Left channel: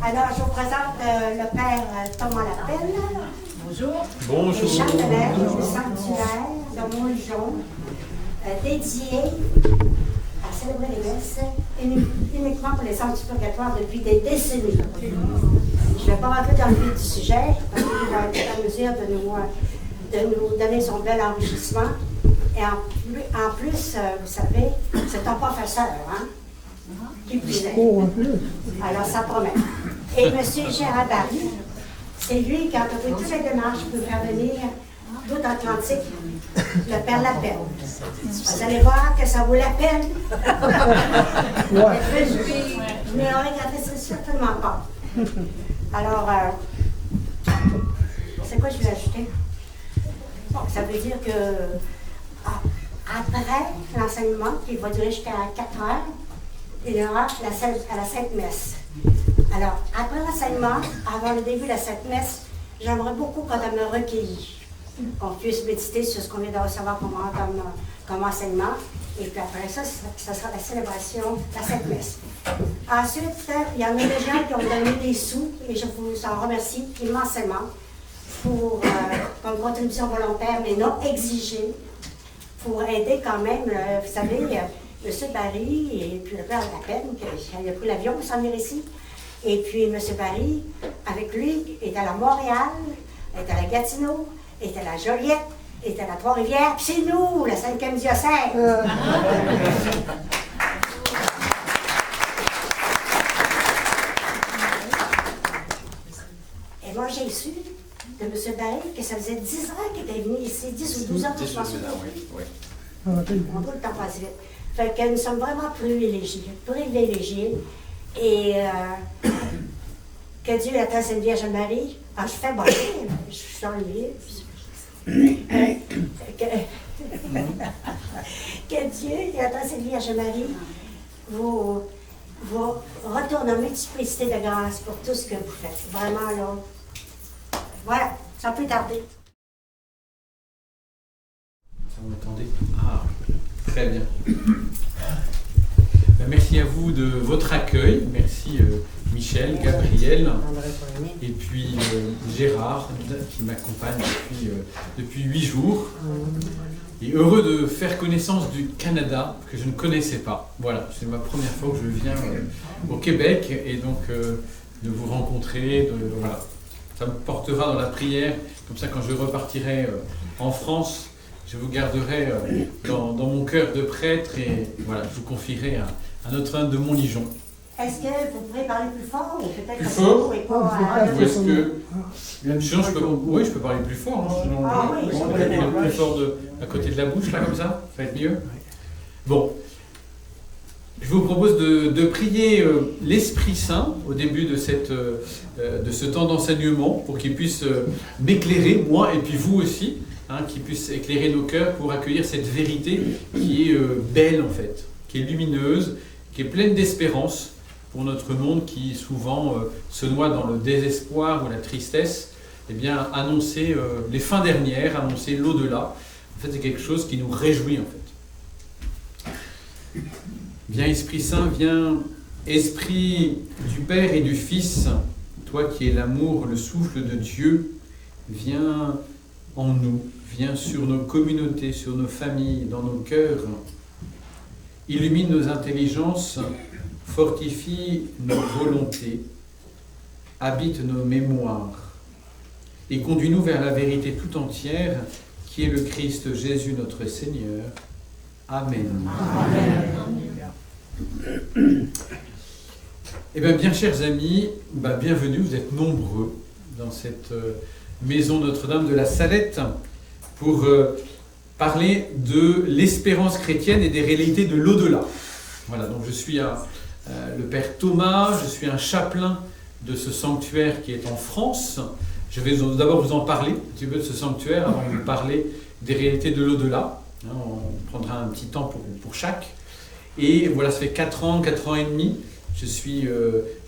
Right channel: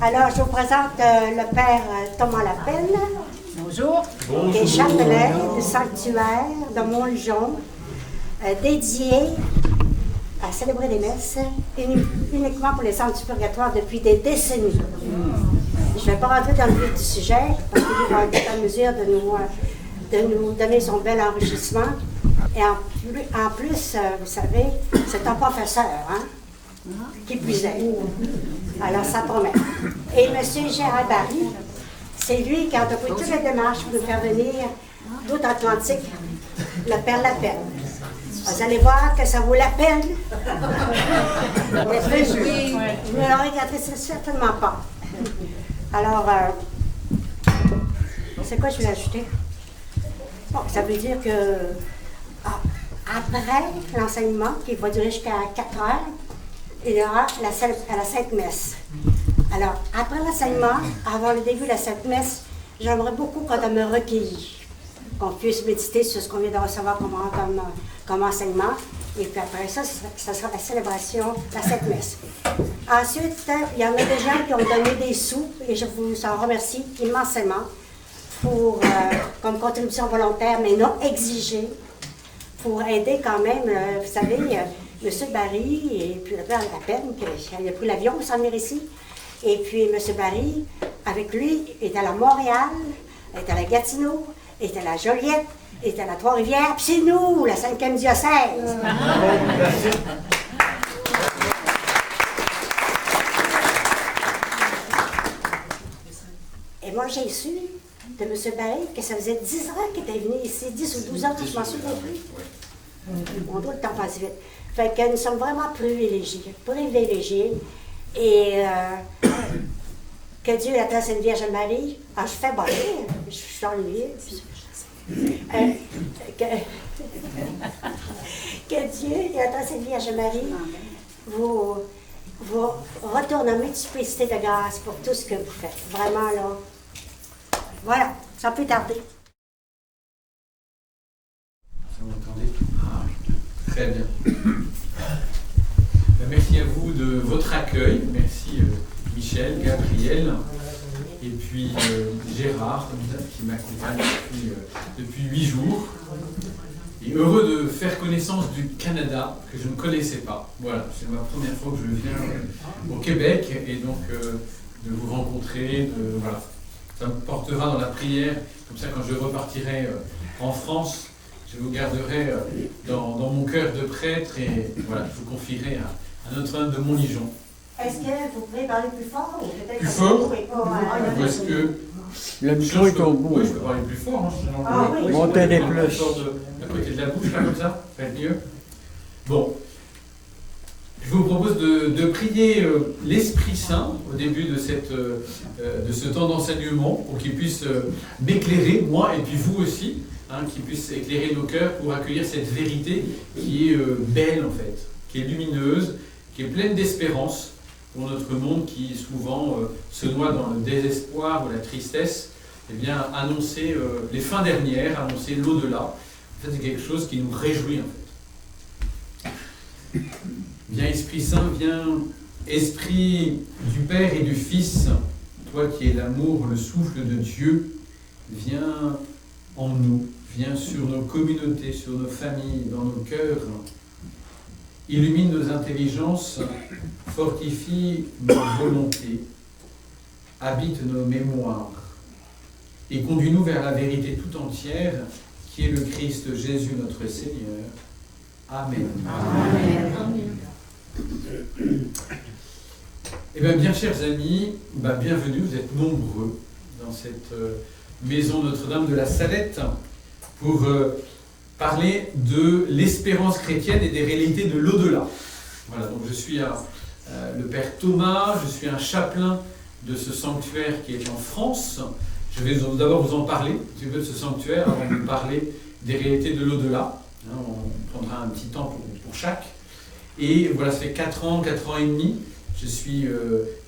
Alors, je vous présente le père Thomas Lapelle. Bonjour. Bonjour. Le chapelet du sanctuaire de Montlujon, dédié à célébrer les messes uniquement pour les centres du purgatoire depuis des décennies. Je ne vais pas rentrer dans le vif du sujet, parce qu'il va être en mesure de nous donner son bel enrichissement. Et en plus, vous savez, c'est un professeur, hein, qui plus est. Alors, ça promet. Et M. Gérard Barry, c'est lui qui a entrepris toutes les démarches pour faire venir d'outre-Atlantique le Père Lapelle. Vous allez voir que ça vaut la peine. Je ne le regretterai certainement pas. Alors, c'est quoi je vais ajouter? Bon, ça veut dire que après l'enseignement, qui va durer jusqu'à 4 heures, il y aura la Sainte Messe. Alors, après l'enseignement, avant le début de la Sainte Messe, j'aimerais beaucoup qu'on me recueillit, qu'on puisse méditer sur ce qu'on vient de recevoir comme enseignement. Et puis après ça, ça sera la célébration, la Sainte Messe. Ensuite, il y en a des gens qui ont donné des sous, et je vous en remercie immensément, pour, comme contribution volontaire, mais non exigée, pour aider quand même, vous savez, M. Barry et puis le père Lapelle, qui a pris l'avion pour s'en venir ici. Et puis M. Barry, avec lui, est à la Montréal, est à la Gatineau, est à la Joliette, est à la Trois-Rivières, puis c'est nous, la 5e diocèse. Et moi, j'ai su de M. Barry que ça faisait 10 ans qu'il était venu ici, 10 ou 12 ans, je m'en souviens plus. On doit le temps passer vite. Fait que nous sommes vraiment privilégiés. Et que Dieu attend cette Vierge Marie. Ah, je fais bonner, je suis ennuyée. Que Dieu attend cette Vierge Marie vous retourne en multiplicité de grâce pour tout ce que vous faites. Vraiment, là. Voilà, ça peut tarder. Vous m'entendez? Ah, très bien. Merci à vous de votre accueil. Merci Michel, Gabriel et puis Gérard qui m'accompagne depuis 8 jours. Et heureux de faire connaissance du Canada que je ne connaissais pas. Voilà, c'est ma première fois que je viens au Québec et donc de vous rencontrer. Voilà. Ça me portera dans la prière. Comme ça, quand je repartirai en France, je vous garderai dans mon cœur de prêtre et voilà, je vous confierai à Notre-Dame de Montlujon. Est-ce que vous pouvez parler plus fort ou peut-être plus fort? Ou est-ce que sinon oui, je peux parler plus fort. Hein, sinon, oui. je peux parler plus fort à côté de la bouche, là, comme ça va être mieux. Bon, je vous propose de prier l'Esprit Saint au début de ce temps d'enseignement pour qu'il puisse m'éclairer, moi et puis vous aussi, hein, qu'il puisse éclairer nos cœurs pour accueillir cette vérité qui est belle en fait, qui est lumineuse, qui est pleine d'espérance pour notre monde qui souvent se noie dans le désespoir ou la tristesse. Eh bien, annoncer les fins dernières, annoncer l'au-delà, en fait c'est quelque chose qui nous réjouit en fait. Viens Esprit Saint, viens Esprit du Père et du Fils, toi qui es l'amour, le souffle de Dieu, viens en nous, viens sur nos communautés, sur nos familles, dans nos cœurs, illumine nos intelligences, fortifie nos volontés, habite nos mémoires et conduis-nous vers la vérité tout entière qui est le Christ Jésus notre Seigneur. Amen. Eh bien, chers amis, bienvenue, vous êtes nombreux dans cette maison Notre-Dame de la Salette pour parler de l'espérance chrétienne et des réalités de l'au-delà. Voilà, donc je suis le Père Thomas, je suis un chapelain de ce sanctuaire qui est en France. Je vais d'abord vous en parler un petit peu de ce sanctuaire avant de vous parler des réalités de l'au-delà. On prendra un petit temps pour chaque. Et voilà, ça fait 4 ans et demi, je suis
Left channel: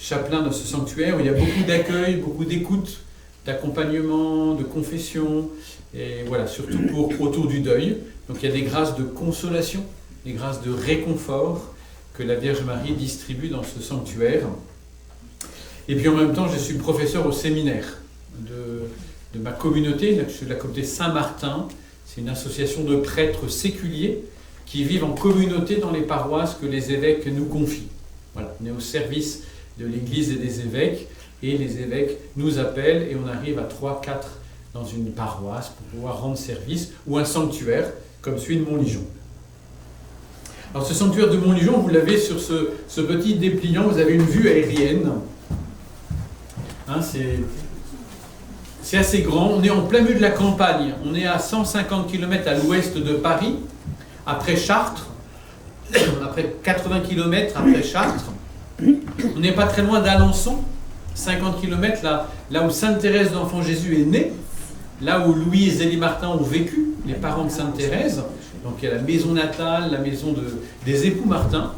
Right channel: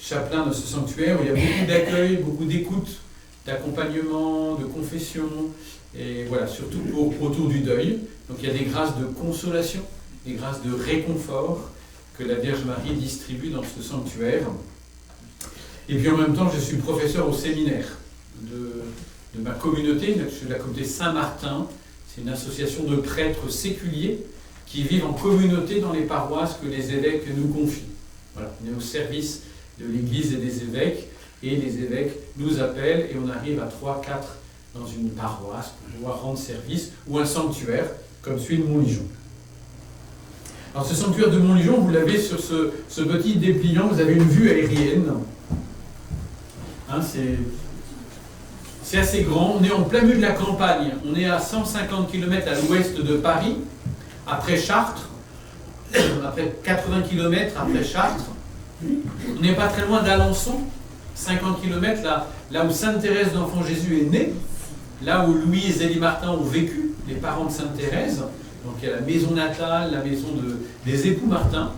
chapelain de ce sanctuaire où il y a beaucoup d'accueil, beaucoup d'écoute, d'accompagnement, de confession, et voilà, surtout autour du deuil. Donc il y a des grâces de consolation, des grâces de réconfort que la Vierge Marie distribue dans ce sanctuaire. Et puis en même temps, je suis professeur au séminaire de ma communauté, je suis de la communauté Saint-Martin. C'est une association de prêtres séculiers qui vivent en communauté dans les paroisses que les évêques nous confient. Voilà, on est au service de l'Église et des évêques, et les évêques nous appellent, et on arrive à 3-4 dans une paroisse pour pouvoir rendre service, ou un sanctuaire, comme celui de Montligeon. Alors ce sanctuaire de Montligeon, vous l'avez sur ce petit dépliant, vous avez une vue aérienne. Hein, c'est assez grand, on est en plein milieu de la campagne, on est à 150 km à l'ouest de Paris, après Chartres, après 80 km après Chartres. On n'est pas très loin d'Alençon, 50 km là où Sainte Thérèse d'Enfant Jésus est née, là où Louis et Zélie Martin ont vécu, les parents de Sainte Thérèse. Donc il y a la maison natale, la maison des époux Martin,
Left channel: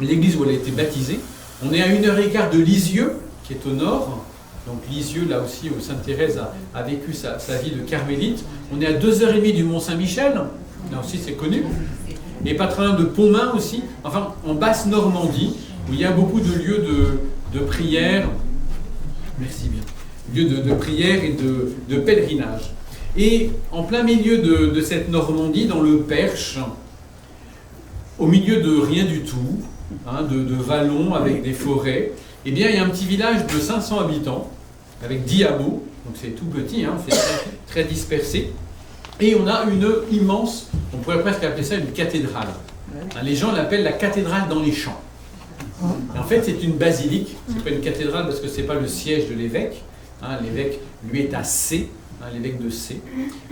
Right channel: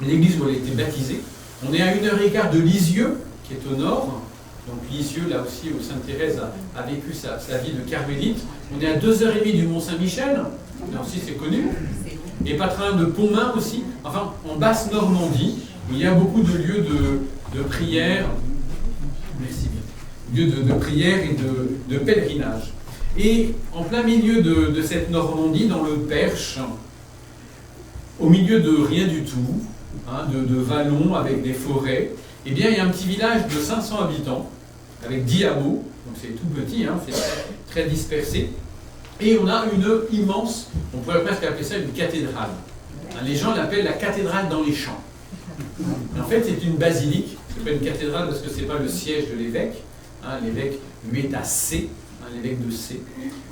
l'église où elle a été baptisée. On est à 1h15 de Lisieux, qui est au nord. Donc Lisieux, là aussi, où Sainte Thérèse a vécu sa vie de carmélite. On est à 2h30 du Mont-Saint-Michel, là aussi c'est connu. Et pas très loin de Pontmain aussi, enfin en basse Normandie, où il y a beaucoup de lieux de prière. Merci bien. Lieux de prière et de pèlerinage. Et en plein milieu de cette Normandie, dans le Perche, au milieu de rien du tout, hein, de vallons avec des forêts, eh bien il y a un petit village de 500 habitants, avec 10 hameaux, donc c'est tout petit, hein, c'est très dispersé. Et on a une immense, on pourrait presque appeler ça une cathédrale. Hein, les gens l'appellent la cathédrale dans les champs. Et en fait, c'est une basilique, c'est pas une cathédrale parce que c'est pas le siège de l'évêque. Hein, l'évêque, lui, est à C, hein, l'évêque de C.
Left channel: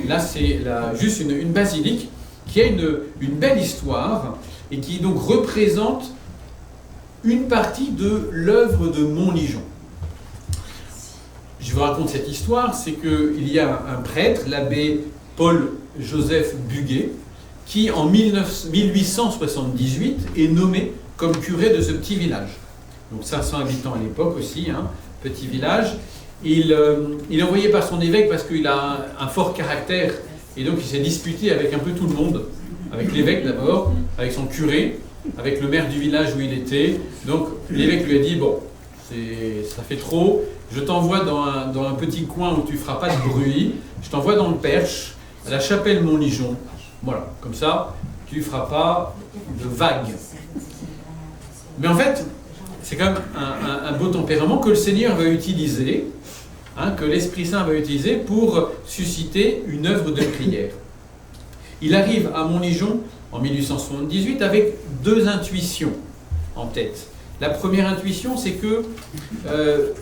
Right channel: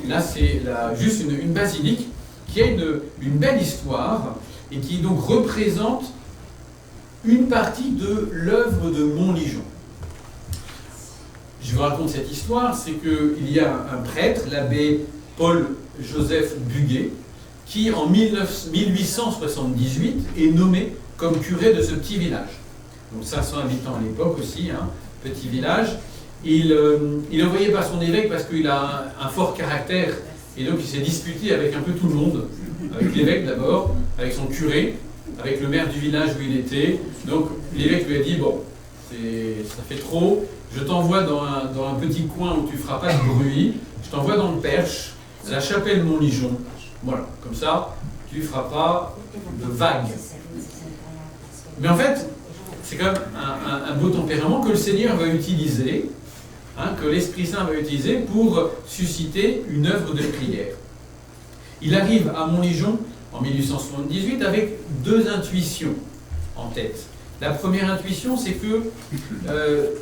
Là, c'est juste une basilique qui a une belle histoire et qui donc représente une partie de l'œuvre de Montligeon. Je vous raconte cette histoire, c'est qu'il y a un prêtre, l'abbé Paul-Joseph Buguet, qui en 1878 est nommé comme curé de ce petit village. Donc 500 habitants à l'époque aussi, hein, petit village. Il est envoyé par son évêque parce qu'il a un fort caractère et donc il s'est disputé avec un peu tout le monde, avec l'évêque d'abord, avec son curé, avec le maire du village où il était. Donc l'évêque lui a dit, bon, ça fait trop, je t'envoie dans un petit coin où tu ne feras pas de bruit, je t'envoie dans le Perche, à la chapelle Montligeon. Voilà, comme ça, tu ne feras pas de vagues. Mais en fait, c'est quand même un beau tempérament que le Seigneur va utiliser, hein, que l'Esprit Saint va utiliser pour susciter une œuvre de prière. Il arrive à Montligeon en 1878 avec deux intuitions en tête. La première intuition, c'est que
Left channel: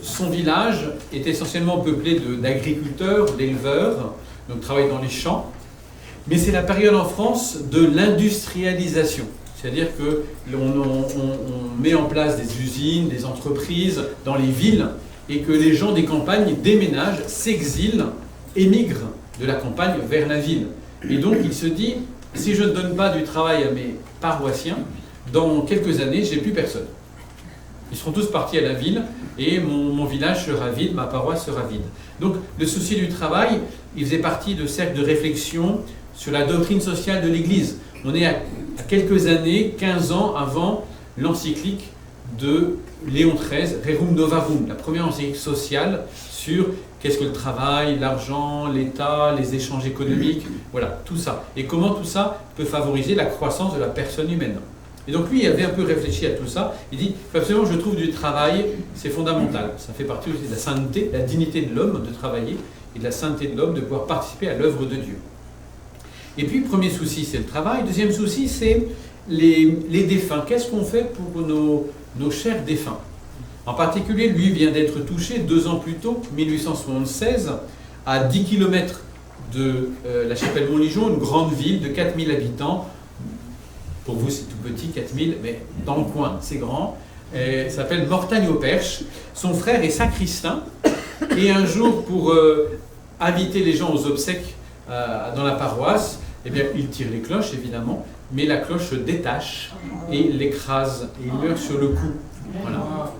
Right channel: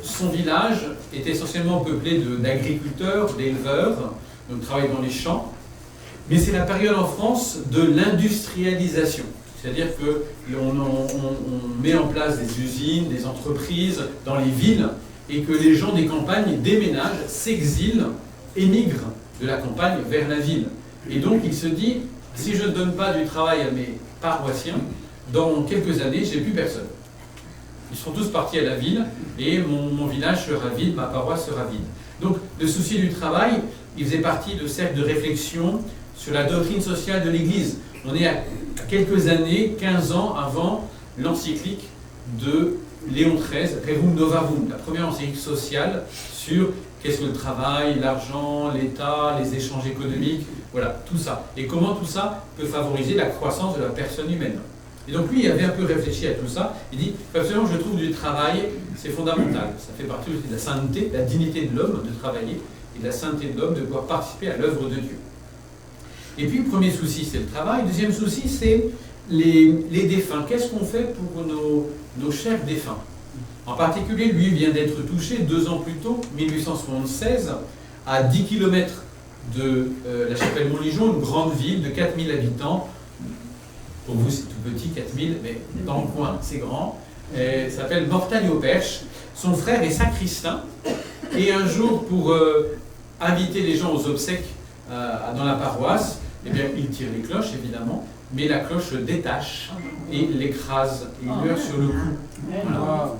son village est essentiellement peuplé d'agriculteurs, d'éleveurs, donc travaillent dans les champs, mais c'est la période en France de l'industrialisation. C'est-à-dire qu'on met en place des usines, des entreprises dans les villes et que les gens des campagnes déménagent, s'exilent, émigrent de la campagne vers la ville. Et donc il se dit, si je ne donne pas du travail à mes paroissiens, dans quelques années, j'ai plus personne. Ils seront tous partis à la ville et mon village sera vide, ma paroisse sera vide. Donc le souci du travail, il faisait partie de cercles de réflexion sur la doctrine sociale de l'Église. On est à quelques années, 15 ans avant l'encyclique de Léon XIII, Rerum Novarum, la première encyclique sociale sur qu'est-ce que le travail, l'argent, l'État, les échanges économiques, voilà, tout ça. Et comment tout ça peut favoriser la croissance de la personne humaine. Et donc lui, il avait un peu réfléchi à tout ça. Il dit, absolument, je trouve du travail, c'est fondamental. Ça fait partie aussi de la sainteté, de la dignité de l'homme de travailler, et de la sainteté de l'homme de pouvoir participer à l'œuvre de Dieu. Et puis, premier souci, c'est le travail. Deuxième souci, c'est les défunts. Qu'est-ce qu'on fait pour nos chers défunts? En particulier, lui vient d'être touché 2 ans plus tôt, 1876, à 10 km de la chapelle Montligeon, une grande ville de 4000 habitants. Pour vous, c'est tout petit, 4000, mais dans le coin, c'est grand. Ça s'appelle Mortagne-au-Perche. Son frère est sacristain. Et un jour, pour inviter les gens aux obsèques dans la paroisse, eh bien, il tire les cloches, évidemment, mais la cloche se détache et l'écrase. Et il meurt sur le coup. Voilà.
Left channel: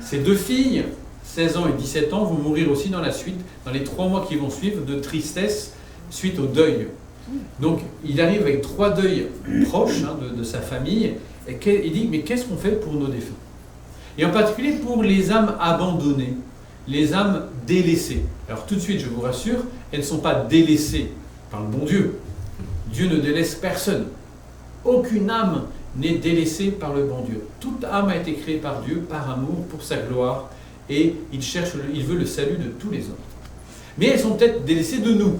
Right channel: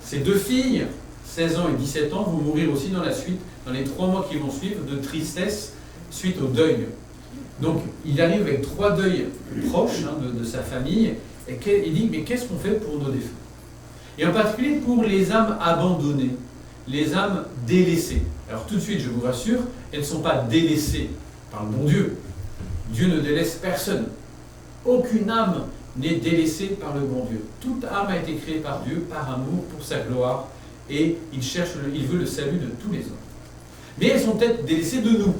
Ces 2 filles, 16 ans et 17 ans, vont mourir aussi dans la suite, dans les 3 mois qui vont suivre, de tristesse suite au deuil. Donc, il arrive avec 3 deuils proches, hein, de sa famille, et il dit, mais qu'est-ce qu'on fait pour nos défunts? et en particulier pour les âmes abandonnées, les âmes délaissées. Alors tout de suite, je vous rassure, elles ne sont pas délaissées par le bon Dieu. Dieu ne délaisse personne. Aucune âme n'est délaissée par le bon Dieu. Toute âme a été créée par Dieu, par amour, pour sa gloire, et il veut le salut de tous les hommes. Mais elles sont peut-être délaissées de nous.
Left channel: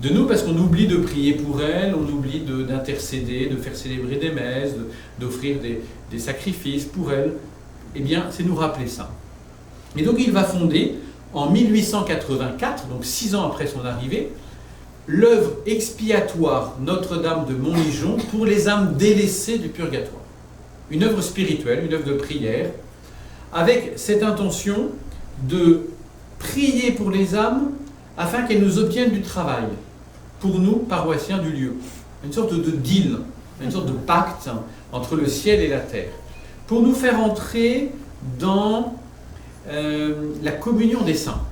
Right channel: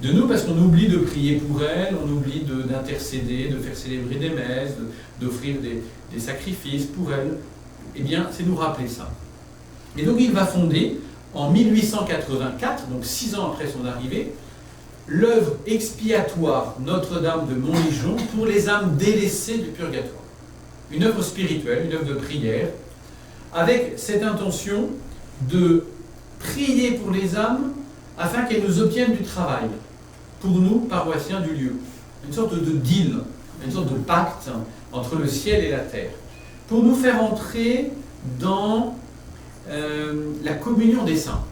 De nous parce qu'on oublie de prier pour elles, on oublie d'intercéder, de faire célébrer des messes, d'offrir des sacrifices pour elles. Eh bien, c'est nous rappeler ça. Et donc il va fonder, en 1884, donc 6 ans après son arrivée, l'œuvre expiatoire Notre-Dame de Montligeon pour les âmes délaissées du purgatoire. Une œuvre spirituelle, une œuvre de prière, avec cette intention de prier pour les âmes afin qu'elles nous obtiennent du travail, pour nous, paroissiens du lieu. Une sorte de deal, une sorte de pacte entre le ciel et la terre, pour nous faire entrer dans la communion des saints.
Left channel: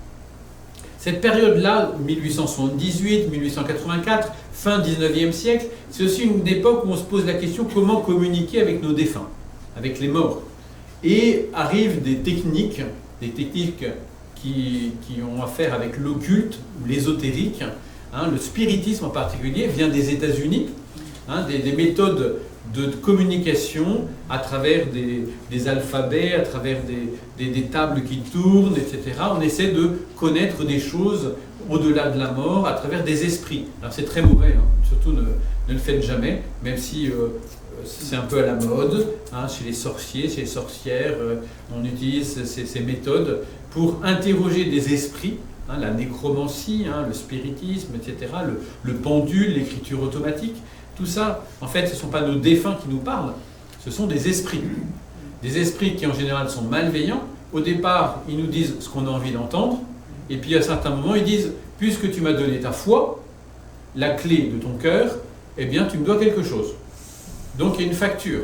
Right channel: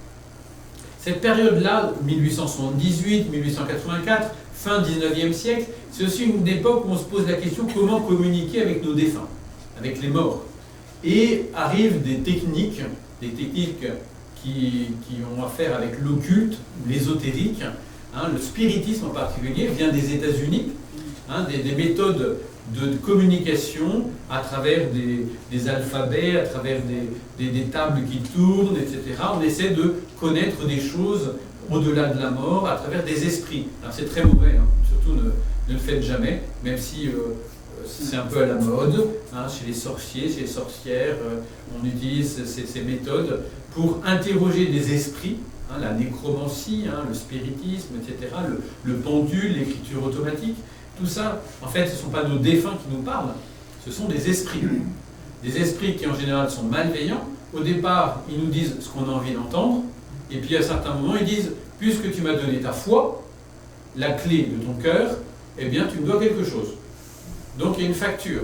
Cette période-là, 1878, 1884, fin 19e siècle, c'est aussi une époque où on se pose la question comment communiquer avec nos défunts, avec les morts. Et arrivent des techniques qui ont affaire avec l'occulte, l'ésotérique, le spiritisme en particulier, vient des États-Unis, des méthodes de communication à travers des alphabets, à travers des tables qui tournent, etc. On essaie de connaître des choses au-delà de la mort à travers des esprits. Alors c'est très mauvais, surtout ne le faites jamais, même si c'est un peu à la mode, chez les sorciers, chez les sorcières, on utilise ces méthodes pour interroger des esprits, la nécromancie, le spiritisme, etc., le pendule, l'écriture automatique. Tout ça, en fait, ce ne sont pas nos défunts qui nous parlent, ce sont des esprits. Des esprits qui, en général, sont malveillants. Au départ, ils nous disent ce qu'on a envie d'entendre, et puis à certains moments, ils disent « Puisque tu m'as donné ta foi, la clé de ton cœur, eh bien, tu me dois quelque chose. » Donc, il y a une facture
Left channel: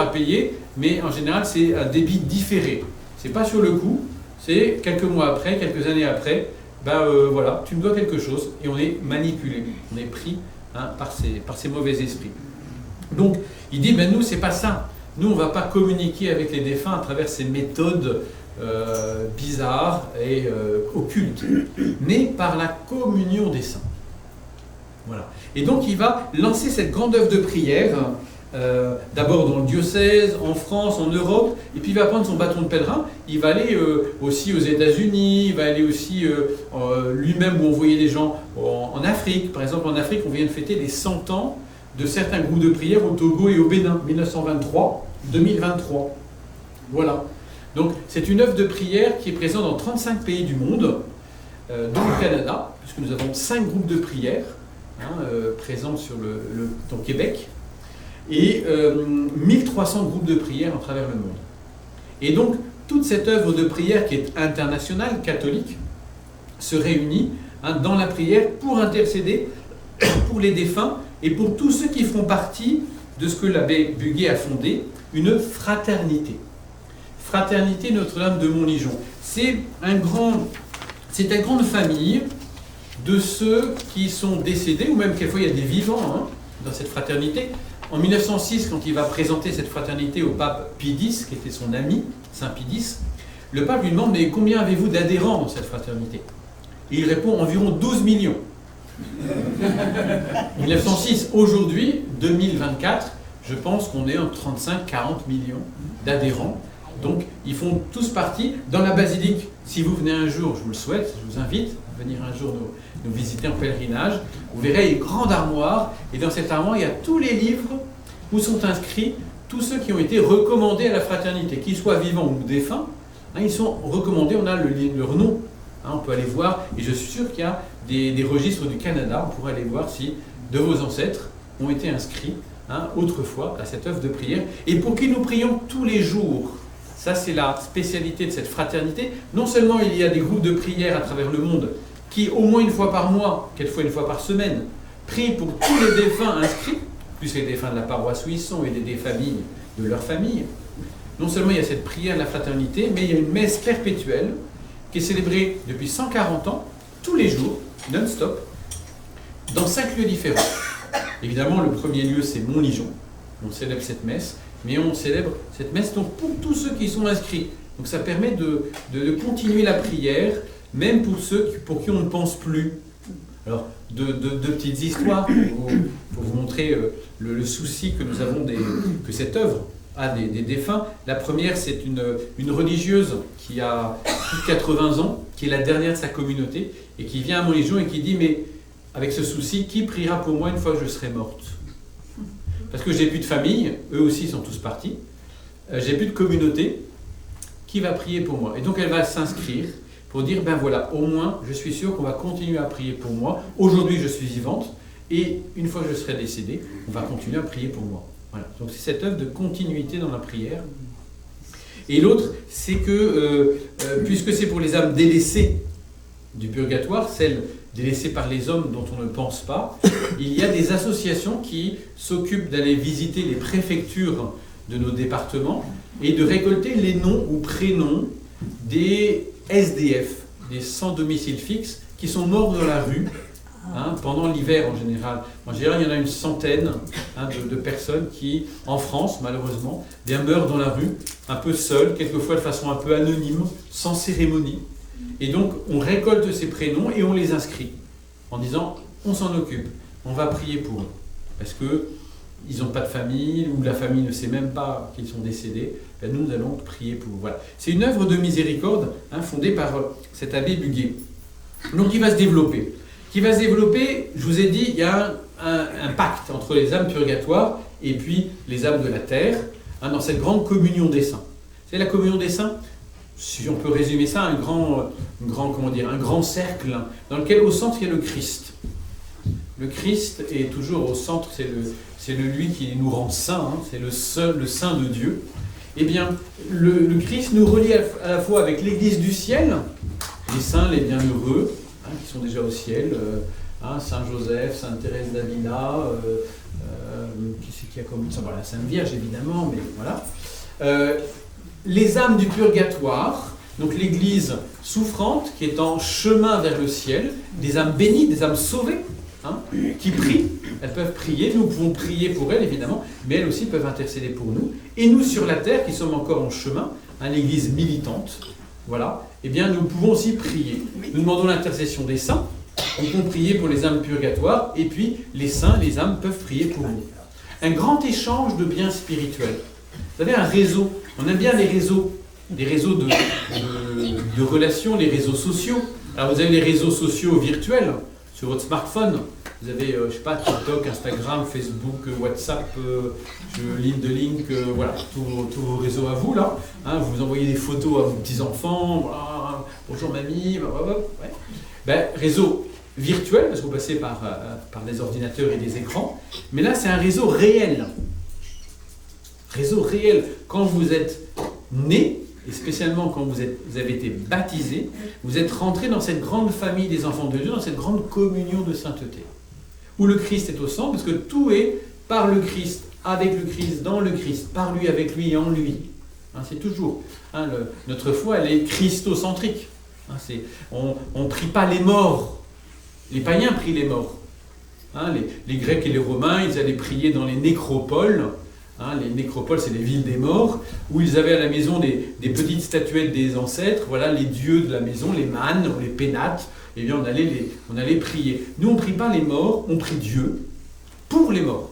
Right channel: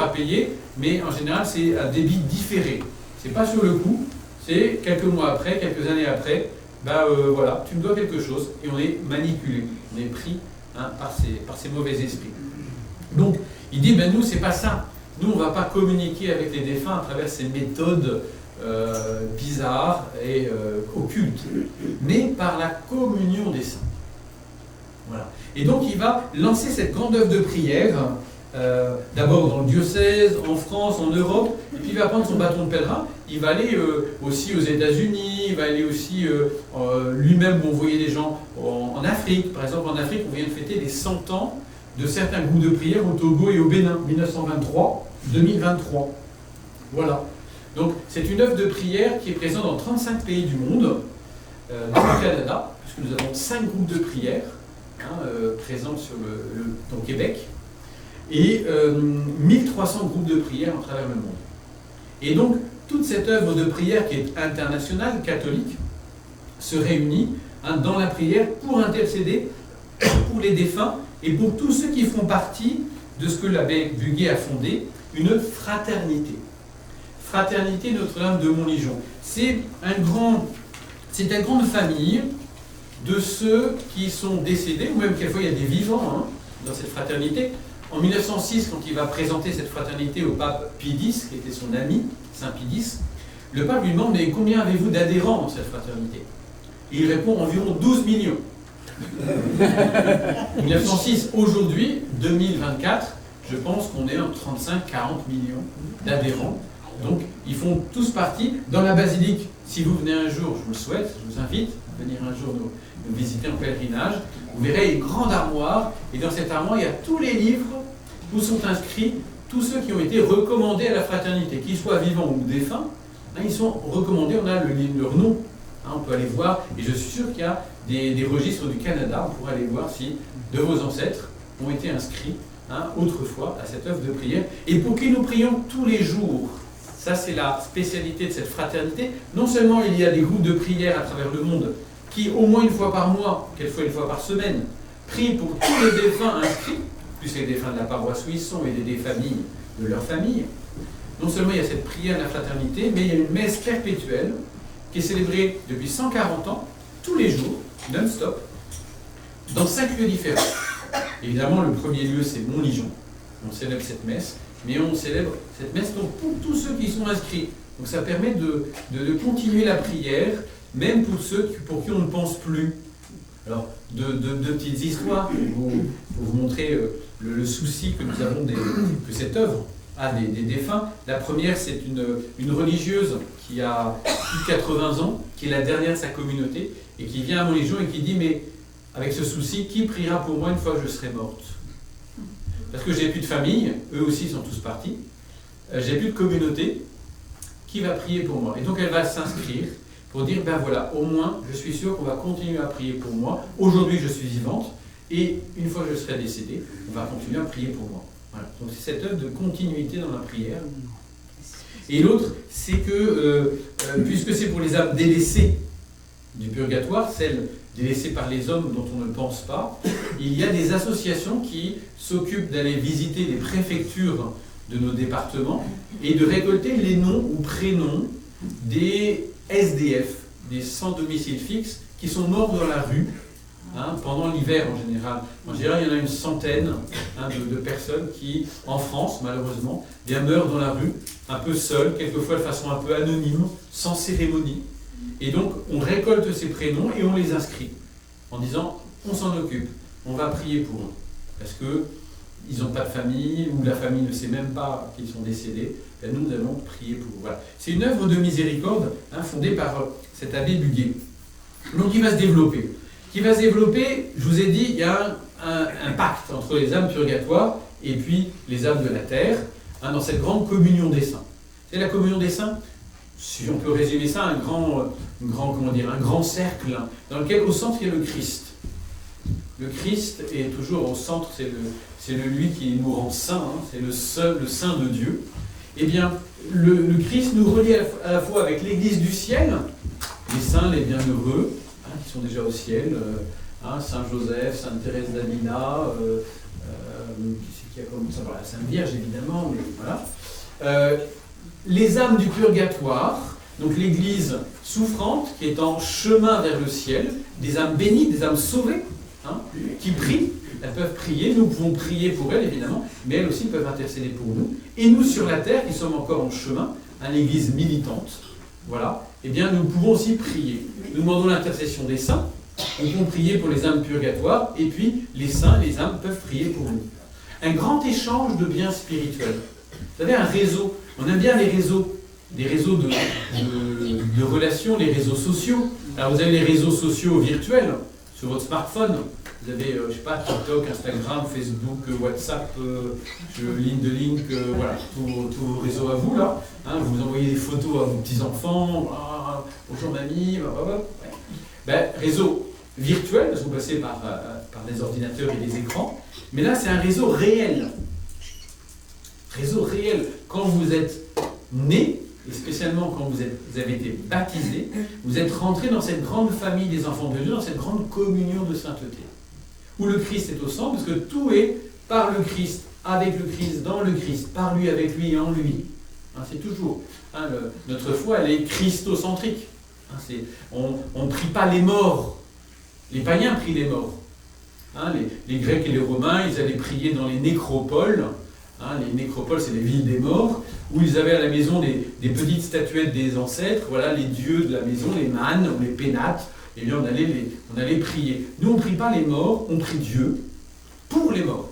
à payer, mais en général, c'est un débit différé. Ce n'est pas sur le coup, c'est quelques mois après, quelques années après, voilà, tu me dois quelque chose, et on est manipulé, on est pris par ces mauvais esprits. Donc, il dit, nous, c'est pas ça. Nous, on ne va pas communiquer avec les défunts à travers ces méthodes bizarres et occultes, mais par la communion des saints. Voilà. Et donc, il va lancer cette grande œuvre de prière, d'abord dans le diocèse, en France, en Europe, et puis il va prendre son bâton de pèlerin, il va aller aussi aux États-Unis, il va aller aussi lui-même où on voyait des gens en Afrique. Par exemple, en Afrique, on vient de fêter les 100 ans de certains groupes de prière au Togo et au Bénin, 1923-2023. Voilà. Donc, c'est une œuvre de prière qui est présente dans 35 pays du monde, dont le Canada, puisque nous avons 5 groupes de prière présents sur au Québec, et 1300 groupes de prière à travers le monde. Et donc, toute cette œuvre de prière qui est internationale, catholique, se réunit dans la prière pour intercéder pour les défunts et pour tous ceux qui font partie de ce que l'abbé Buguet a fondé, une fraternité. Fraternité Notre-Dame de Montligeon. C'est la grande famille de ceux qui sont décédés, ou même quelquefois il y a des vivants dans cette fraternité. En 1906, quand il va présenter cette fraternité au pape Pie X, qui était son ami, Saint Pie X, le pape lui demande « Mais combien avez-vous d'adhérents dans cette fraternité ?» Et il répond « Environ 12 millions. » 1906, aujourd'hui, 2024, je pense qu'on est entre 35-40 millions d'adhérents. Donc, ils font tous partie. Dans la basilique, si vous venez un jour, je vous le souhaite, je vous invite à venir un jour nous visiter en pèlerinage, vous verrez une grande armoire, et dans cette armoire, il y a tous les livres où sont inscrits tous ceux qui ont été recommandés à la fraternité, qu'ils soient vivants ou défunts, ils sont recommandés, on a leur nom, on peut aller voir, et je suis sûr qu'il y a des registres du Canada, on pourrait aller voir si de vos ancêtres ont été inscrits autrefois à cette œuvre de prière, et pour qui nous prions tous les jours. Ça, c'est la spécialité de cette fraternité. Non seulement il y a des groupes de prière à travers le monde qui, au moins une fois par mois, quelquefois une fois par semaine, prient pour tous les défunts inscrits, plus les défunts de la paroisse où ils sont et des familles de leur famille. Non seulement il y a cette prière de la fraternité, mais il y a une messe perpétuelle qui est célébrée depuis 140 ans, tous les jours, non-stop, dans 5 lieux différents. Évidemment, le premier lieu, c'est Montligeon. On célèbre cette messe mais on célèbre cette messe donc pour tous ceux qui sont inscrits. Donc ça permet de continuer la prière, même pour ceux pour qui on ne pense plus. Alors, deux petites histoires pour vous montrer le souci que nous avons que cette œuvre a des défunts. La première, c'est une religieuse qui a plus de 80 ans, qui est la dernière de sa communauté, et qui vient à Montlégion et qui dit « Mais avec ce souci, qui priera pour moi une fois que je serai morte ?» Parce que j'ai plus de famille, eux aussi sont tous partis, j'ai plus de communauté, qui va prier pour moi? Et donc elle va s'inscrire pour dire, ben voilà, au moins, je suis sûr qu'on va continuer à prier pour moi. Aujourd'hui, je suis vivante, et une fois que je serai décédée, on va continuer à prier pour moi. Voilà. Donc c'est cette œuvre de continuité dans la prière. Et l'autre, c'est que, puisque c'est pour les âmes délaissées du purgatoire, celles délaissées par les hommes dont on ne pense pas, il y a des associations qui s'occupent d'aller visiter les préfectures de nos départements et de récolter les noms ou prénoms des SDF, des sans domicile fixe, qui sont morts dans la rue pendant l'hiver en général. En général, il y en a une centaine de personnes qui, en France, malheureusement, bien meurent dans la rue, un peu seules, quelquefois de façon un peu anonyme, sans cérémonie. Et donc, on récolte ces prénoms et on les inscrit, en disant, on s'en occupe, on va prier pour eux. Parce qu'ils n'ont pas de famille, ou la famille ne sait même pas qu'ils sont décédés. Ben, nous allons prier pour eux. Voilà. C'est une œuvre de miséricorde fondée par cet abbé Buguet. Donc, qui va se développer. Je vous ai dit, il y a un pacte entre les âmes purgatoires et puis les âmes de la terre, dans cette grande communion des saints. C'est la communion des saints, si on peut résumer ça, un grand cercle dans lequel au centre il y a le Christ. Le Christ est toujours au centre, c'est lui qui nous rend saints, c'est le Saint de Dieu. Eh bien, le Christ nous relie à la fois avec l'Église du ciel, les saints, les bienheureux, qui sont déjà au ciel, Saint Joseph, Sainte Thérèse d'Avila, qui c'est qu'il y a comme ça, voilà, la Sainte Vierge évidemment, mais voilà. Les âmes du purgatoire, donc l'Église souffrante qui est en chemin vers le ciel, des âmes bénies, des âmes sauvées, qui prient. Elles peuvent prier, nous pouvons prier pour elles évidemment, mais elles aussi peuvent intercéder pour nous. Et nous sur la terre, qui sommes encore en chemin, l'Église militante, voilà, eh bien nous pouvons aussi prier. Nous demandons l'intercession des saints, on peut prier pour les âmes purgatoires, et puis les saints, les âmes peuvent prier pour nous. Un grand échange de biens spirituels. Vous savez, un réseau, on aime bien les réseaux de relations, les réseaux sociaux. Alors vous avez les réseaux sociaux virtuels sur votre smartphone. Vous avez, je sais pas, TikTok, Instagram, Facebook, WhatsApp, LinkedIn, voilà, tous vos réseaux à vous, là. Vous envoyez des photos à vos petits-enfants, voilà, bonjour mamie, ouais. Ben, réseau virtuel, parce que vous passez par des ordinateurs et des écrans, mais là, c'est un réseau réel. Réseau réel. Quand vous êtes né, et spécialement quand vous avez été baptisé, vous êtes rentré dans cette grande famille des enfants de Dieu, dans cette grande communion de sainteté, où le Christ est au centre, parce que tout est par le Christ, avec le Christ, dans le Christ, par lui, avec lui et en lui. C'est toujours. Notre foi, elle est christocentrique. On ne prie pas les morts. Les païens prient les morts. Les Grecs et les Romains, ils allaient prier dans les nécropoles. Les nécropoles, c'est les villes des morts, où ils avaient à la maison des petites statuettes des ancêtres, voilà, les dieux de la maison, les mânes, les pénates. Eh bien, on allait prier. Nous, on ne prie pas les morts, on prie Dieu pour les morts.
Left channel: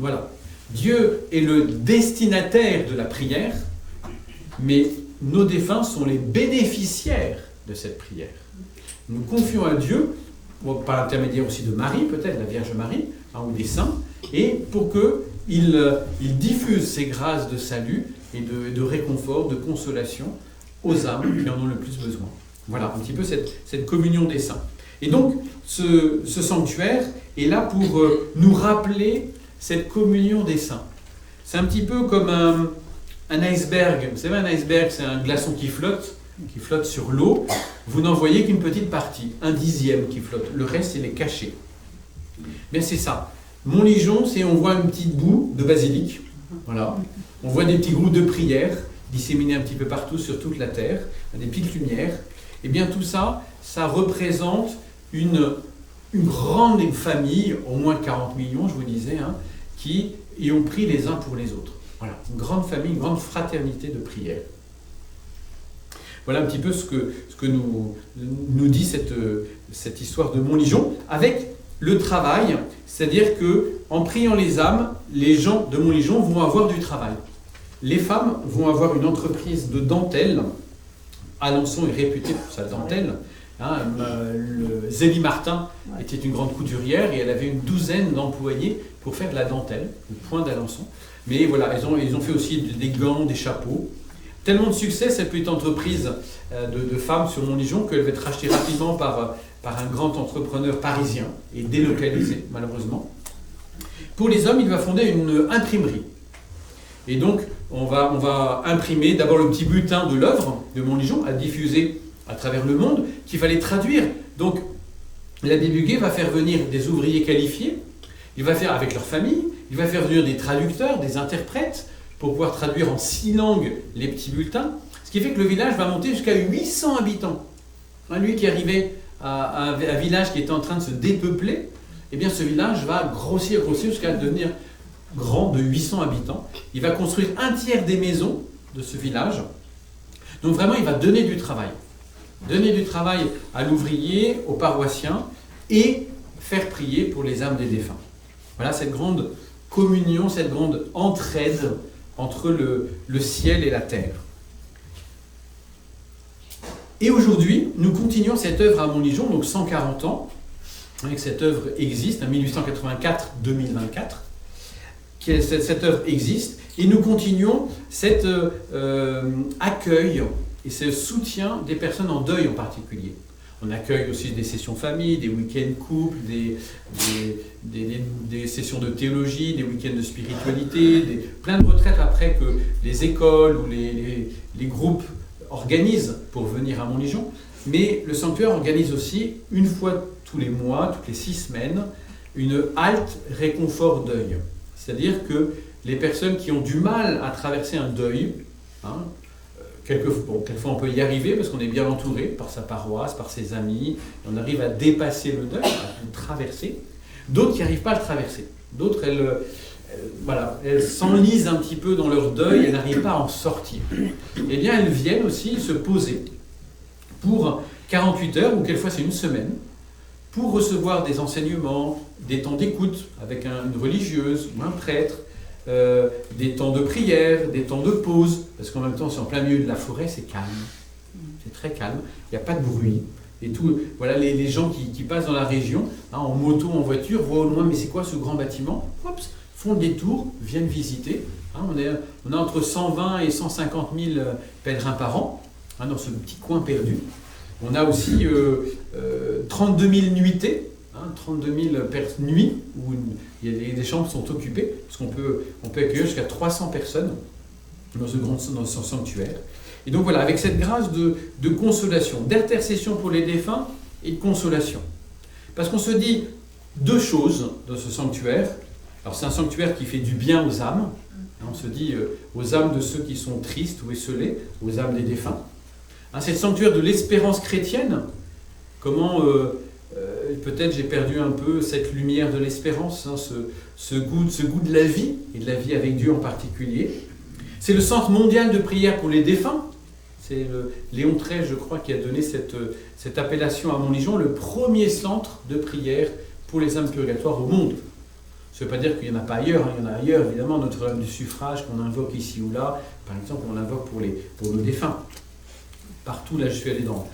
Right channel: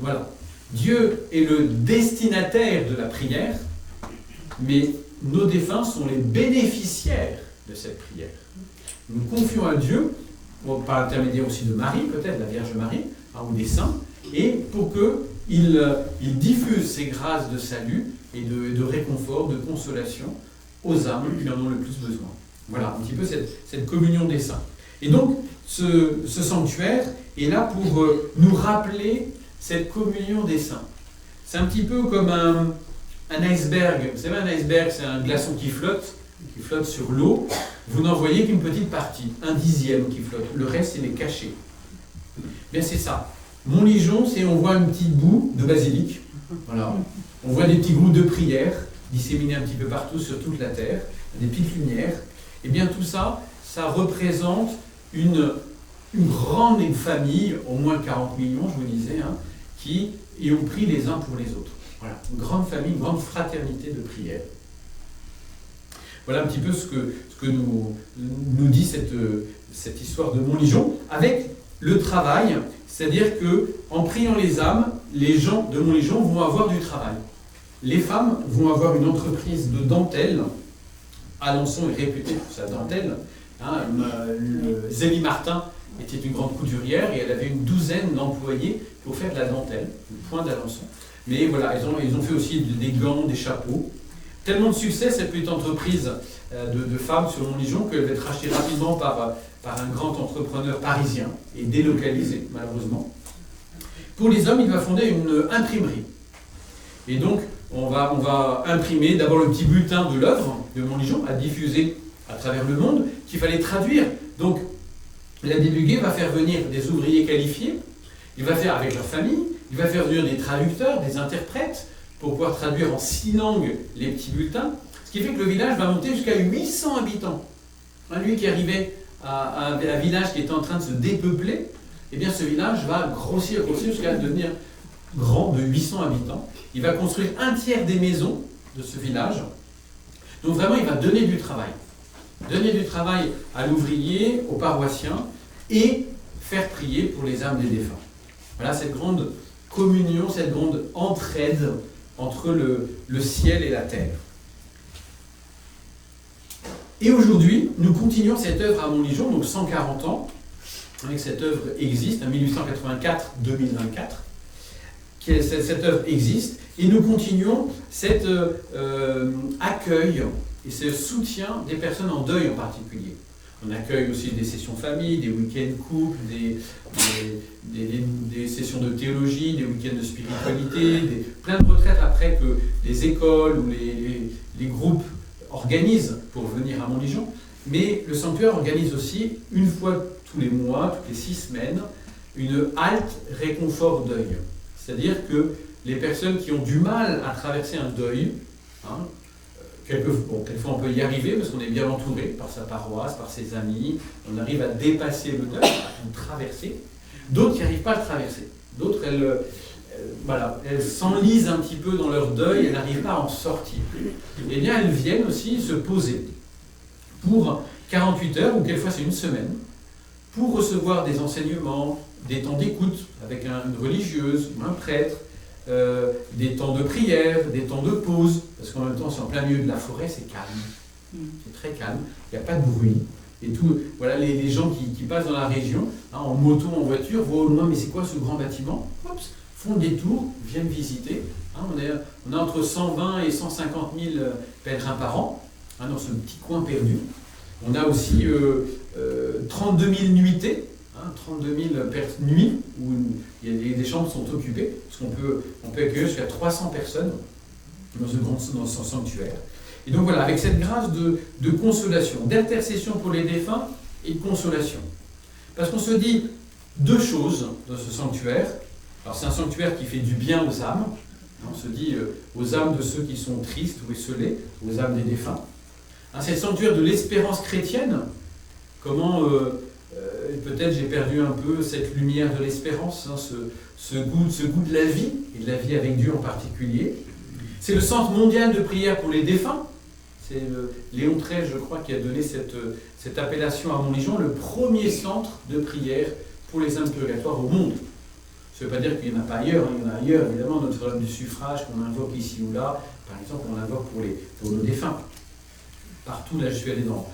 Voilà. Dieu est le destinataire de la prière, mais nos défunts sont les bénéficiaires de cette prière. Nous confions à Dieu, par l'intermédiaire aussi de Marie, peut-être la Vierge Marie, ou des saints, et pour qu'il diffuse ces grâces de salut et de réconfort, de consolation aux âmes qui en ont le plus besoin. Voilà, un petit peu cette communion des saints. Et donc, ce sanctuaire est là pour nous rappeler cette communion des saints. C'est un petit peu comme un iceberg. Vous savez, un iceberg, c'est un glaçon qui flotte sur l'eau. Vous n'en voyez qu'une petite partie, 1/10 qui flotte. Le reste, il est caché. Mais c'est ça. Montlégion, on voit une petite boue de basilic. Voilà. On voit des petits groupes de prières disséminés un petit peu partout sur toute la terre, des petites lumières. Et bien tout ça, ça représente une grande famille, au moins 40 millions, je vous disais, qui y ont pris les uns pour les autres. Voilà, une grande famille, une grande fraternité de prière. Voilà un petit peu ce que nous dit cette histoire de Montligeon, avec le travail, c'est-à-dire que en priant les âmes, les gens de Montligeon vont avoir du travail. Les femmes vont avoir une entreprise de dentelle. Alençon est réputé pour sa dentelle. Zélie Martin était une grande couturière et elle avait une douzaine d'employés pour faire de la dentelle, le point d'Alençon. Mais voilà, ils ont fait aussi des gants, des chapeaux. Tellement de succès, cette petite entreprise de femmes sur Montligeon qu'elle va être rachetée rapidement par un grand entrepreneur parisien et délocalisé, malheureusement. Pour les hommes, il va fonder une imprimerie. Et donc, on va imprimer d'abord le petit bulletin de l'œuvre de Montligeon à diffuser à travers le monde, qu'il fallait traduire. Donc, l'abbé Buguet va faire venir des ouvriers qualifiés, il va faire avec leur famille, il va faire venir des traducteurs, des interprètes, pour pouvoir traduire en 6 langues les petits bulletins, ce qui fait que le village va monter jusqu'à 800 habitants. Lui qui arrivait à un village qui était en train de se dépeupler, eh bien ce village va grossir jusqu'à devenir grand de 800 habitants. Il va construire un tiers des maisons de ce village. Donc vraiment, il va donner du travail. Donner du travail à l'ouvrier, aux paroissiens, et faire prier pour les âmes des défunts. Voilà cette grande communion, cette grande entraide entre le ciel et la terre. Et aujourd'hui, nous continuons cette œuvre à Montligeon, donc 140 ans, avec cette œuvre existe, 1884-2024, cette œuvre existe, et nous continuons cet accueil et ce soutien des personnes en deuil en particulier. On accueille aussi des sessions famille, des week-ends couples, des sessions de théologie, des week-ends de spiritualité, plein de retraites après que les écoles ou les groupes organisent pour venir à Montligeon. Mais le sanctuaire organise aussi, une fois tous les mois, toutes les 6 semaines, une halte réconfort deuil. C'est-à-dire que les personnes qui ont du mal à traverser un deuil, quelquefois on peut y arriver parce qu'on est bien entouré par sa paroisse, par ses amis, on arrive à dépasser le deuil, à le traverser. D'autres qui n'arrivent pas à le traverser. D'autres, elles s'enlisent un petit peu dans leur deuil, elles n'arrivent pas à en sortir. Eh bien, elles viennent aussi se poser pour 48 heures, ou quelquefois c'est une semaine, pour recevoir des enseignements, des temps d'écoute avec une religieuse ou un prêtre, des temps de prière, des temps de pause, parce qu'en même temps, c'est en plein milieu de la forêt, c'est calme. C'est très calme, il n'y a pas de bruit. Et tout, voilà, les gens qui passent dans la région, en moto, en voiture, voient au loin, mais c'est quoi ce grand bâtiment? Hops, font le détour, viennent visiter. On a entre 120 et 150 000 pèlerins par an, dans ce petit coin perdu. On a aussi 32 000 nuitées, 32 000 nuits où des chambres sont occupées, parce qu'on peut accueillir jusqu'à 300 personnes dans ce sanctuaire. Et donc voilà, avec cette grâce de consolation, d'intercession pour les défunts et de consolation. Parce qu'on se dit 2 choses dans ce sanctuaire. Alors c'est un sanctuaire qui fait du bien aux âmes. On se dit aux âmes de ceux qui sont tristes ou esseulés, aux âmes des défunts. C'est le sanctuaire de l'espérance chrétienne. Comment peut-être j'ai perdu un peu cette lumière de l'espérance, ce goût de la vie, et de la vie avec Dieu en particulier. C'est le centre mondial de prière pour les défunts. C'est Léon XIII, je crois, qui a donné cette appellation à Montligeon, le premier centre de prière pour les âmes purgatoires au monde. Ça ne veut pas dire qu'il n'y en a pas ailleurs, il y en a ailleurs, évidemment, Notre-Dame du Suffrage qu'on invoque ici ou là, par exemple, on l'invoque pour nos défunts. Partout, là, je suis allé dans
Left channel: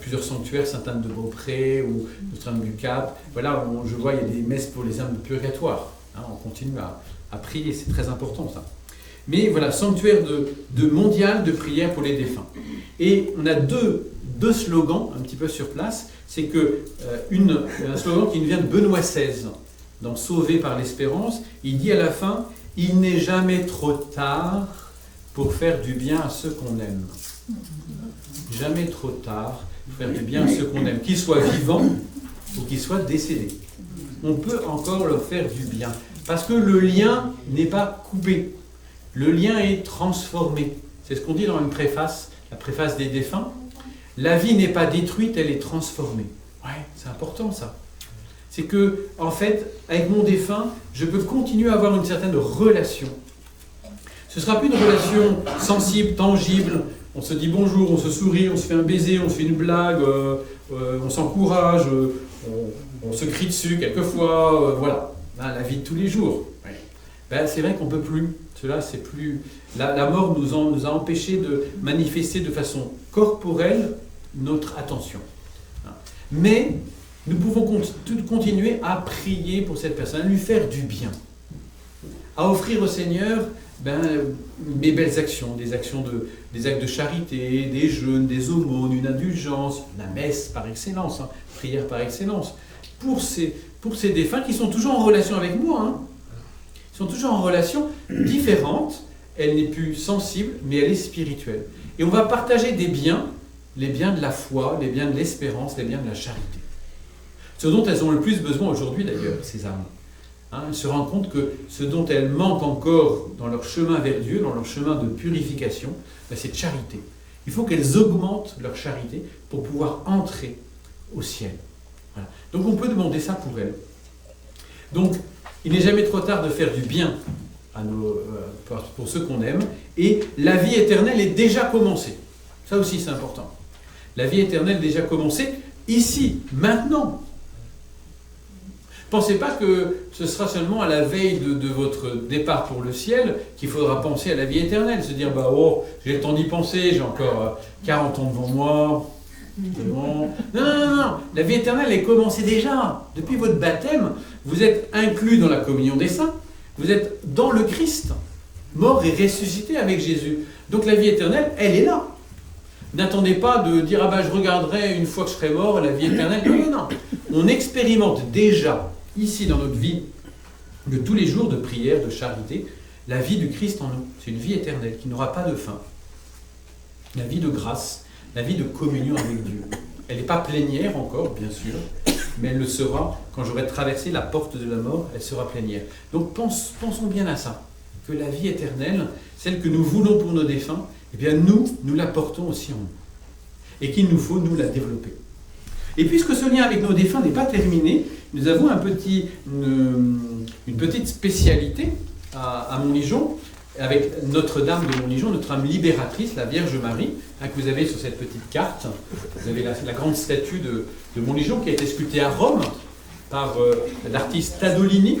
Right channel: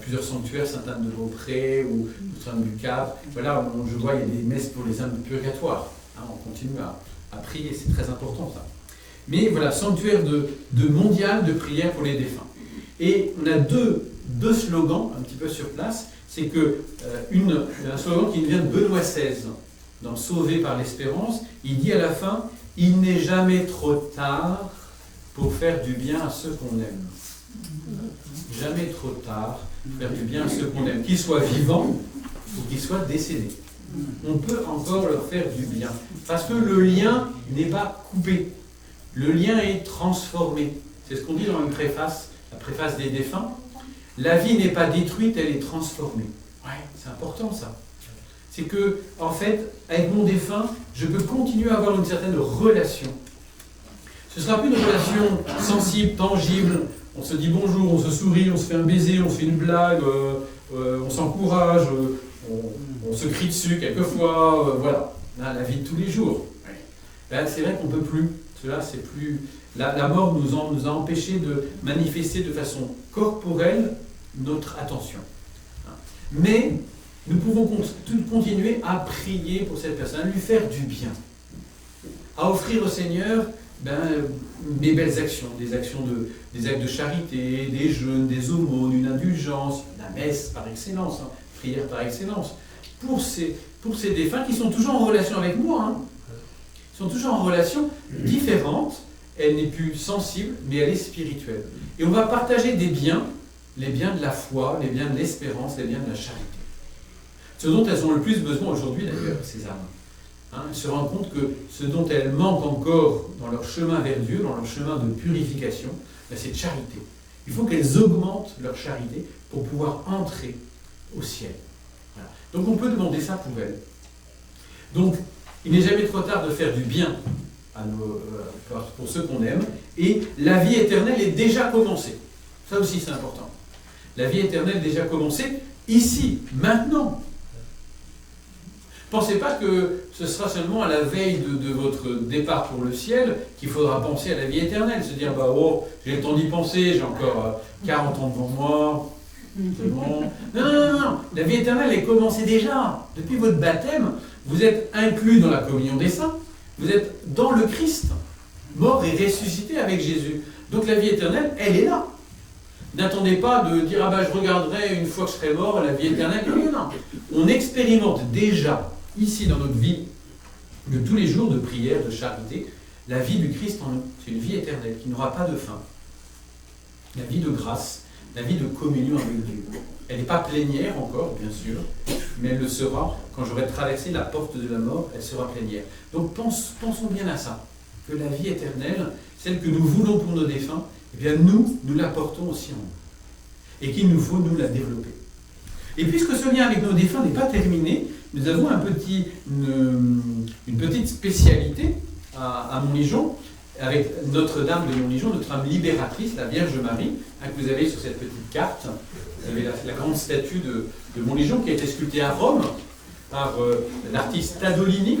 plusieurs sanctuaires, Sainte-Anne-de-Beaupré ou Notre-Dame du Cap. Voilà, je vois, il y a des messes pour les âmes de purgatoire. On continue à prier, c'est très important ça. Mais voilà, sanctuaire de mondial de prière pour les défunts. Et on a deux slogans un petit peu sur place. C'est que un slogan qui vient de Benoît XVI, dans Sauvé par l'espérance. Il dit à la fin, « Il n'est jamais trop tard pour faire du bien à ceux qu'on aime. » Jamais trop tard pour faire du bien à ceux qu'on aime, qu'ils soient vivants ou qu'ils soient décédés. On peut encore leur faire du bien, parce que le lien n'est pas coupé. Le lien est transformé. C'est ce qu'on dit dans une préface, la préface des défunts. La vie n'est pas détruite, elle est transformée. Ouais, c'est important ça. C'est que, en fait, avec mon défunt, je peux continuer à avoir une certaine relation. Ce ne sera plus une relation sensible, tangible. On se dit bonjour, on se sourit, on se fait un baiser, on se fait une blague, on s'encourage, on se crie dessus quelquefois, voilà. Là, la vie de tous les jours. Ouais. Ben, c'est vrai qu'on ne peut plus. Cela, c'est plus. La mort nous a empêchés de manifester de façon corporelle notre attention. Mais nous pouvons continuer à prier pour cette personne, à lui faire du bien, à offrir au Seigneur mes belles actions, des actes de charité, des jeûnes, des aumônes, une indulgence, la messe par excellence, prière par excellence, pour ces défunts qui sont toujours en relation avec moi. Ils sont toujours en relation différente, elle n'est plus sensible, mais elle est spirituelle. Et on va partager des biens, les biens de la foi, les biens de l'espérance, les biens de la charité. Ce dont elles ont le plus besoin aujourd'hui d'ailleurs, ces âmes. Elles se rendent compte que ce dont elles manquent encore dans leur chemin vers Dieu, dans leur chemin de purification, c'est de charité. Il faut qu'elles augmentent leur charité pour pouvoir entrer au ciel. Voilà. Donc on peut demander ça pour elles. Donc il n'est jamais trop tard de faire du bien pour ceux qu'on aime, et la vie éternelle est déjà commencée. Ça aussi c'est important. La vie éternelle est déjà commencée, ici, maintenant. Pensez pas que ce sera seulement à la veille de votre départ pour le ciel qu'il faudra penser à la vie éternelle, se dire j'ai le temps d'y penser, j'ai encore 40 ans devant moi, c'est bon. Non, la vie éternelle est commencée déjà. Depuis votre baptême, vous êtes inclus dans la communion des saints, vous êtes dans le Christ, mort et ressuscité avec Jésus. Donc la vie éternelle, elle est là. N'attendez pas de dire je regarderai une fois que je serai mort la vie éternelle. Non. On expérimente déjà ici dans notre vie de tous les jours de prière, de charité, la vie du Christ en nous. C'est une vie éternelle qui n'aura pas de fin. La vie de grâce, la vie de communion avec Dieu. Elle n'est pas plénière encore, bien sûr, mais elle le sera quand j'aurai traversé la porte de la mort, elle sera plénière. Donc pensons bien à ça, que la vie éternelle, celle que nous voulons pour nos défunts, eh bien nous la portons aussi en nous. Et qu'il nous faut, nous, la développer. Et puisque ce lien avec nos défunts n'est pas terminé, nous avons une petite spécialité à Montligeon, avec Notre-Dame de Montligeon, notre âme libératrice, la Vierge Marie, que vous avez sur cette petite carte. Vous avez la grande statue de Montligeon qui a été sculptée à Rome par l'artiste Tadolini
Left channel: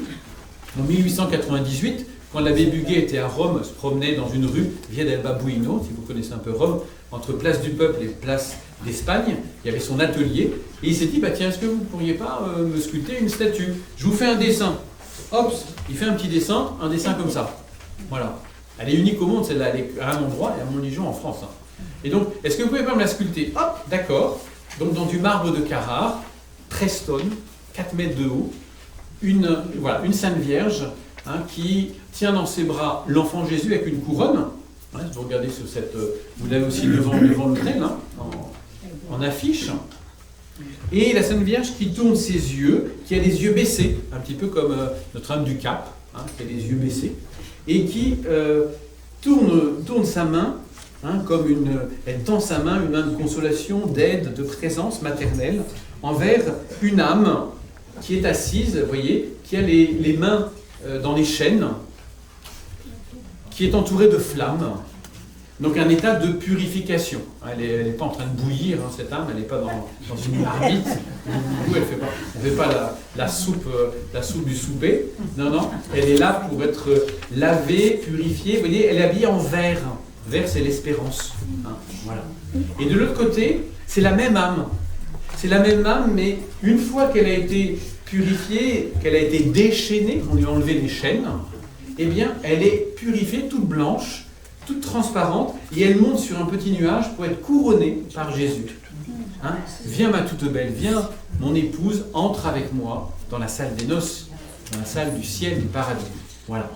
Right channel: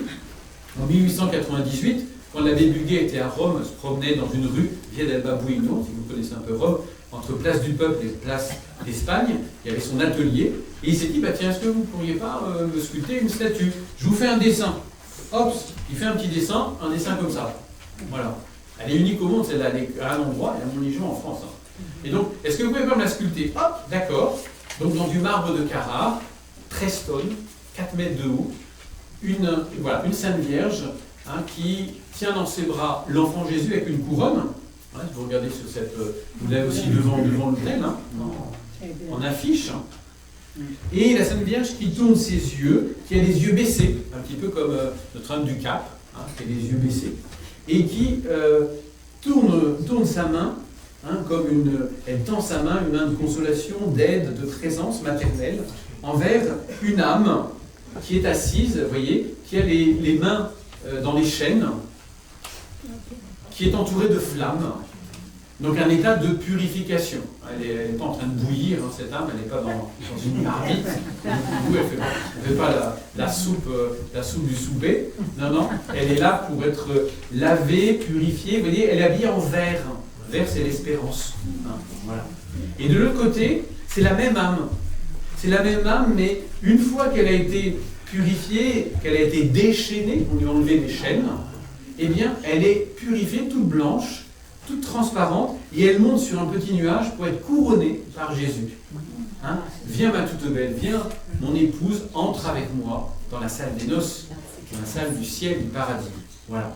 en 1898. Quand l'abbé Buguet était à Rome, se promenait dans une rue, Via del Babuino, si vous connaissez un peu Rome, entre Place du Peuple et Place d'Espagne, il y avait son atelier, et il s'est dit, tiens, est-ce que vous ne pourriez pas me sculpter une statue? Je vous fais un dessin. Hop, il fait un petit dessin, un dessin comme ça. Voilà. Elle est unique au monde, celle-là, elle est à un endroit, et à Montligeon en France. Et donc, est-ce que vous pouvez pas me la sculpter? Hop, d'accord. Donc, dans du marbre de Carrare, 13 tonnes, 4 mètres de haut, une Sainte Vierge, qui tient dans ses bras l'enfant Jésus avec une couronne. Vous regardez sur cette... vous l'avez aussi devant l'autel, en affiche. Et la Sainte Vierge qui tourne ses yeux, qui a les yeux baissés, un petit peu comme Notre-Dame du Cap, qui a les yeux baissés, et qui tourne sa main, elle tend sa main, une main de consolation, d'aide, de présence maternelle, envers une âme qui est assise, vous voyez, qui a les mains dans les chaînes, qui est entourée de flammes. Donc un état de purification. Elle n'est pas en train de bouillir, cette âme, elle n'est pas dans une marmite. Du coup, elle ne fait pas la soupe du soupé. Non, elle est là pour être lavée, purifiée. Vous voyez, elle est habillée en vert. Vert, c'est l'espérance. Voilà. Et de l'autre côté, c'est la même âme. C'est la même âme, mais une fois qu'elle a été purifiée, qu'elle a été déchaînée, on lui a enlevé les chaînes, eh bien, elle est purifiée, toute blanche, toute transparente, et elle monte sur un petit nuage pour être couronnée par Jésus. Viens ma toute belle, viens mon épouse, entre avec moi dans la salle des noces, dans la salle du ciel, du paradis. Voilà.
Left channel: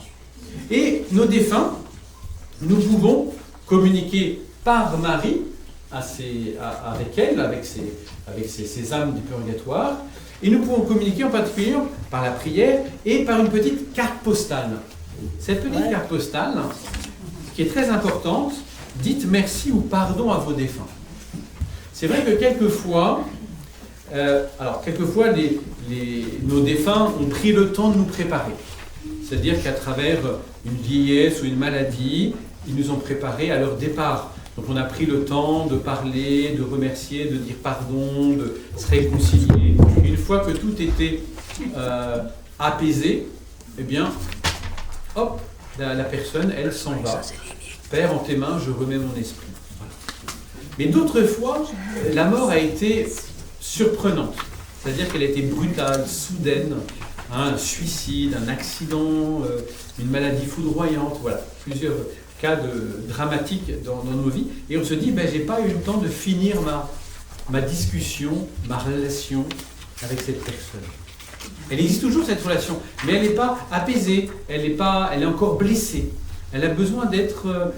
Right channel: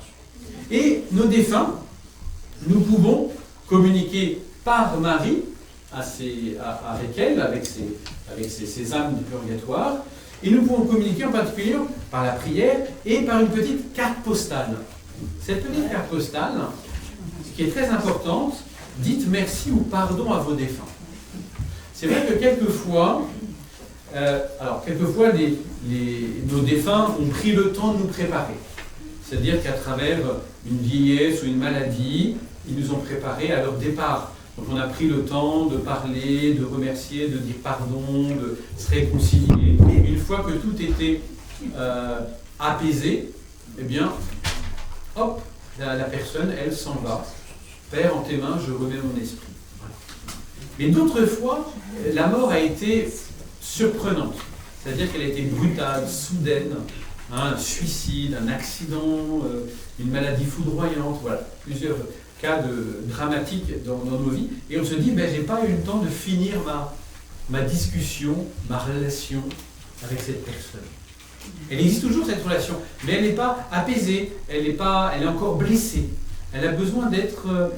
Et nos défunts, nous pouvons communiquer par Marie avec elle, avec ses âmes du purgatoire, et nous pouvons communiquer en particulier par la prière et par une petite carte postale. Cette petite carte postale, qui est très importante, dites merci ou pardon à vos défunts. C'est vrai que quelquefois, nos défunts ont pris le temps de nous préparer. C'est-à-dire qu'à travers une vieillesse ou une maladie, ils nous ont préparés à leur départ. Donc on a pris le temps de parler, de remercier, de dire pardon, de se réconcilier. Une fois que tout était apaisé, eh bien, hop, la personne, elle s'en va. Père, en tes mains, je remets mon esprit. Voilà. Mais d'autres fois, la mort a été surprenante. C'est-à-dire qu'elle a été brutale, soudaine, un suicide, un accident, une maladie foudroyante, voilà, plusieurs cas dramatiques dans nos vies. Et on se dit, ben, j'ai pas eu le temps de finir ma discussion, ma relation avec cette personne. Elle existe toujours cette relation, mais elle n'est pas apaisée, elle est encore blessée. Elle a besoin d'être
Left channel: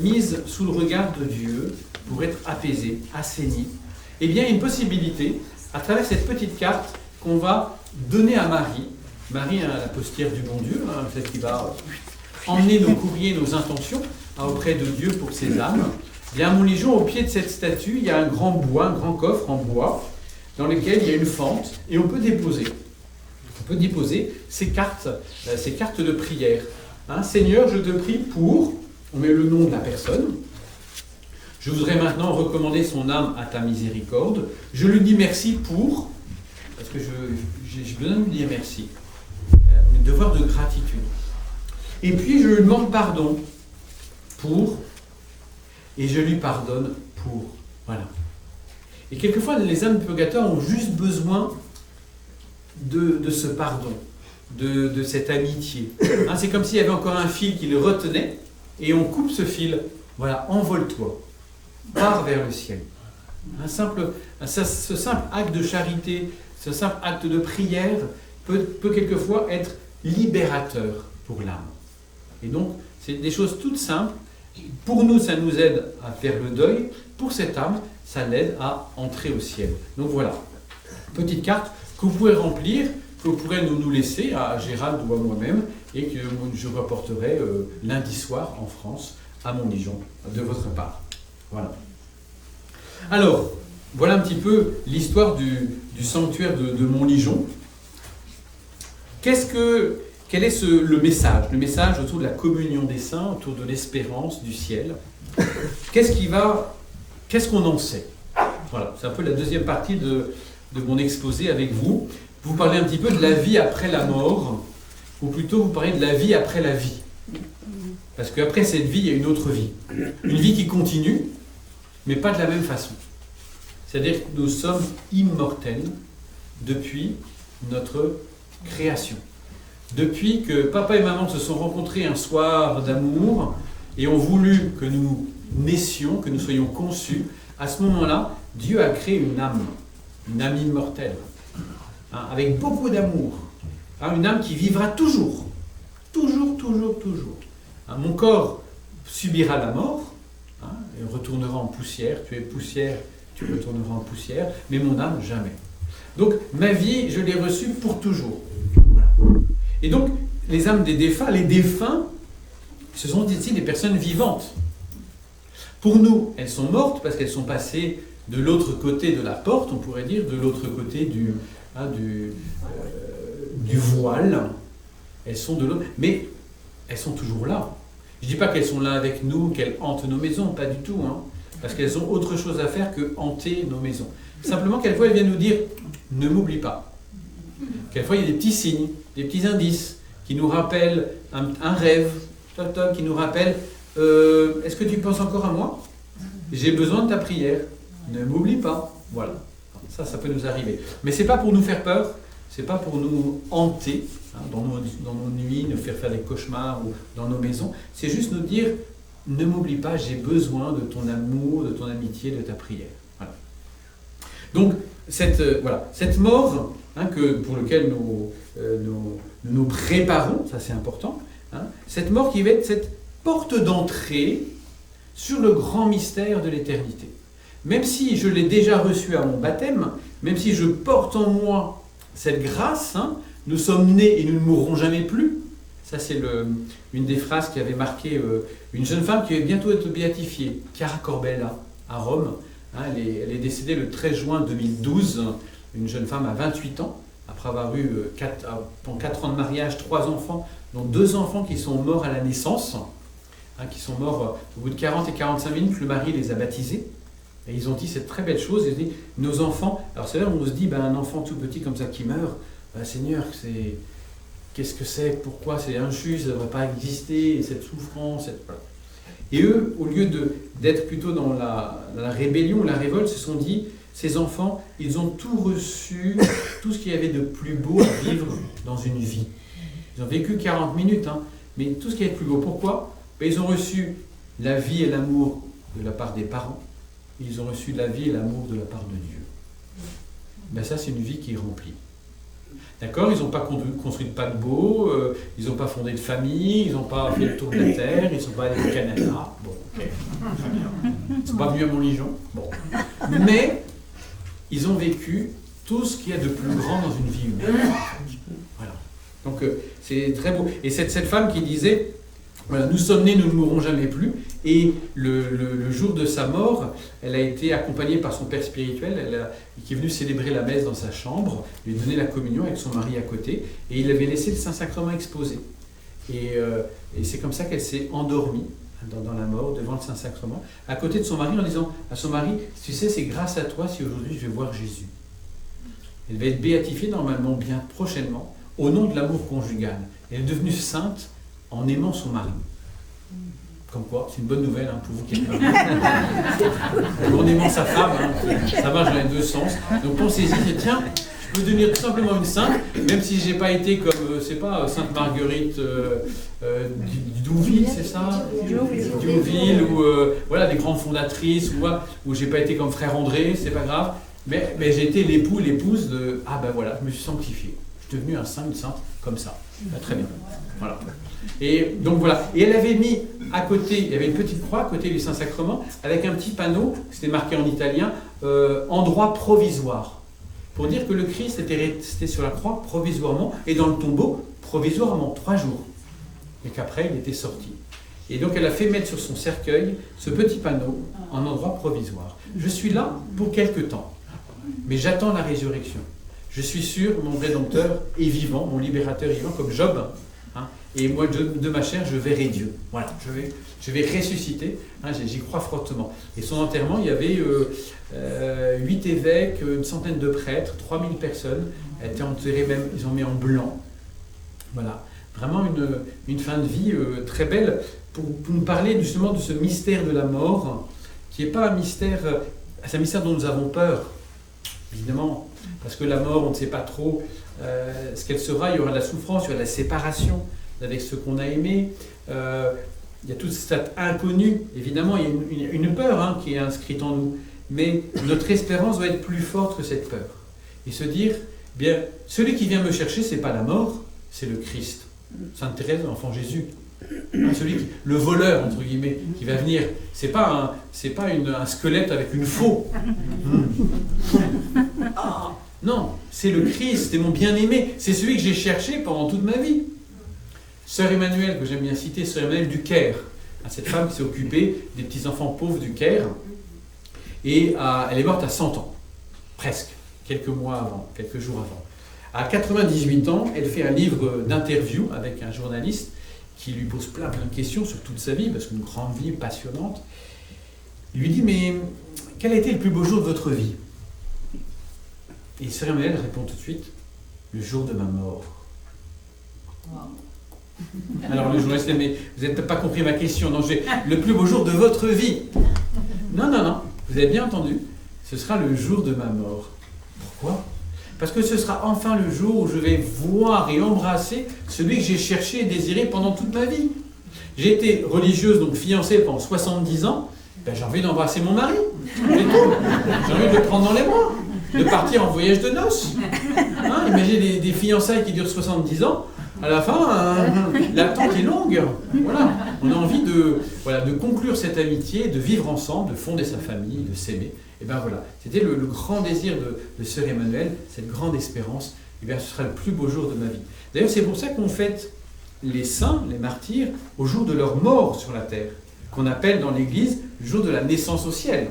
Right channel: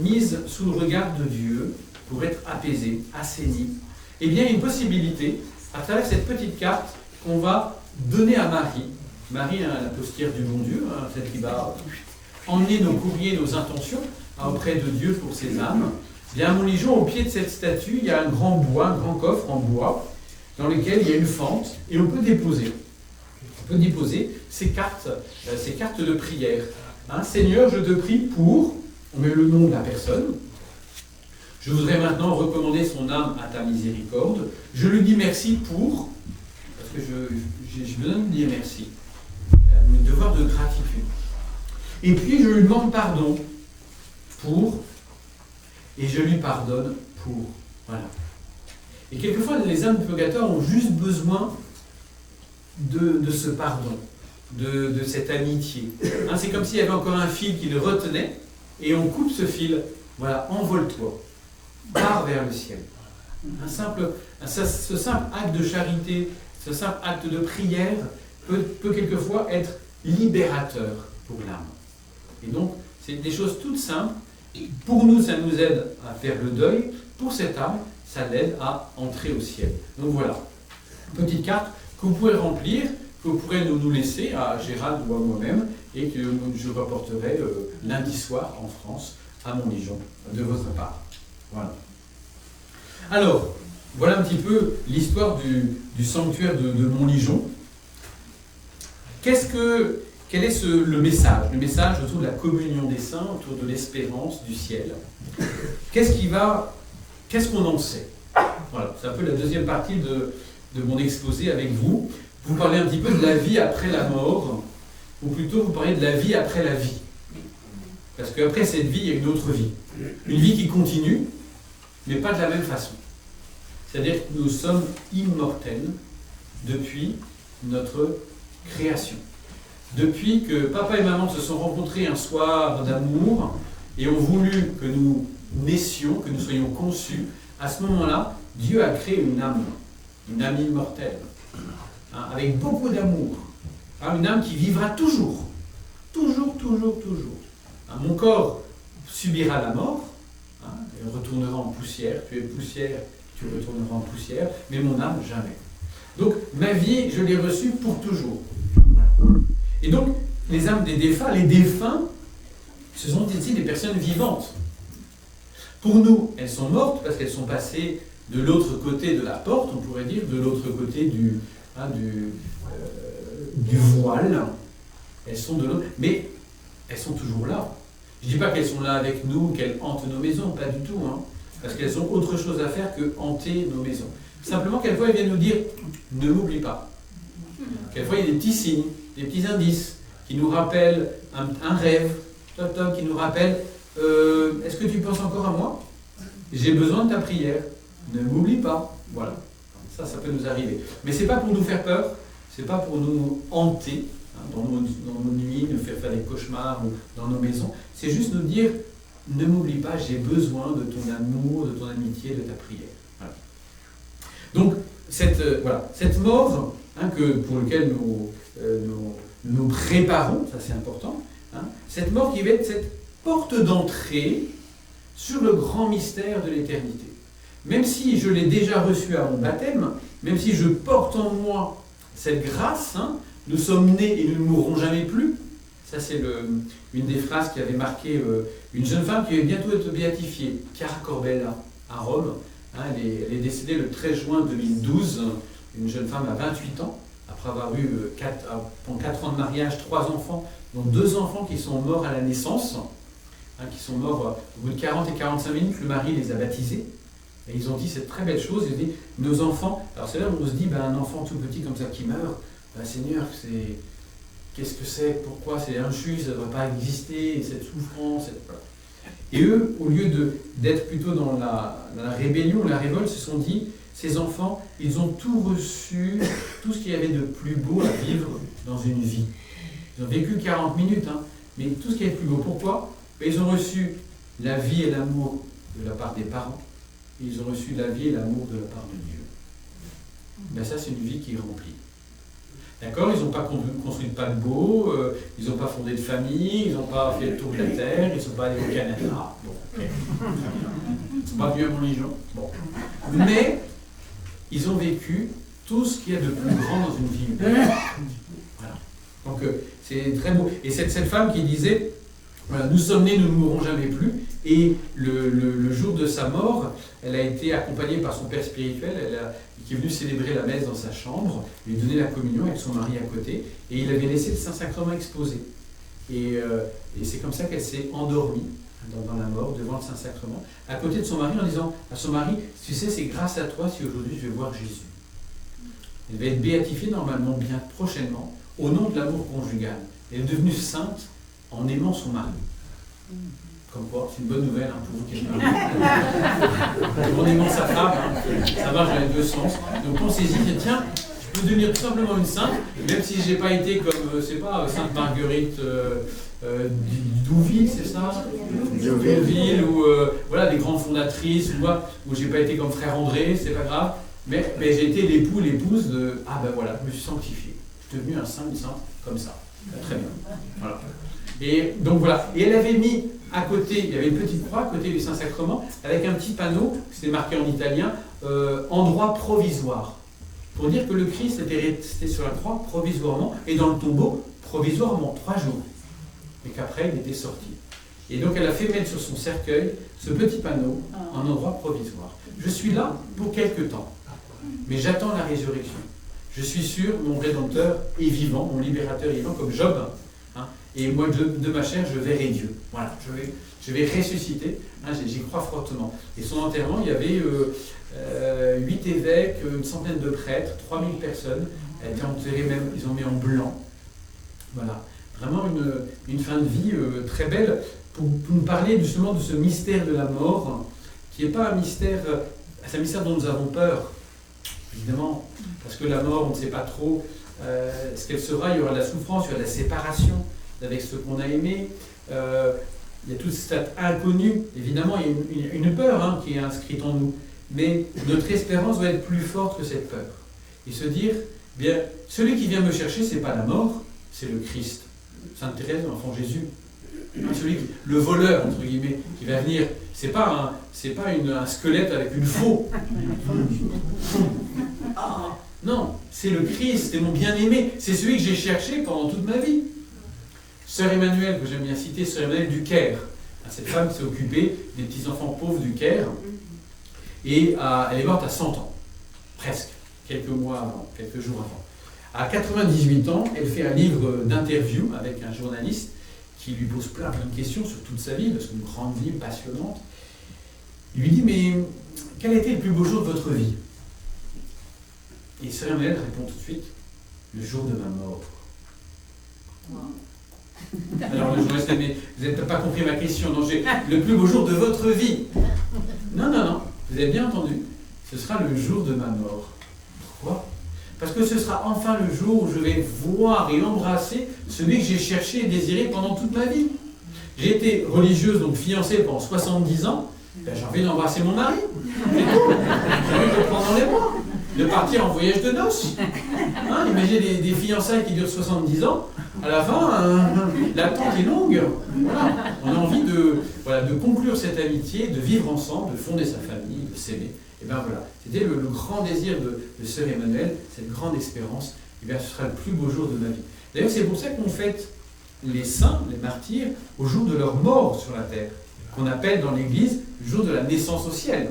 mise sous le regard de Dieu pour être apaisée, assainie. Eh bien, il y a une possibilité, à travers cette petite carte qu'on va donner à Marie. Marie, hein, la postière du bon Dieu, hein, celle qui va emmener nos courriers, nos intentions auprès de Dieu pour ses âmes. Bien, à Montligeon, au pied de cette statue, il y a un grand bois, un grand coffre en bois, dans lequel il y a une fente, et on peut déposer. On peut déposer ces cartes de prière. Hein, Seigneur, je te prie pour, on met le nom de la personne. Je voudrais maintenant recommander son âme à ta miséricorde. Je lui dis merci pour, parce que j'ai besoin de lui dire merci. Un devoir de gratitude. Et puis je lui demande pardon pour, et je lui pardonne pour. Voilà. Et quelquefois, les âmes du purgatoire ont juste besoin de ce pardon, de cette amitié. Hein, c'est comme s'il y avait encore un fil qui le retenait, et on coupe ce fil. Voilà, envole-toi, pars vers le ciel. Ce simple acte de charité, ce simple acte de prière peut quelquefois être libérateur pour l'âme. Et donc, c'est des choses toutes simples. Pour nous, ça nous aide à faire le deuil. Pour cette âme, ça l'aide à entrer au ciel. Donc voilà, petite carte que vous pouvez remplir, que vous pourrez nous laisser à Gérald ou à moi-même, et que je reporterai lundi soir en France, à Montligeon, de votre part. Voilà. Alors, voilà un petit peu l'histoire du sanctuaire de Montligeon. Quel est le message? Le message autour de la communion des saints, autour de l'espérance du ciel. Qu'est-ce qu'on en sait? Voilà, c'est un peu la deuxième partie de mon exposé avec vous. Vous parlez un petit peu de la vie après la mort, ou plutôt vous parlez de la vie après la vie. Parce qu'après cette vie, il y a une autre vie. Une vie qui continue, mais pas de la même façon. C'est-à-dire que nous sommes immortels depuis notre création. Depuis que papa et maman se sont rencontrés un soir d'amour et ont voulu que nous naissions, que nous soyons conçus, à ce moment-là, Dieu a créé une âme immortelle, hein, avec beaucoup d'amour, hein, une âme qui vivra toujours, toujours, toujours, toujours. Hein, mon corps subira la mort, hein, et retournera en poussière, tu es poussière, tu retourneras en poussière, mais mon âme, jamais. Donc, ma vie, je l'ai reçue pour toujours. Voilà. Et donc, les âmes des défunts, les défunts, ce sont ici des personnes vivantes. Pour nous, elles sont mortes parce qu'elles sont passées de l'autre côté de la porte, on pourrait dire, de l'autre côté du voile. Elles sont de l'autre, mais elles sont toujours là. Je ne dis pas qu'elles sont là avec nous, qu'elles hantent nos maisons, pas du tout, hein, parce qu'elles ont autre chose à faire que hanter nos maisons. Simplement, quelquefois, elles viennent nous dire « ne m'oublie pas ». Quelquefois, il y a des petits signes, des petits indices qui nous rappellent un rêve, qui nous rappellent est-ce que tu penses encore à moi? J'ai besoin de ta prière. Ne m'oublie pas. Voilà. Ça peut nous arriver. Mais ce n'est pas pour nous faire peur, ce n'est pas pour nous hanter, hein, dans nos nuits, nous faire des cauchemars ou dans nos maisons. C'est juste nous dire ne m'oublie pas, j'ai besoin de ton amour, de ton amitié, de ta prière. Voilà. Donc, cette mort, hein, pour laquelle nous préparons, ça c'est important, hein, cette mort qui va être cette porte d'entrée sur le grand mystère de l'éternité. Même si je l'ai déjà reçu à mon baptême, même si je porte en moi cette grâce, hein, nous sommes nés et nous ne mourrons jamais plus. Ça, c'est une des phrases qui avait marqué une jeune femme qui va bientôt être béatifiée, Chiara Corbella, à Rome. Hein, elle est décédée le 13 juin 2012, une jeune femme à 28 ans. après avoir eu pendant 4 ans de mariage, 3 enfants, dont 2 enfants qui sont morts à la naissance, qui sont morts au bout de 40 et 45 minutes, le mari les a baptisés. Et ils ont dit cette très belle chose, ils ont dit, nos enfants, alors c'est là où on se dit, un enfant tout petit comme ça qui meurt, Seigneur, qu'est-ce que c'est, pourquoi c'est injuste, ça ne va pas exister, cette souffrance, voilà. Et eux, au lieu d'être plutôt dans la rébellion, la révolte, se sont dit, ces enfants, ils ont tout reçu, tout ce qu'il y avait de plus beau à vivre dans une vie. Ils ont vécu 40 minutes, mais tout ce qu'il y avait de plus beau. Pourquoi ? Ils ont reçu la vie et l'amour de la part des parents, et ils ont reçu la vie et l'amour de la part de Dieu. Ça, c'est une vie qui est remplie. D'accord ? Ils n'ont pas construit de paquebot, ils n'ont pas fondé de famille, ils n'ont pas fait le tour de la Terre, ils ne sont pas allés au Canada. Bon, ok, très bien. Ils ne sont pas venus à Montligeon. Bon. Mais ils ont vécu tout ce qu'il y a de plus grand dans une vie humaine. Voilà. Donc, c'est très beau. Et cette femme qui disait, voilà, nous sommes nés, nous ne mourrons jamais plus. Et le jour de sa mort, elle a été accompagnée par son père spirituel, qui est venu célébrer la messe dans sa chambre, lui donner la communion avec son mari à côté, et il avait laissé le Saint-Sacrement exposé. Et c'est comme ça qu'elle s'est endormie dans la mort, devant le Saint-Sacrement, à côté de son mari, en disant à son mari, tu sais, c'est grâce à toi si aujourd'hui je vais voir Jésus. Elle va être béatifiée normalement bien prochainement, au nom de l'amour conjugal. Elle est devenue sainte en aimant son mari. Comme quoi, c'est une bonne nouvelle pour vous qui êtes en aimant sa femme, ça marche dans les deux sens. Donc pensez-y, tiens, je peux devenir tout simplement une sainte, même si je n'ai pas été comme, Sainte Marguerite Douville, c'est ça ? Douville, ou voilà, des grandes fondatrices, ou j'ai pas été comme Frère André, c'est pas grave, mais j'ai été l'épouse de, voilà, je me suis sanctifié. Je suis devenu un saint, une sainte, comme ça. Très bien. Voilà. Et donc voilà. Et elle avait mis à côté, il y avait une petite croix à côté du Saint-Sacrement, avec un petit panneau, c'était marqué en italien, endroit provisoire. Pour dire que le Christ était resté sur la croix provisoirement, et dans le tombeau provisoirement, 3 jours. Mais qu'après, il était sorti. Et donc elle a fait mettre sur son cercueil ce petit panneau en endroit provisoire. Je suis là pour quelque temps, mais j'attends la résurrection. Je suis sûr, mon Rédempteur est vivant, mon Libérateur est vivant, comme Job. Et moi, de ma chair, je verrai Dieu. Voilà, je vais ressusciter. J'y crois fortement. Et son enterrement, il y avait 8 évêques, une centaine de prêtres, 3000 personnes. Elle était enterrée même, ils ont mis en blanc. Voilà, vraiment une fin de vie très belle pour nous parler justement de ce mystère de la mort, qui n'est pas un mystère, c'est un mystère dont nous avons peur, évidemment, parce que la mort, on ne sait pas trop ce qu'elle sera. Il y aura de la souffrance, il y aura de la séparation avec ceux qu'on a aimés. Il y a toute cette inconnue. Évidemment, il y a une peur qui est inscrite en nous. Mais notre espérance doit être plus forte que cette peur. Et se dire, bien, celui qui vient me chercher, ce n'est pas la mort, c'est le Christ. Sainte Thérèse, l'enfant Jésus. Le voleur, entre guillemets, qui va venir, c'est pas un squelette avec une faux. Non, c'est le Christ, c'est mon bien-aimé, c'est celui que j'ai cherché pendant toute ma vie. Sœur Emmanuelle, que j'aime bien citer, Sœur Emmanuelle du Caire, cette femme qui s'est occupée des petits-enfants pauvres du Caire, et elle est morte à 100 ans, presque, quelques jours avant. À 98 ans, elle fait un livre d'interview avec un journaliste qui lui pose plein de questions sur toute sa vie, parce qu'une grande vie passionnante. Il lui dit, mais quel a été le plus beau jour de votre vie ? Et Sœur Emmanuelle répond tout de suite, le jour de ma mort. Wow. Alors le journaliste dit, mais vous n'avez pas compris ma question, non, j'ai le plus beau jour de votre vie. Non, vous avez bien entendu, ce sera le jour de ma mort. Pourquoi ? Parce que ce sera enfin le jour où je vais voir et embrasser celui que j'ai cherché et désiré pendant toute ma vie. J'ai été religieuse, donc fiancée pendant 70 ans, j'ai envie d'embrasser mon mari, c'est tout. J'ai envie de le prendre dans les bras, de partir en voyage de noces. Imaginez des fiançailles qui durent 70 ans, à la fin, l'attente est longue. Voilà. On a envie de conclure cette amitié, de vivre ensemble, de fonder sa famille, de s'aimer. Et bien voilà, c'était le grand désir de Sœur Emmanuelle, cette grande espérance. Et bien ce sera le plus beau jour de ma vie. D'ailleurs, c'est pour ça qu'on fête les saints, les martyrs, au jour de leur mort sur la terre, qu'on appelle dans l'Église le jour de la naissance au ciel.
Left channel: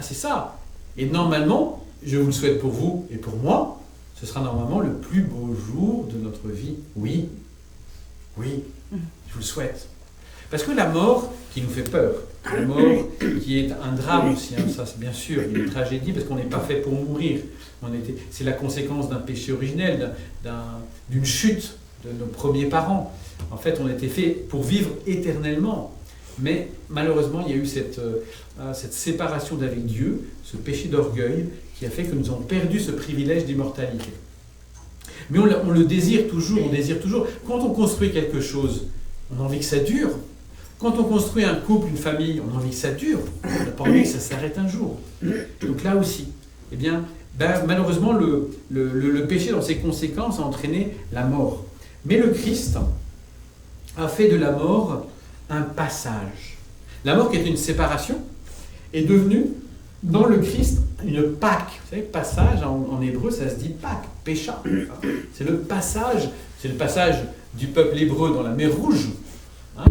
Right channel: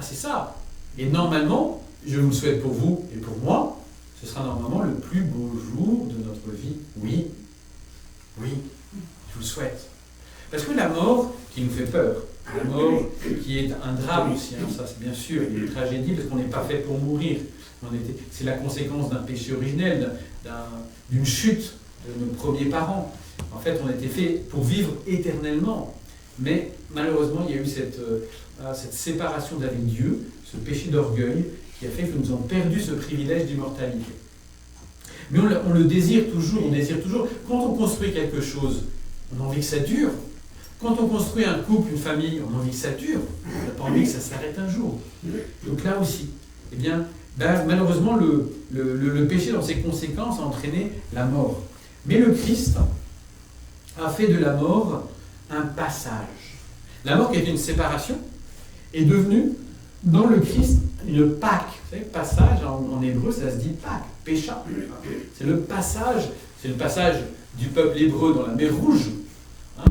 C'est ça. Et normalement, je vous le souhaite pour vous et pour moi, ce sera normalement le plus beau jour de notre vie. Oui, oui, je vous le souhaite. Parce que la mort qui nous fait peur, la mort qui est un drame aussi, hein, ça c'est bien sûr, il y a une tragédie parce qu'on n'est pas fait pour mourir. C'est la conséquence d'un péché originel, d'une chute de nos premiers parents. En fait, on était fait pour vivre éternellement. Mais malheureusement, il y a eu cette séparation d'avec Dieu, ce péché d'orgueil qui a fait que nous avons perdu ce privilège d'immortalité. Mais on le désire toujours, on désire toujours. Quand on construit quelque chose, on a envie que ça dure. Quand on construit un couple, une famille, on a envie que ça dure. On n'a pas envie que ça s'arrête un jour. Donc là aussi, eh bien, malheureusement, le péché dans ses conséquences a entraîné la mort. Mais le Christ a fait de la mort un passage. La mort qui était une séparation est devenue, dans le Christ, une Pâque. Vous savez, passage, en hébreu, ça se dit Pâque, pécha. C'est le passage du peuple hébreu dans la mer Rouge. Hein,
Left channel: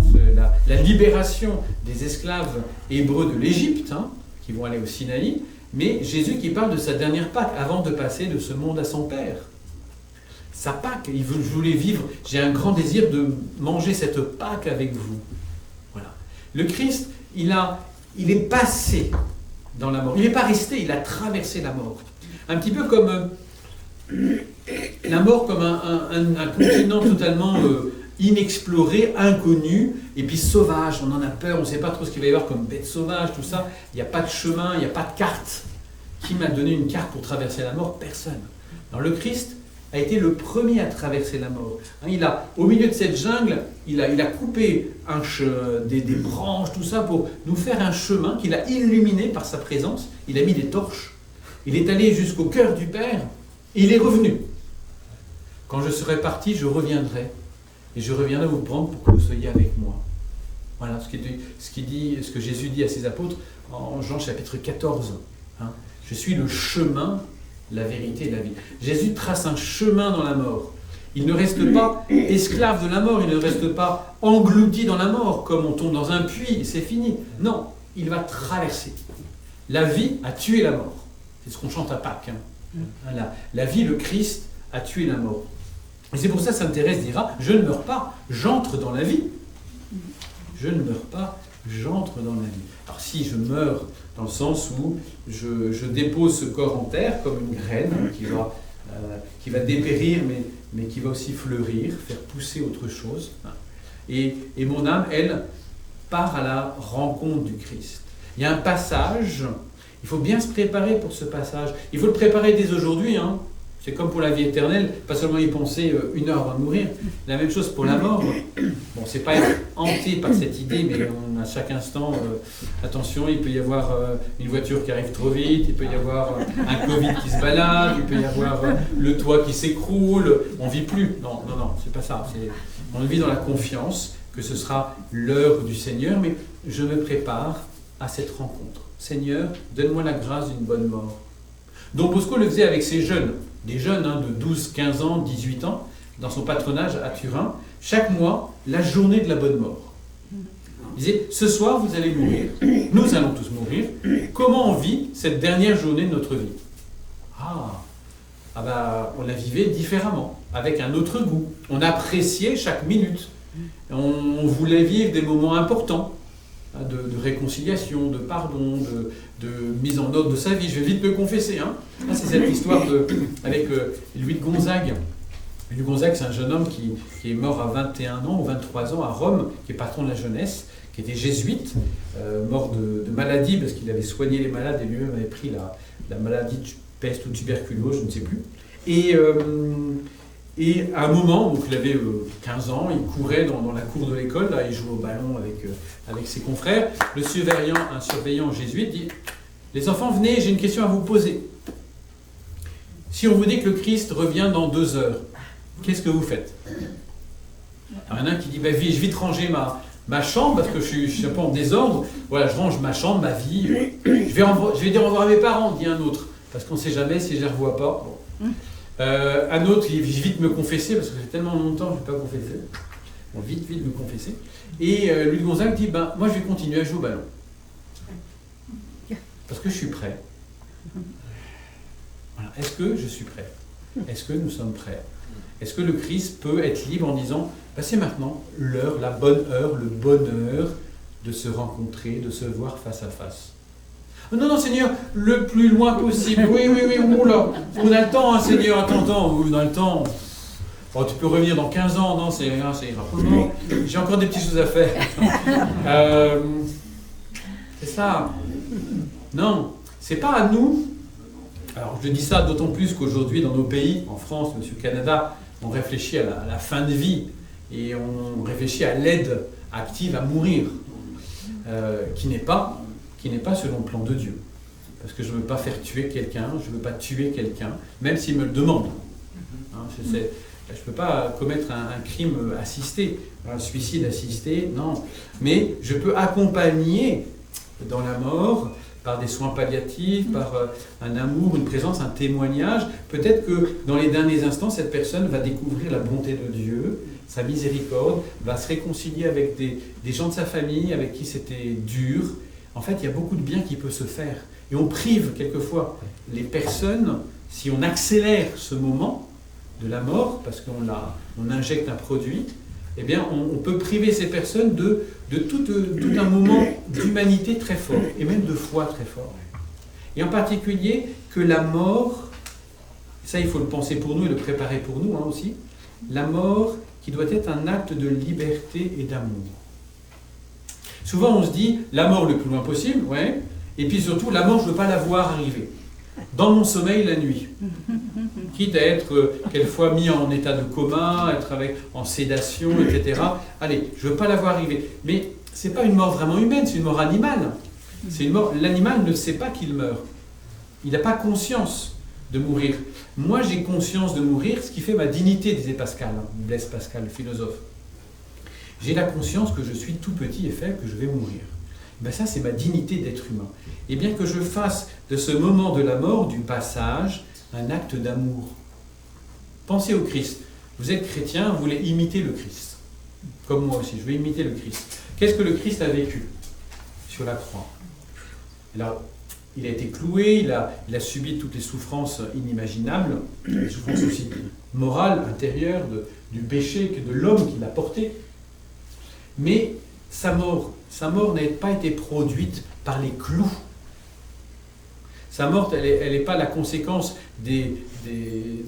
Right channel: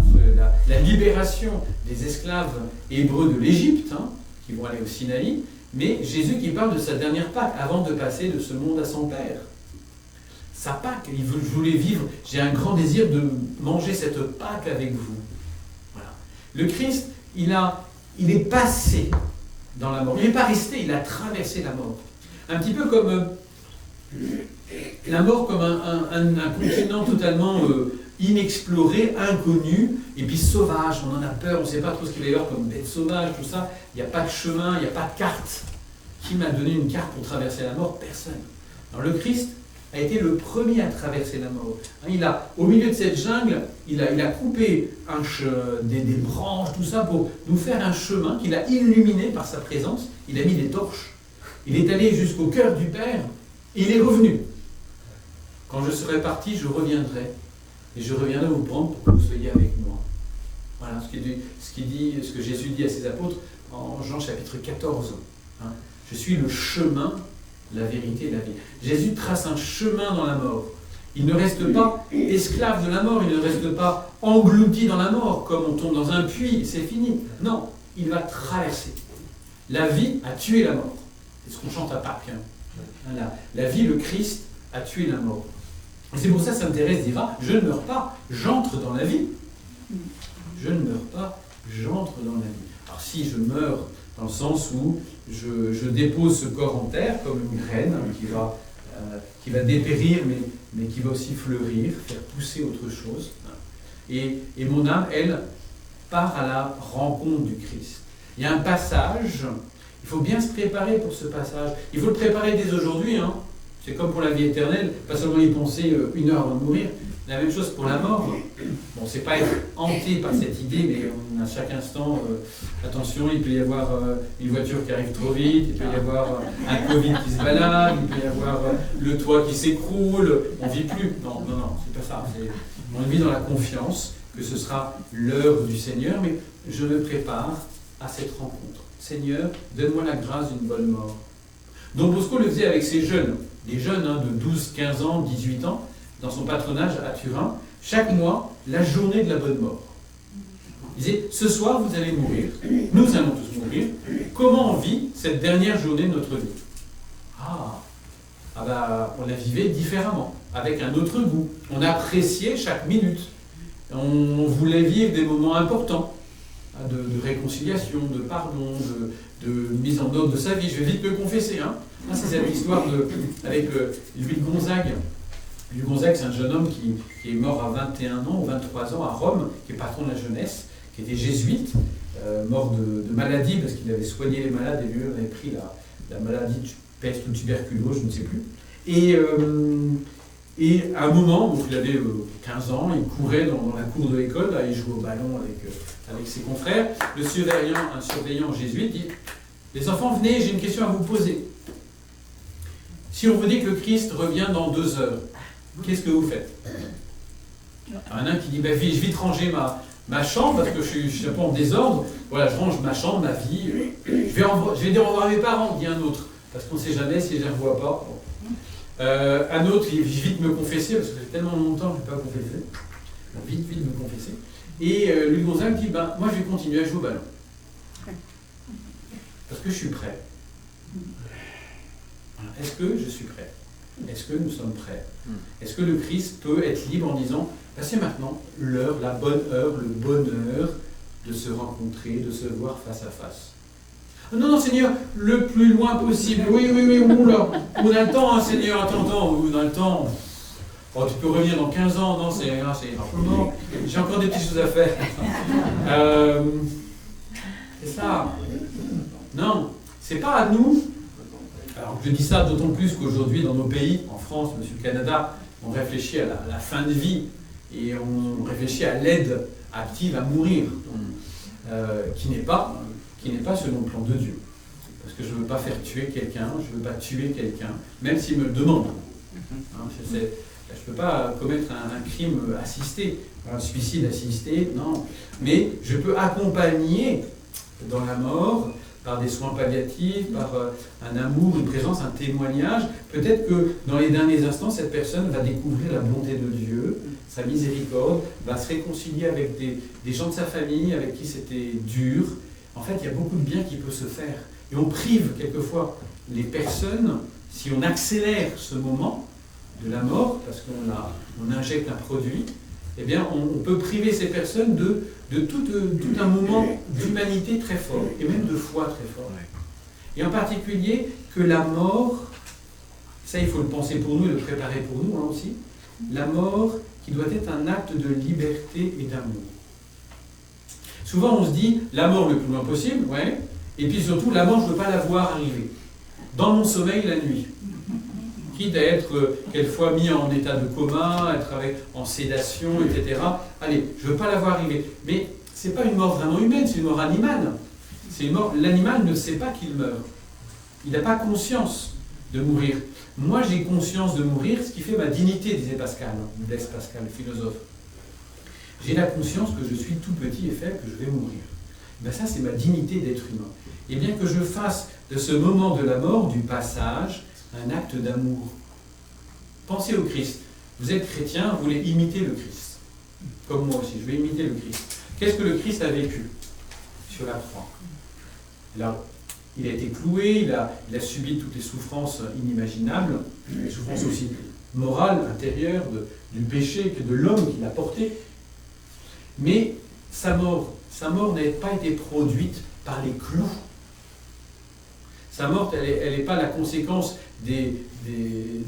la libération des esclaves hébreux de l'Égypte, hein, qui vont aller au Sinaï, mais Jésus qui parle de sa dernière Pâque, avant de passer de ce monde à son Père. Sa Pâque, je voulais vivre, j'ai un grand désir de manger cette Pâque avec vous. Voilà. Le Christ, il est passé dans la mort. Il n'est pas resté, il a traversé la mort. Un petit peu comme la mort comme un continent totalement inexploré, inconnu, et puis sauvage. On en a peur, on ne sait pas trop ce qu'il va y avoir comme bête sauvage, tout ça. Il n'y a pas de chemin, il n'y a pas de carte. Qui m'a donné une carte pour traverser la mort? Personne. Alors le Christ a été le premier à traverser la mort. Au milieu de cette jungle, il a coupé des branches, tout ça, pour nous faire un chemin qu'il a illuminé par sa présence. Il a mis des torches. Il est allé jusqu'au cœur du Père, et il est revenu. Quand je serai parti, je reviendrai. Et je reviendrai vous prendre pour que vous soyez avec moi. Voilà ce que Jésus dit à ses apôtres en Jean chapitre 14. Hein. Je suis le chemin, la vérité et la vie. Jésus trace un chemin dans la mort. Il ne reste pas esclave de la mort, il ne reste pas englouti dans la mort, comme on tombe dans un puits, c'est fini. Non, il va traverser. La vie a tué la mort. C'est ce qu'on chante à Pâques. Hein. La vie, le Christ, a tué la mort. Et c'est pour ça que Sainte Thérèse dira, je ne meurs pas, j'entre dans la vie. Je ne meurs pas, j'entre dans la vie. Alors si je meurs dans le sens où je dépose ce corps en terre comme une graine qui va dépérir mais qui va aussi fleurir, faire pousser autre chose. Et mon âme, elle, part à la rencontre du Christ. Il y a un passage, il faut bien se préparer pour ce passage. Il faut le préparer dès aujourd'hui, hein. C'est comme pour la vie éternelle, pas seulement y penser 1 heure avant de mourir. La même chose pour la mort. Bon, c'est pas être hanté par cette idée, mais à chaque instant, attention, il peut y avoir une voiture qui arrive trop vite, il peut y avoir un Covid qui se balade, il peut y avoir le toit qui s'écroule. On ne vit plus. Non, c'est pas ça. On vit dans la confiance que ce sera l'heure du Seigneur, mais je me prépare à cette rencontre. Seigneur, donne-moi la grâce d'une bonne mort. Don Bosco le faisait avec ses jeunes. Des jeunes de 12, 15 ans, 18 ans, dans son patronage à Turin, chaque mois, la journée de la bonne mort. Il disait, ce soir, vous allez mourir, nous allons tous mourir, comment on vit cette dernière journée de notre vie? On la vivait différemment, avec un autre goût. On appréciait chaque minute. On voulait vivre des moments importants, de réconciliation, de pardon, de mise en ordre de sa vie. Je vais vite me confesser. C'est cette histoire avec Louis de Gonzague. Louis de Gonzague, c'est un jeune homme qui est mort à 21 ans ou 23 ans à Rome, qui est patron de la jeunesse, qui était jésuite, mort de maladie, parce qu'il avait soigné les malades et lui-même avait pris la maladie de peste ou tuberculose, je ne sais plus. Et à un moment, donc il avait 15 ans, il courait dans la cour de l'école, là, il jouait au ballon avec ses confrères. Un surveillant jésuite dit « Les enfants, venez, j'ai une question à vous poser. Si on vous dit que le Christ revient dans 2 heures, qu'est-ce que vous faites ?» Alors, il y en a un qui dit je vais vite ranger ma chambre parce que je suis un peu en désordre. Voilà, je range ma chambre, ma vie. Je vais dire au revoir à mes parents, dit un autre, parce qu'on ne sait jamais si je ne les revois pas. Un autre, il va vite me confesser, parce que ça fait tellement longtemps que je ne vais pas confesser. Bon, vite me confesser. Et Louis de Gonzague dit, moi je vais continuer à jouer au ballon. Parce que je suis prêt. Voilà. Est-ce que je suis prêt? Est-ce que nous sommes prêts? Est-ce que le Christ peut être libre en disant c'est maintenant l'heure, la bonne heure, le bonheur de se rencontrer, de se voir face à face? Non, non, Seigneur, le plus loin possible. Oui, oula, on a le temps, hein, Seigneur, attends, on a le temps. Oh, tu peux revenir dans 15 ans, non, c'est ira. Non, j'ai encore des petites choses à faire. C'est ça. Non, c'est pas à nous. Alors, je dis ça d'autant plus qu'aujourd'hui, dans nos pays, en France, Monsieur le Canada, on réfléchit à la fin de vie et on réfléchit à l'aide active à mourir, qui n'est pas selon le plan de Dieu. Parce que je ne veux pas faire tuer quelqu'un, je ne veux pas tuer quelqu'un, même s'il me le demande. Hein, je ne peux pas commettre un crime assisté, un suicide assisté, non. Mais je peux accompagner dans la mort par des soins palliatifs, par un amour, une présence, un témoignage. Peut-être que dans les derniers instants, cette personne va découvrir la bonté de Dieu, sa miséricorde, va se réconcilier avec des gens de sa famille avec qui c'était dur. En fait, il y a beaucoup de bien qui peut se faire. Et on prive quelquefois les personnes, si on accélère ce moment de la mort, parce qu'on injecte un produit, eh bien, on peut priver ces personnes de tout un moment d'humanité très fort, et même de foi très fort. Et en particulier, que la mort, ça il faut le penser pour nous et le préparer pour nous aussi, la mort qui doit être un acte de liberté et d'amour. Souvent on se dit, la mort le plus loin possible, ouais, et puis surtout, la mort je ne veux pas la voir arriver. Dans mon sommeil la nuit. Quitte à être quelquefois mis en état de coma, être en sédation, etc. Allez, je ne veux pas la voir arriver. Mais ce n'est pas une mort vraiment humaine, c'est une mort animale. L'animal ne sait pas qu'il meurt. Il n'a pas conscience de mourir. Moi, j'ai conscience de mourir, ce qui fait ma dignité, disait Pascal, Blaise Pascal, le philosophe. J'ai la conscience que je suis tout petit et faible, que je vais mourir. Ben ça, c'est ma dignité d'être humain. Et bien que je fasse de ce moment de la mort, du passage, un acte d'amour. Pensez au Christ. Vous êtes chrétien, vous voulez imiter le Christ. Comme moi aussi, je vais imiter le Christ. Qu'est-ce que le Christ a vécu sur la croix? Alors, il a été cloué, il a subi toutes les souffrances inimaginables, les souffrances aussi morales, intérieures, du péché, de l'homme qu'il a porté. Mais sa mort n'a pas été produite par les clous. Sa mort, elle n'est pas la conséquence de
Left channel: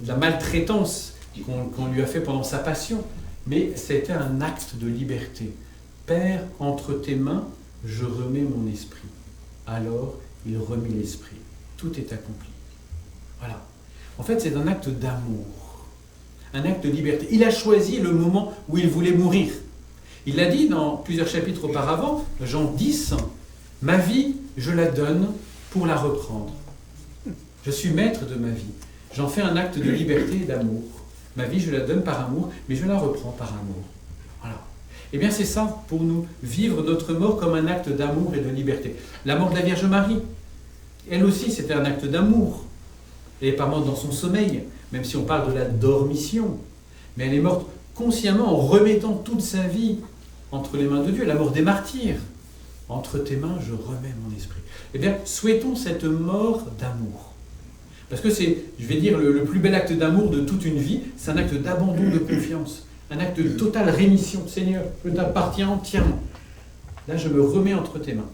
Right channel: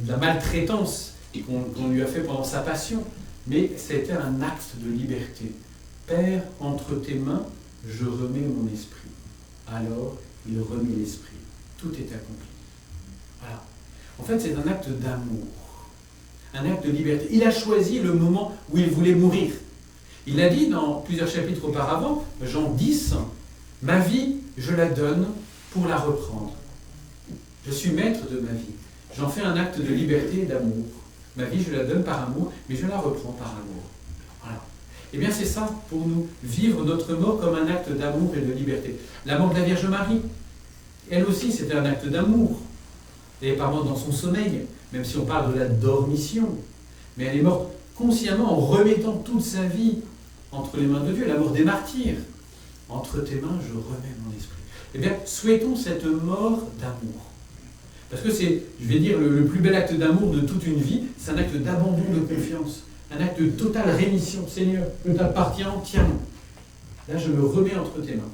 la maltraitance qu'on lui a fait pendant sa passion, mais c'était un acte de liberté. Père, entre tes mains, je remets mon esprit. Alors, il remit l'esprit. Tout est accompli. Voilà. En fait, c'est un acte d'amour, un acte de liberté. Il a choisi le moment où il voulait mourir. Il l'a dit dans plusieurs chapitres auparavant, Jean 10, « Ma vie, je la donne pour la reprendre. Je suis maître de ma vie. J'en fais un acte de liberté et d'amour. Ma vie, je la donne par amour, mais je la reprends par amour. » Voilà. Eh bien, c'est ça pour nous, vivre notre mort comme un acte d'amour et de liberté. La mort de la Vierge Marie, elle aussi, c'était un acte d'amour. Elle n'est pas morte dans son sommeil, même si on parle de la dormition. Mais elle est morte consciemment en remettant toute sa vie entre les mains de Dieu. La mort des martyrs. Entre tes mains, je remets mon esprit. Eh bien, souhaitons cette mort d'amour. Parce que c'est, je vais dire, le plus bel acte d'amour de toute une vie, c'est un acte d'abandon de confiance. Un acte de totale rémission. Seigneur, je t'appartiens entièrement. Là, je me remets entre tes mains.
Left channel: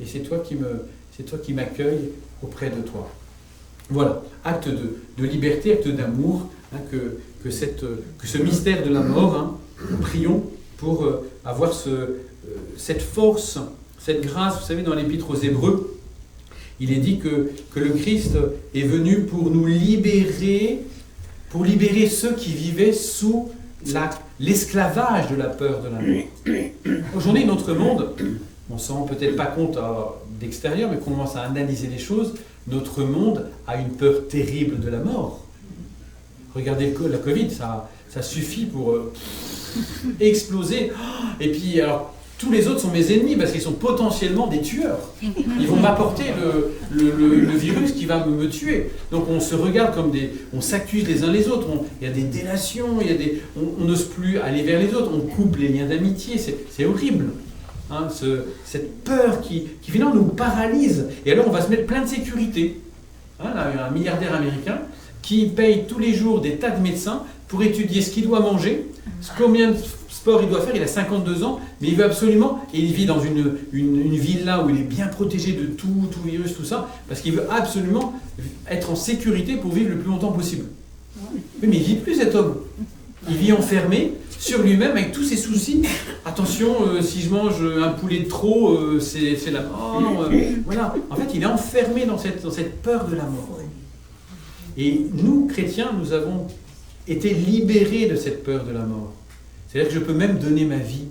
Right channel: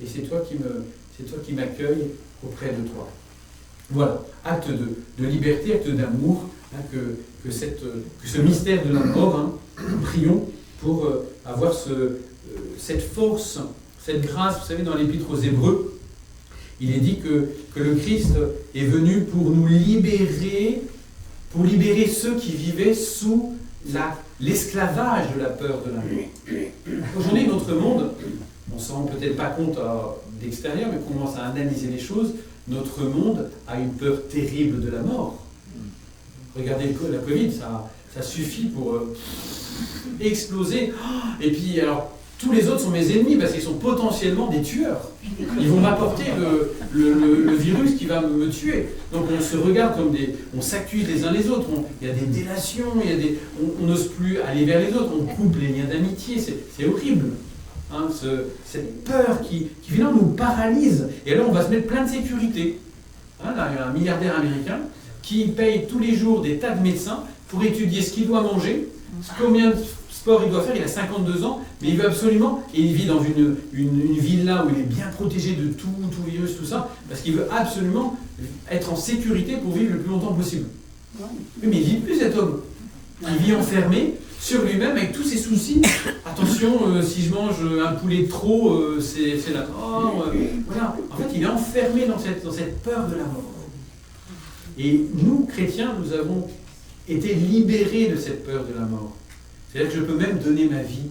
Et c'est toi qui m'accueilles auprès de toi. Voilà, acte de liberté, acte d'amour, hein, que ce mystère de la mort, hein, prions pour avoir cette force, cette grâce. Vous savez, dans l'Épître aux Hébreux, il est dit que le Christ est venu pour nous libérer, pour libérer ceux qui vivaient sous l'esclavage de la peur de la mort. Aujourd'hui, notre monde, on ne s'en rend peut-être pas compte d'extérieur, mais qu'on commence à analyser les choses, notre monde a une peur terrible de la mort. Regardez la Covid, ça suffit pour exploser. Et puis, alors, tous les autres sont mes ennemis parce qu'ils sont potentiellement des tueurs. Ils vont m'apporter le virus qui va me tuer. Donc on se regarde comme on s'accuse les uns les autres. Il y a des délations, on n'ose plus aller vers les autres. On coupe les liens d'amitié. C'est horrible. Hein, cette peur qui finalement nous paralyse. Et alors on va se mettre plein de sécurité. Hein, là, il y a un milliardaire américain qui paye tous les jours des tas de médecins pour étudier ce qu'il doit manger, combien de sport il doit faire. Il a 52 ans, mais il veut absolument, et il vit dans une villa où il est bien protégé de tout virus, tout ça, parce qu'il veut absolument être en sécurité pour vivre le plus longtemps possible. Oui, mais il vit plus cet homme. Il vit enfermé sur lui-même avec tous ses soucis. Attention, si je mange un poulet de trop, c'est la mort. Voilà. En fait, il est enfermé dans cette peur de la mort. Et nous, chrétiens, nous avons été libérés de cette peur de la mort. C'est-à-dire que je peux même donner ma vie.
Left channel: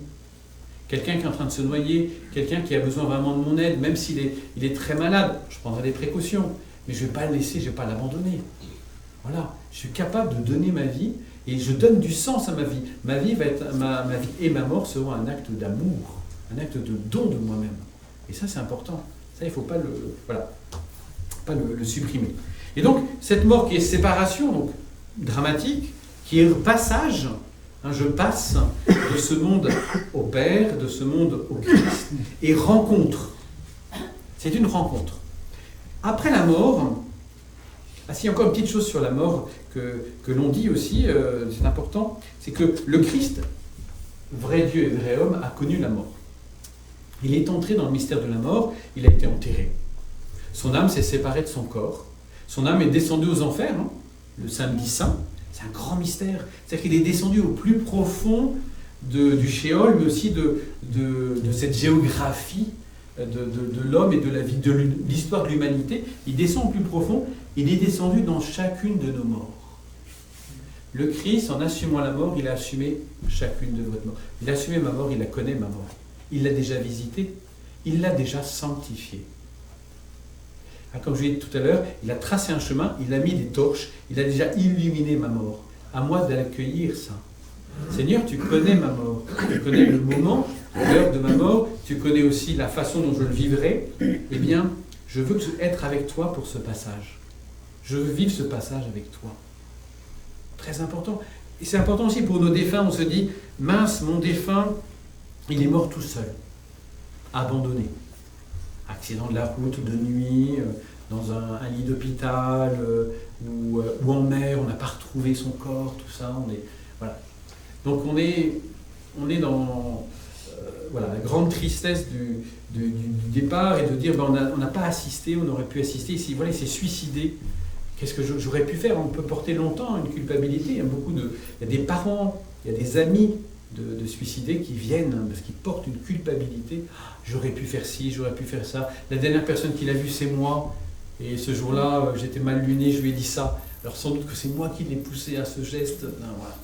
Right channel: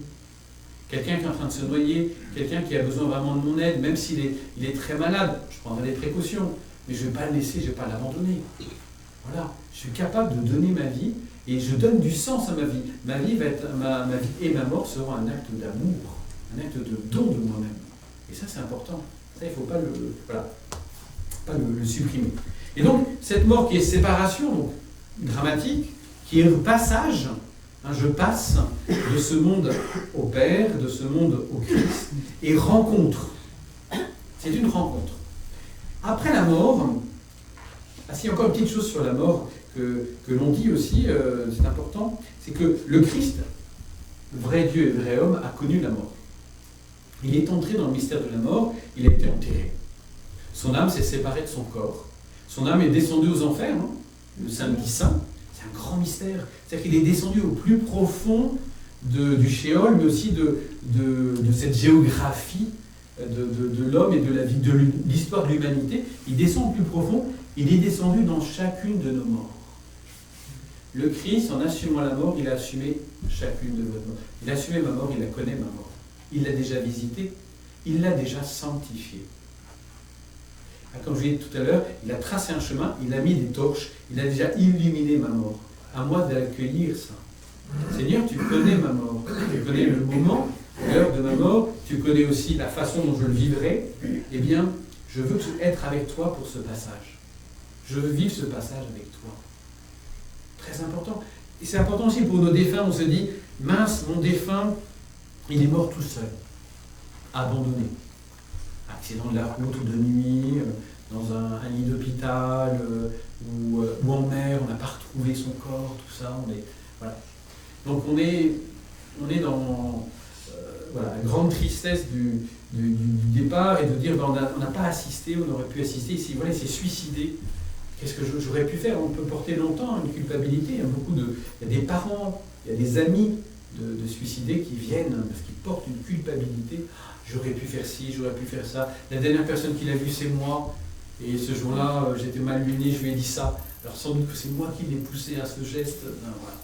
Quelqu'un qui est en train de se noyer, quelqu'un qui a besoin vraiment de mon aide, même s'il est très malade, je prendrai des précautions, mais je ne vais pas le laisser, je ne vais pas l'abandonner. Voilà. Je suis capable de donner ma vie et je donne du sens à ma vie. Ma vie et ma mort seront un acte d'amour, un acte de don de moi-même. Et ça, c'est important. Ça, il ne faut pas le supprimer. Et donc, cette mort qui est séparation, donc dramatique, qui est le passage, je passe de ce monde au Père, de ce monde au Christ, et rencontre. C'est une rencontre. Après la mort, il y a encore une petite chose sur la mort que l'on dit aussi, c'est important, c'est que le Christ, vrai Dieu et vrai homme, a connu la mort. Il est entré dans le mystère de la mort, il a été enterré. Son âme s'est séparée de son corps. Son âme est descendue aux enfers, le samedi saint. C'est un grand mystère. C'est-à-dire qu'il est descendu au plus profond du Sheol, mais aussi de cette géographie de l'homme et de la vie, de l'histoire de l'humanité. Il descend au plus profond. Il est descendu dans chacune de nos morts. Le Christ, en assumant la mort, il a assumé chacune de votre mort. Il a assumé ma mort, il la connaît, ma mort. Il l'a déjà visitée, il l'a déjà sanctifiée. Comme je l'ai dit tout à l'heure, il a tracé un chemin, il a mis des torches, il a déjà illuminé ma mort. À moi d'accueillir ça. Seigneur, tu connais ma mort, tu connais le moment, l'heure de ma mort, tu connais aussi la façon dont je le vivrai. Eh bien, je veux être avec toi pour ce passage. Je veux vivre ce passage avec toi. Très important. Et c'est important aussi pour nos défunts, on se dit, mince, mon défunt, il est mort tout seul, abandonné. Accident de la route ou de nuit, dans un lit d'hôpital, ou en mer, on n'a pas retrouvé son corps, tout ça. Voilà. Donc on est dans la grande tristesse du départ et de dire on n'a pas assisté, on aurait pu assister. Ici, voilà, il s'est suicidé. Qu'est-ce que j'aurais pu faire? On peut porter longtemps une culpabilité. Il y a des parents, il y a des amis de suicidés qui viennent parce qu'ils portent une culpabilité. J'aurais pu faire ci, j'aurais pu faire ça. La dernière personne qui l'a vu, c'est moi. Et ce jour-là, j'étais mal luné, je lui ai dit ça. Alors sans doute que c'est moi qui l'ai poussé à ce geste. Non, voilà.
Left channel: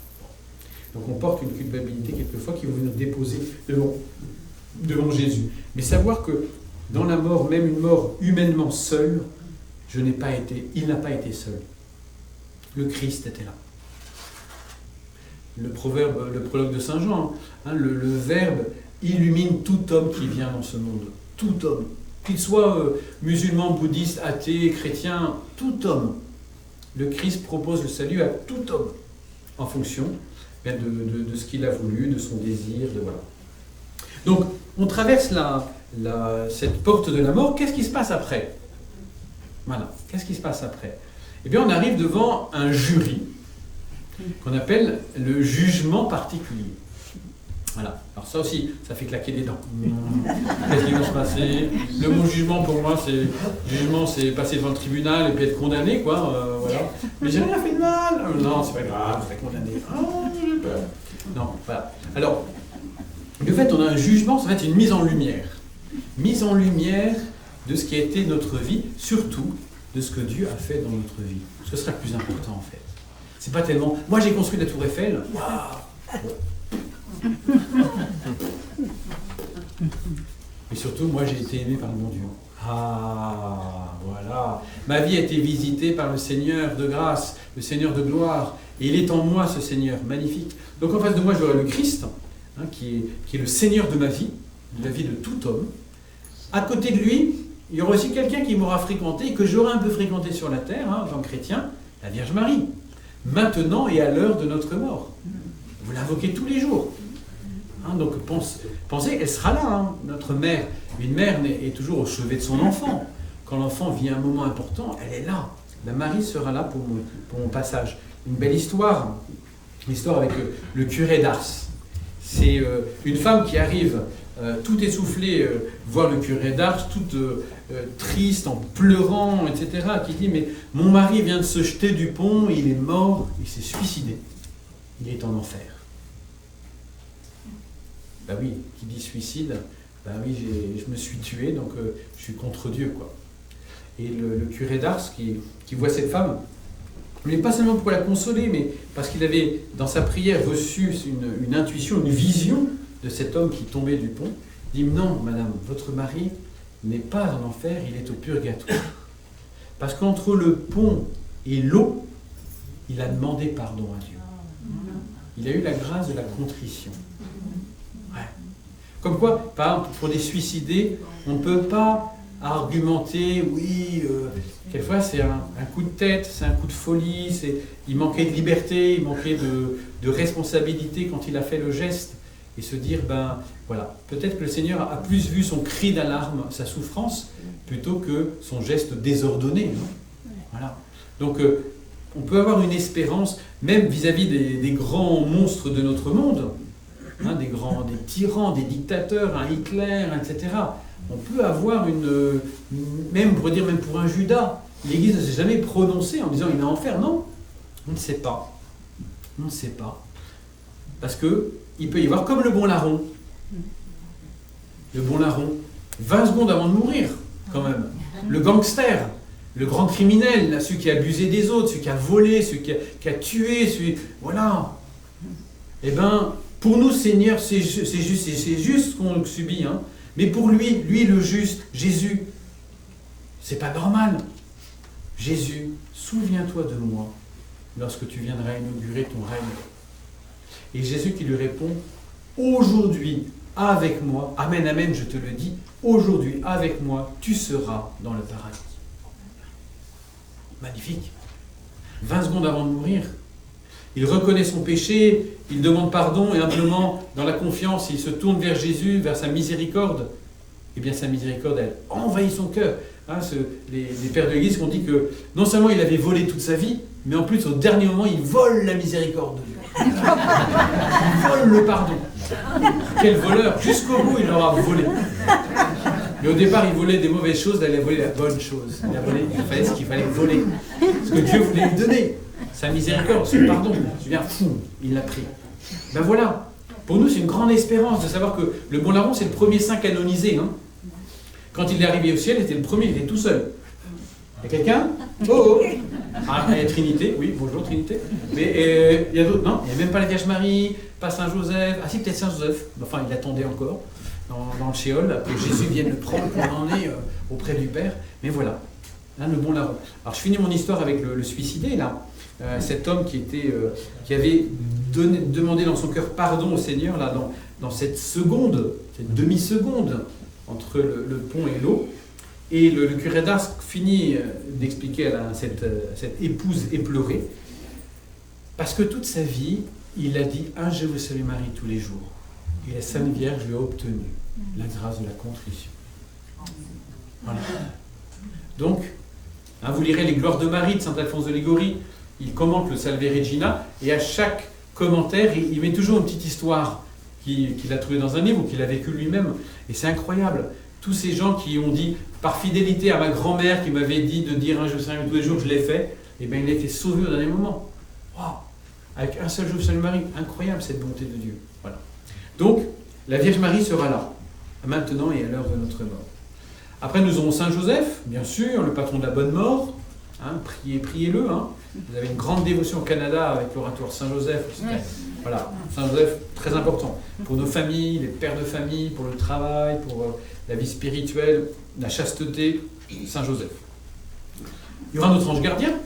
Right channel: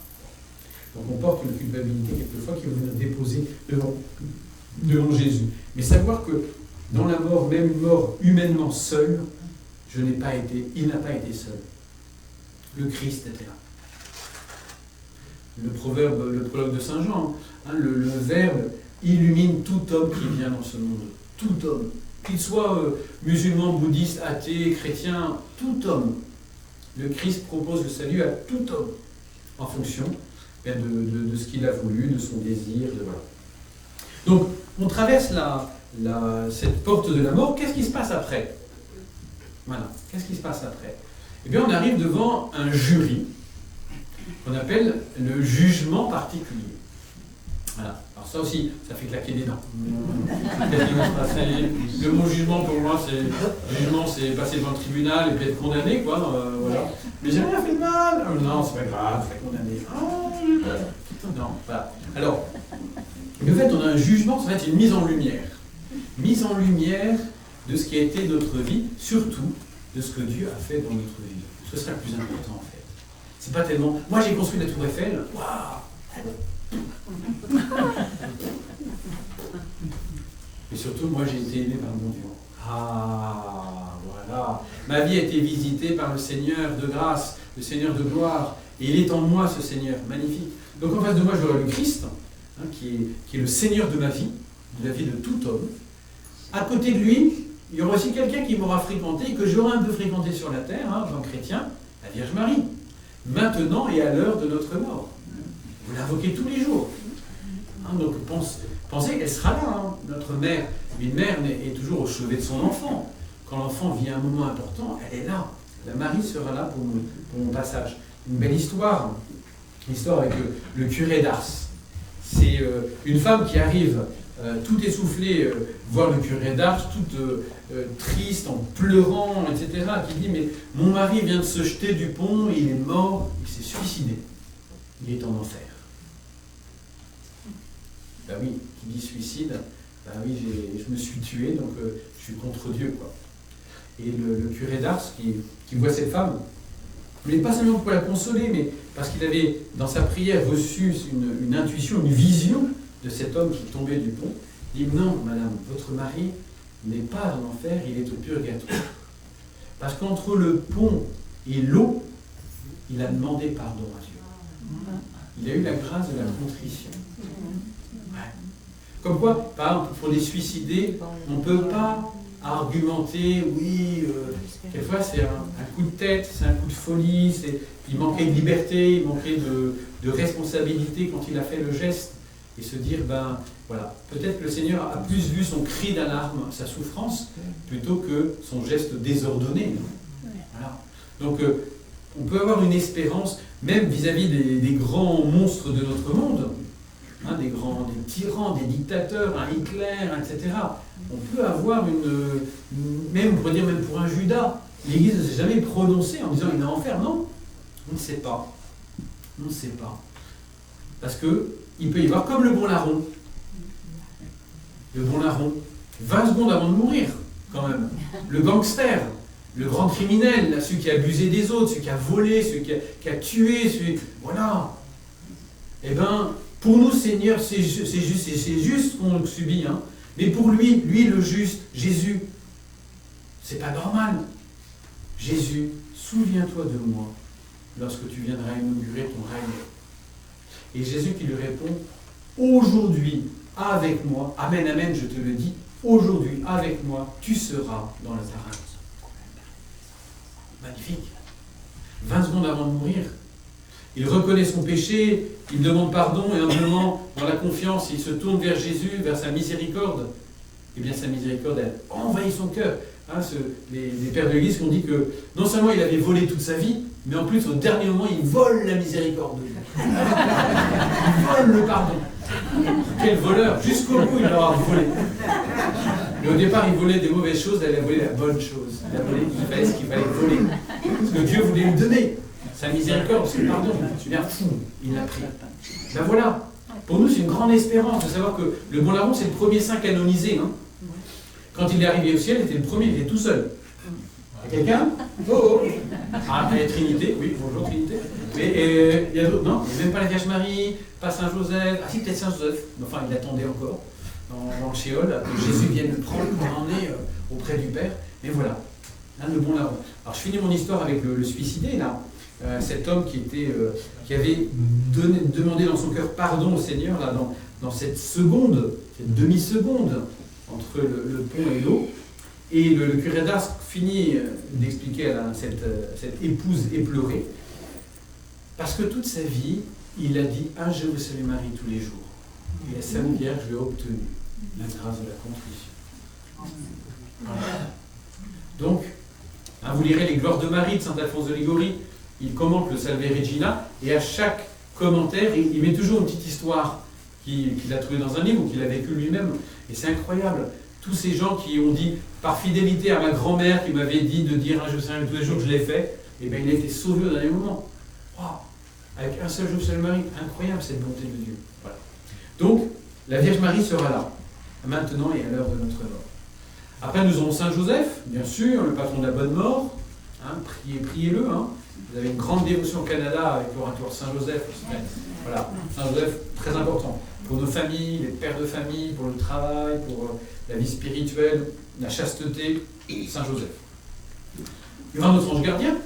Donc on porte une culpabilité quelquefois qui veut nous déposer devant Jésus. Mais savoir que dans la mort, même une mort humainement seule, il n'a pas été seul. Le Christ était là. Le prologue de Saint Jean, le Verbe illumine tout homme qui vient dans ce monde. Tout homme. Qu'il soit musulman, bouddhiste, athée, chrétien, tout homme. Le Christ propose le salut à tout homme, en fonction de ce qu'il a voulu, de son désir, voilà. Donc, on traverse cette porte de la mort. Qu'est-ce qui se passe après? Voilà. Qu'est-ce qui se passe après? Eh bien, on arrive devant un jury qu'on appelle le jugement particulier. Voilà. Alors ça aussi, ça fait claquer des dents. Qu'est-ce qui va se passer? Le mot jugement, pour moi, c'est passer devant le tribunal et puis être condamné, quoi. Voilà. Mais j'ai rien fait de mal. Non, c'est pas grave, je serai condamné. Non, voilà. Alors, de fait, on a un jugement, ça va être une mise en lumière. Mise en lumière de ce qui a été notre vie, surtout de ce que Dieu a fait dans notre vie. Ce sera le plus important, en fait. C'est pas tellement... Moi, j'ai construit la tour Eiffel. Waouh! Mais surtout, moi, j'ai été aimé par le bon Dieu. Ah, voilà. Ma vie a été visitée par le Seigneur de grâce, le Seigneur de gloire. Et il est en moi, ce Seigneur. Magnifique. Donc, en face de moi, j'aurai le Christ, qui est le Seigneur de ma vie, de la vie de tout homme. À côté de lui, il y aura aussi quelqu'un qui m'aura fréquenté, que j'aurai un peu fréquenté sur la terre, en tant que chrétien, la Vierge Marie. Maintenant et à l'heure de notre mort. Vous l'invoquez tous les jours. Donc pensez, elle sera là, notre mère. Une mère est toujours au chevet de son enfant. Quand l'enfant vit un moment important, elle est là. ben Marie sera là pour mon passage. Une belle histoire, une histoire avec le curé d'Ars. C'est une femme qui arrive tout essoufflée, voir le curé d'Ars, toute triste, en pleurant, etc., qui dit « Mais mon mari vient de se jeter du pont, il est mort, il s'est suicidé. Il est en enfer. » Ben oui, qui dit suicide, ben oui, je me suis tué, donc je suis contre Dieu, quoi. Et le curé d'Ars qui voit cette femme, mais pas seulement pour la consoler, mais parce qu'il avait, dans sa prière, reçu une intuition, une vision de cet homme qui tombait du pont, il dit « Non, madame, votre mari n'est pas en enfer, il est au purgatoire. » Parce qu'entre le pont et l'eau, il a demandé pardon à Dieu. Il a eu la grâce de la contrition. Ouais. Comme quoi, par exemple, pour les suicidés, on ne peut pas argumenter, oui, quelquefois c'est un coup de tête, c'est un coup de folie, il manquait de liberté, il manquait de responsabilité quand il a fait le geste, et se dire, ben voilà, peut-être que le Seigneur a plus vu son cri d'alarme, sa souffrance, plutôt que son geste désordonné. Voilà. Donc on peut avoir une espérance, même vis-à-vis des grands monstres de notre monde, hein, des tyrans, des dictateurs, un Hitler, etc. On peut avoir même, on pourrait dire même pour un Judas, l'Église ne s'est jamais prononcée en disant il est en enfer. Non, on ne sait pas. On ne sait pas. Parce qu'il peut y avoir comme le bon larron. Le bon larron, 20 secondes avant de mourir, quand même. Le gangster, le grand criminel, celui qui a abusé des autres, celui qui a volé, celui qui a tué, voilà. Eh bien, pour nous, Seigneur, c'est juste ce qu'on subit, hein. Mais pour lui le juste, Jésus, c'est pas normal. Jésus, souviens-toi de moi lorsque tu viendras inaugurer ton règne. Et Jésus qui lui répond, aujourd'hui, avec moi, amen, amen, je te le dis, aujourd'hui, avec moi, tu seras dans le paradis. Magnifique. 20 secondes avant de mourir, il reconnaît son péché, il demande pardon et humblement, dans la confiance, il se tourne vers Jésus, vers sa miséricorde. Eh bien, sa miséricorde, elle envahit son cœur. Hein, les pères de l'Église ont dit que non seulement il avait volé toute sa vie, mais en plus, au dernier moment, il vole la miséricorde de Dieu. Il vole le pardon. Quel voleur! Jusqu'au bout, il l'aura volé. Mais au départ, il volait des mauvaises choses, là, il a volé la bonne chose. Il fallait ce qu'il fallait voler. Ce que Dieu voulait lui donner. Sa miséricorde, son pardon. Tu viens, fou, il l'a pris. Ben voilà. Pour nous, c'est une grande espérance de savoir que le bon larron, c'est le premier saint canonisé. Hein. Quand il est arrivé au ciel, il était le premier, il était tout seul. Il y a quelqu'un? Oh, oh. Ah, il y a Trinité, oui, bonjour Trinité. Mais il y a d'autres, non? Il n'y a même pas la Vierge Marie, pas Saint Joseph. Ah si, peut-être Saint Joseph. Enfin, il attendait encore dans le Shéol, que Jésus vienne le prendre pour l'emmener auprès du Père. Mais voilà, hein, le bon larron. Alors je finis mon histoire avec le suicidé, là. Cet homme qui avait demandé dans son cœur pardon au Seigneur, là, dans cette seconde, cette demi-seconde entre le pont et l'eau. Et le curé d'Ars finit d'expliquer à cette épouse éplorée, parce que toute sa vie, il a dit « Un je vous salue Marie » tous les jours. Et la Sainte Vierge lui a obtenu la grâce de la contrition. Voilà. Donc, hein, vous lirez les Gloires de Marie de saint Alphonse de Liguori, il commente le Salve Regina, et à chaque commentaire, il met toujours une petite histoire qu'il a trouvée dans un livre ou qu'il a vécu lui-même. Et c'est incroyable. Tous ces gens qui ont dit, par fidélité à ma grand-mère qui m'avait dit de dire un Je vous salue tous les jours, je l'ai fait, et bien il a été sauvé au dernier moment. Waouh! Avec un seul Je vous salue Marie, incroyable cette bonté de Dieu. Voilà. Donc, la Vierge Marie sera là, maintenant et à l'heure de notre mort. Après, nous aurons Saint Joseph, bien sûr, le patron de la bonne mort. Hein, priez-le. Hein. Vous avez une grande dévotion au Canada avec l'oratoire Saint Joseph. Voilà, Saint Joseph, très important. Pour nos familles, les pères de famille, pour le travail, pour la vie spirituelle, la chasteté, Saint Joseph. Il y aura notre ange gardien,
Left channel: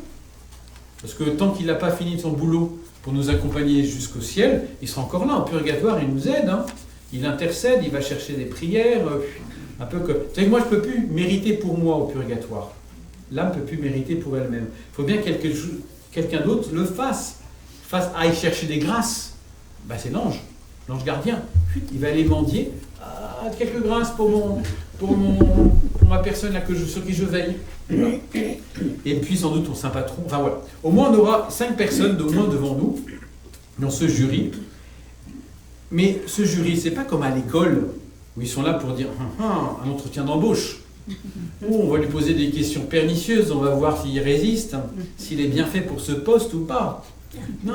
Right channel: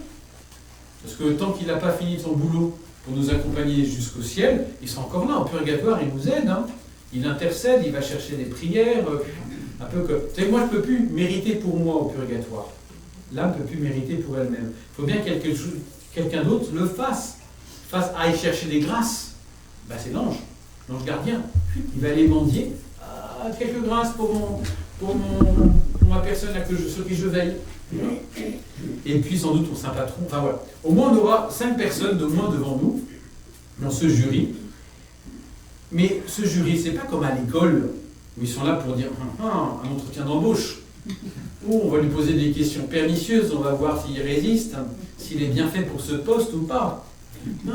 parce que tant qu'il n'a pas fini son boulot pour nous accompagner jusqu'au ciel, il sera encore là, en purgatoire, il nous aide. Hein. Il intercède, il va chercher des prières. Un peu que... Vous savez, moi, je ne peux plus mériter pour moi au purgatoire. L'âme ne peut plus mériter pour elle-même. Il faut bien que quelqu'un d'autre le fasse. Aille chercher des grâces. Ben, c'est l'ange gardien. Il va aller mendier. quelques grâces pour ma personne là, sur qui je veille. Voilà. Et puis sans doute ton saint patron. Enfin voilà. Au moins on aura 5 personnes de moins devant nous dans ce jury. Mais ce jury, c'est pas comme à l'école où ils sont là pour dire un entretien d'embauche. Oh, on va lui poser des questions pernicieuses, on va voir s'il résiste, s'il est bien fait pour ce poste ou pas. Non.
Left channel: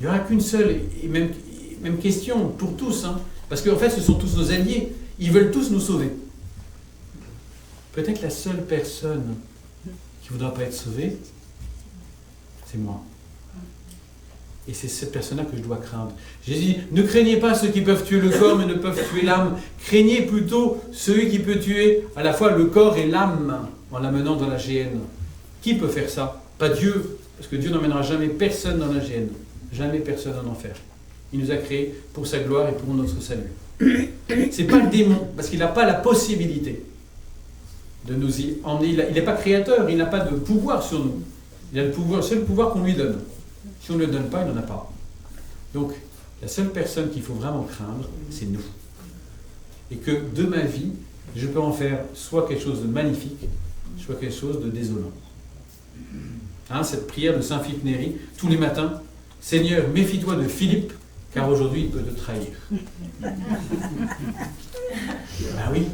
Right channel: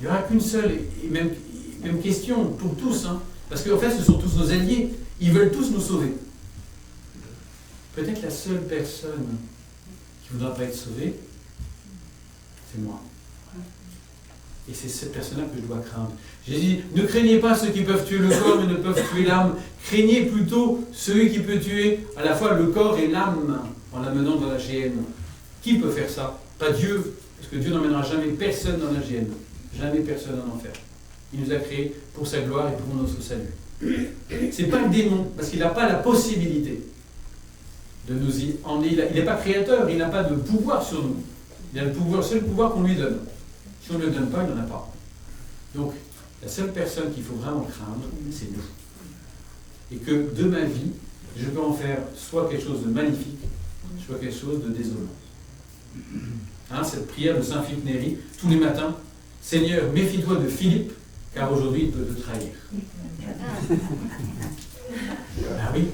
Il n'y aura qu'une seule et même question pour tous. Hein. Parce qu'en fait, ce sont tous nos alliés. Ils veulent tous nous sauver. Peut-être la seule personne qui ne voudra pas être sauvée, c'est moi. Et c'est cette personne-là que je dois craindre. Jésus dit, ne craignez pas ceux qui peuvent tuer le corps, mais ne peuvent tuer l'âme. Craignez plutôt celui qui peut tuer à la fois le corps et l'âme en l'amenant dans la géhenne. Qui peut faire ça? Pas Dieu, parce que Dieu n'emmènera jamais personne dans la géhenne. Jamais personne en enfer. Il nous a créés pour sa gloire et pour notre salut. C'est pas le démon, parce qu'il n'a pas la possibilité de nous y emmener. Il n'est pas créateur, il n'a pas de pouvoir sur nous. Il a le pouvoir, c'est le pouvoir qu'on lui donne. Si on ne le donne pas, il n'en a pas. Donc, la seule personne qu'il faut vraiment craindre, c'est nous. Et que de ma vie, je peux en faire soit quelque chose de magnifique, soit quelque chose de désolant. Hein, cette prière de Saint Philippe Néri, tous les matins, Seigneur, méfie-toi de Philippe, car aujourd'hui il peut te trahir. Bah oui,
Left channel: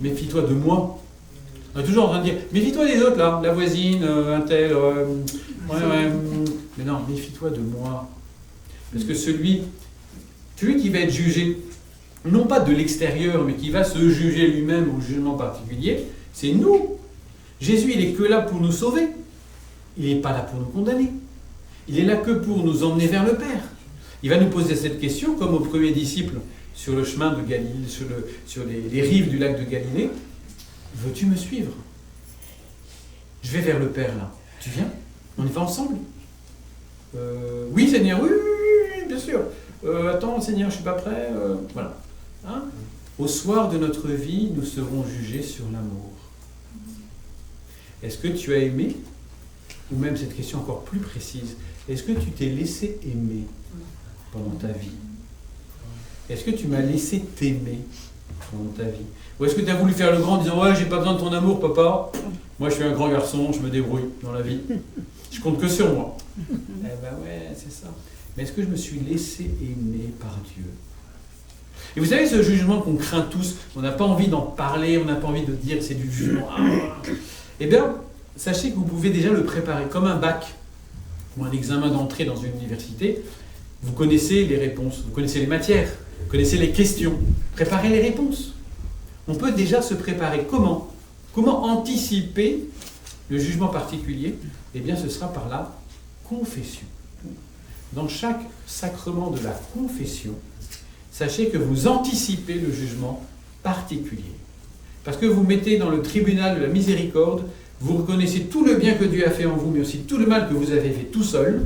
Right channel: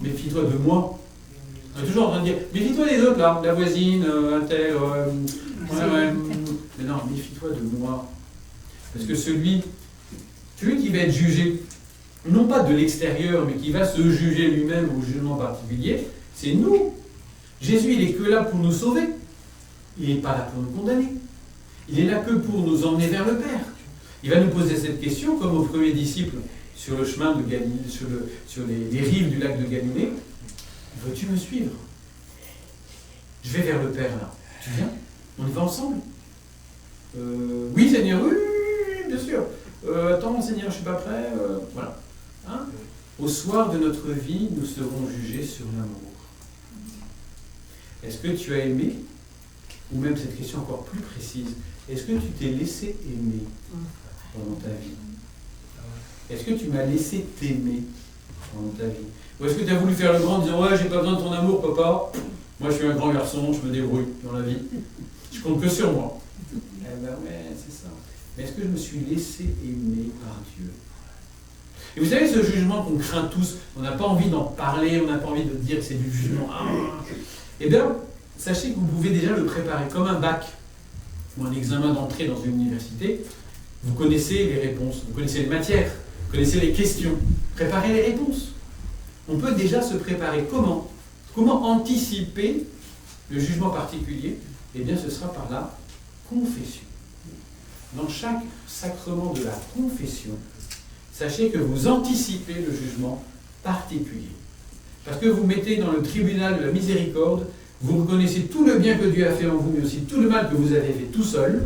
méfie-toi de moi. On est toujours en train de dire, méfie-toi des autres là, la voisine, un tel, mais non, méfie-toi de moi. Parce que celui qui va être jugé, non pas de l'extérieur, mais qui va se juger lui-même au jugement particulier, c'est nous. Jésus, il n'est que là pour nous sauver. Il n'est pas là pour nous condamner. Il est là que pour nous emmener vers le Père. Il va nous poser cette question, comme aux premiers disciples sur le chemin de Galilée, sur les rives du lac de Galilée. Veux-tu me suivre? Je vais vers le Père là. Tu viens? On y va ensemble? Oui, Seigneur, oui, bien sûr. Attends, Seigneur, je ne suis pas prêt. Voilà. Hein? Au soir de notre vie, nous serons jugés sur l'amour. Est-ce que tu as aimé? Ou même cette question encore plus précise, est-ce que tu t'es laissé aimer pendant ta vie? Est-ce que tu m'as laissé t'aimer pendant ta vie? Ou est-ce que tu as voulu faire le grand en disant « Ouais, j'ai pas besoin de ton amour, papa. Moi, je suis un grand garçon, je me débrouille dans la vie. Je compte que sur moi. » Eh ben ouais, c'est ça. Mais est-ce que je me suis laissé aimer par Dieu? Et vous savez, ce jugement qu'on craint tous, on n'a pas envie d'en parler, on n'a pas envie de dire que c'est du jugement. Eh bien, sachez que vous pouvez déjà le préparer comme un bac ou un examen d'entrée dans une université. Vous connaissez les réponses, vous connaissez les matières, vous connaissez les questions. Préparez les réponses. On peut déjà se préparer. Comment? Comment anticiper le jugement particulier? Eh bien, ce sera par la confession. Dans chaque sacrement de la confession, sachez que vous anticipez le jugement particulier. Parce que vous mettez dans le tribunal de la miséricorde, vous reconnaissez tout le bien que Dieu a fait en vous, mais aussi tout le mal que vous avez fait tout seul,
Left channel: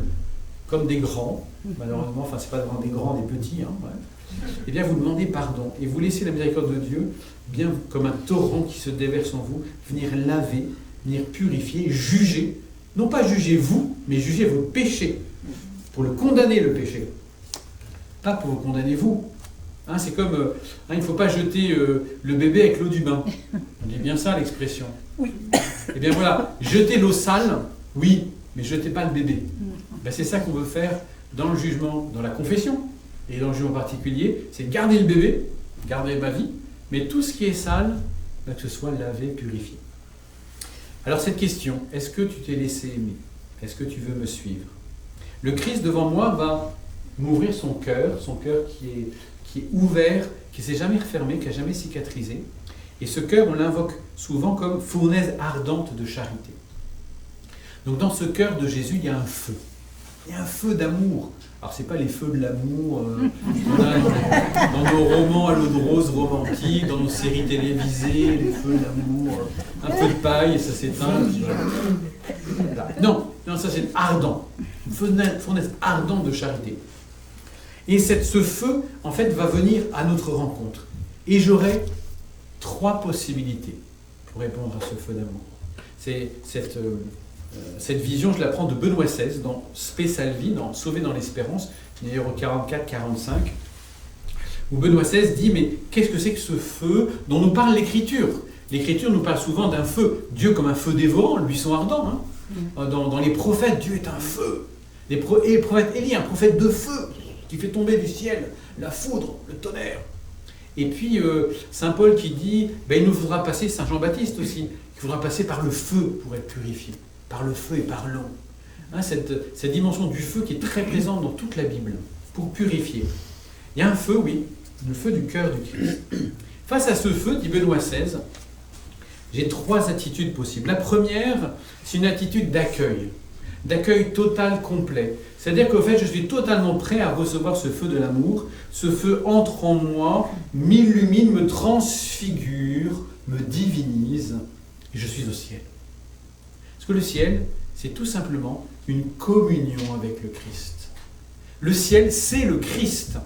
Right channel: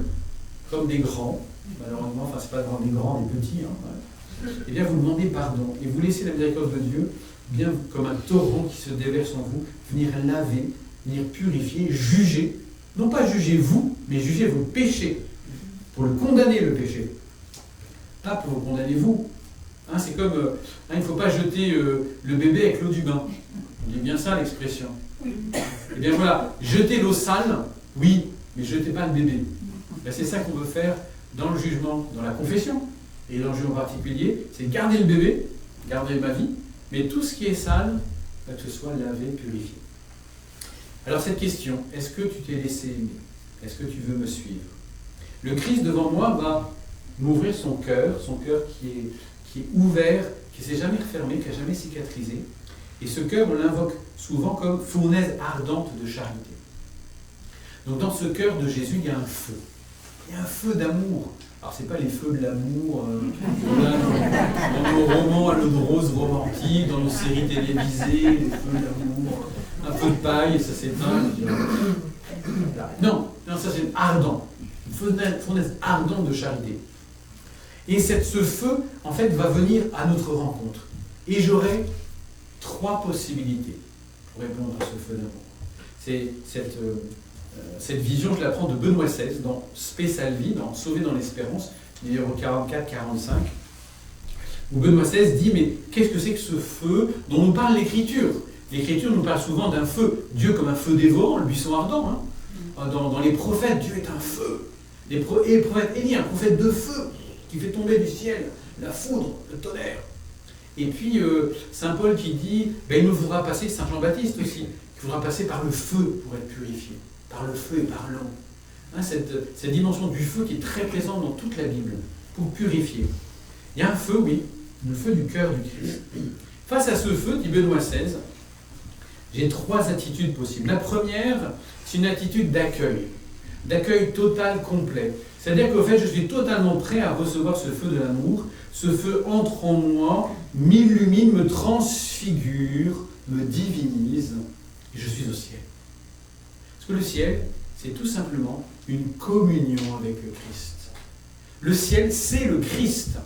comme des grands, malheureusement, enfin c'est pas devant des grands, des petits, hein, ouais. Eh bien vous demandez pardon, et vous laissez la miséricorde de Dieu, bien comme un torrent qui se déverse en vous, venir laver, venir purifier, juger, non pas juger vous, mais juger vos péchés, pour le condamner le péché, pas pour vous condamner vous. Hein, c'est comme, il ne faut pas jeter le bébé avec l'eau du bain. On dit bien ça l'expression. Eh bien voilà, jeter l'eau sale, oui, mais jetez pas le bébé. Ben, c'est ça qu'on veut faire dans le jugement, dans la confession, et dans le jugement particulier, c'est garder le bébé, garder ma vie, mais tout ce qui est sale, que ce soit lavé, purifié. Alors cette question, est-ce que tu t'es laissé aimer? Est-ce que tu veux me suivre? Le Christ devant moi va m'ouvrir son cœur qui est ouvert, qui ne s'est jamais refermé, qui n'a jamais cicatrisé. Et ce cœur, on l'invoque souvent comme fournaise ardente de charité. Donc dans ce cœur de Jésus, il y a un feu. Il y a un feu d'amour. Alors ce n'est pas les feux de l'amour qu'on a dans nos romans à l'eau de rose romantiques, dans nos séries télévisées, les feux d'amour, un peu de paille et ça s'éteint. Non, ça c'est ardent. Une fournaise ardente de charité. Et ce feu, en fait, va venir à notre rencontre. Et j'aurai 3 possibilités pour répondre à ce feu d'amour. C'est cette vision, je la prends de Benoît XVI, dans Spe Salvi, dans Sauvé dans l'espérance, numéro 44-45, où Benoît XVI dit, mais qu'est-ce que c'est que ce feu dont nous parle l'Écriture? L'Écriture nous parle souvent d'un feu, Dieu comme un feu dévorant, le buisson ardent. Hein. Dans les prophètes, Dieu est un feu. Et le prophète Élie, un prophète de feu, qui fait tomber du ciel la foudre, le tonnerre. Et puis Saint Paul qui dit, il nous faudra passer, Saint Jean-Baptiste aussi, qu'il faudra passer par le feu pour être purifié, par le feu et par l'eau. Hein, cette dimension du feu qui est très présente dans toute la Bible, pour purifier. Il y a un feu, oui, le feu du cœur du Christ. Face à ce feu, dit Benoît XVI, j'ai 3 attitudes possibles. La première, c'est une attitude d'accueil total, complet. C'est-à-dire qu'au fait, je suis totalement prêt à recevoir ce feu de l'amour. Ce feu entre en moi, m'illumine, me transfigure, me divinise, et je suis au ciel. Parce que le ciel, c'est tout simplement une communion avec le Christ. Le ciel, c'est le Christ.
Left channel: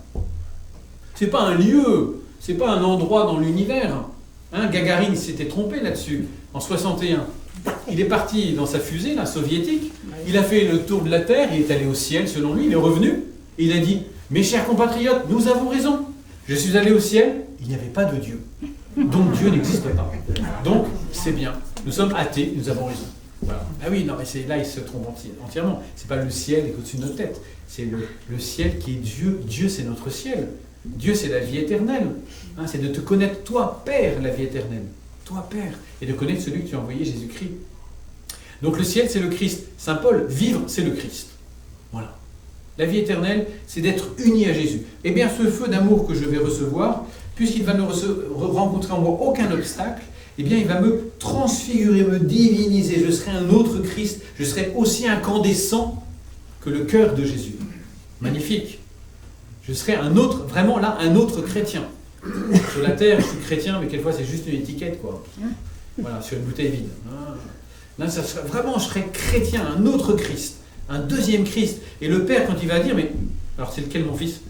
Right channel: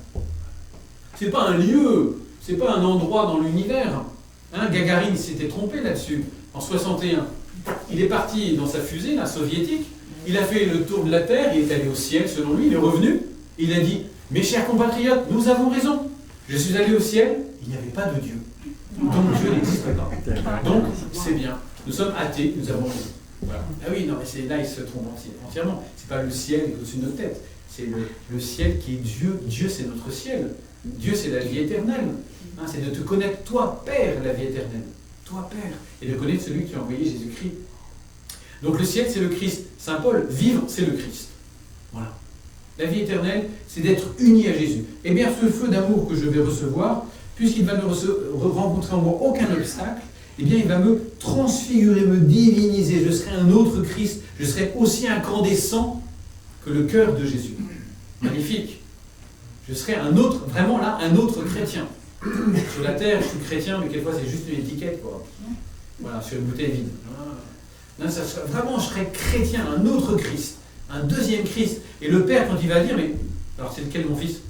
C'est pas un lieu, c'est pas un endroit dans l'univers. Hein, Gagarine s'était trompé là-dessus, en 61. Il est parti dans sa fusée, la soviétique, il a fait le tour de la Terre, il est allé au ciel selon lui, il est revenu, et il a dit, mes chers compatriotes, nous avons raison. Je suis allé au ciel, il n'y avait pas de Dieu. Donc Dieu n'existe pas. Donc c'est bien. Nous sommes athées, nous avons raison. Voilà. Ah oui, non, mais c'est là il se trompe entièrement. C'est pas le ciel qui est au-dessus de notre tête. C'est le ciel qui est Dieu. Dieu, c'est notre ciel. Dieu, c'est la vie éternelle. Hein, c'est de te connaître, toi, Père, la vie éternelle. Toi, Père. Et de connaître celui que tu as envoyé, Jésus-Christ. Donc le ciel, c'est le Christ. Saint Paul, vivre, c'est le Christ. Voilà. La vie éternelle, c'est d'être uni à Jésus. Eh bien, ce feu d'amour que je vais recevoir, puisqu'il va ne rencontrer en moi aucun obstacle, eh bien, il va me transfigurer, me diviniser. Je serai un autre Christ. Je serai aussi incandescent que le cœur de Jésus. Magnifique. Je serai un autre, vraiment là, un autre chrétien. Sur la terre, je suis chrétien, mais quelquefois, c'est juste une étiquette, quoi. Voilà, sur une bouteille vide. Là, vraiment, je serai chrétien, un autre Christ, un deuxième Christ. Et le Père, quand il va dire, mais alors c'est lequel mon fils?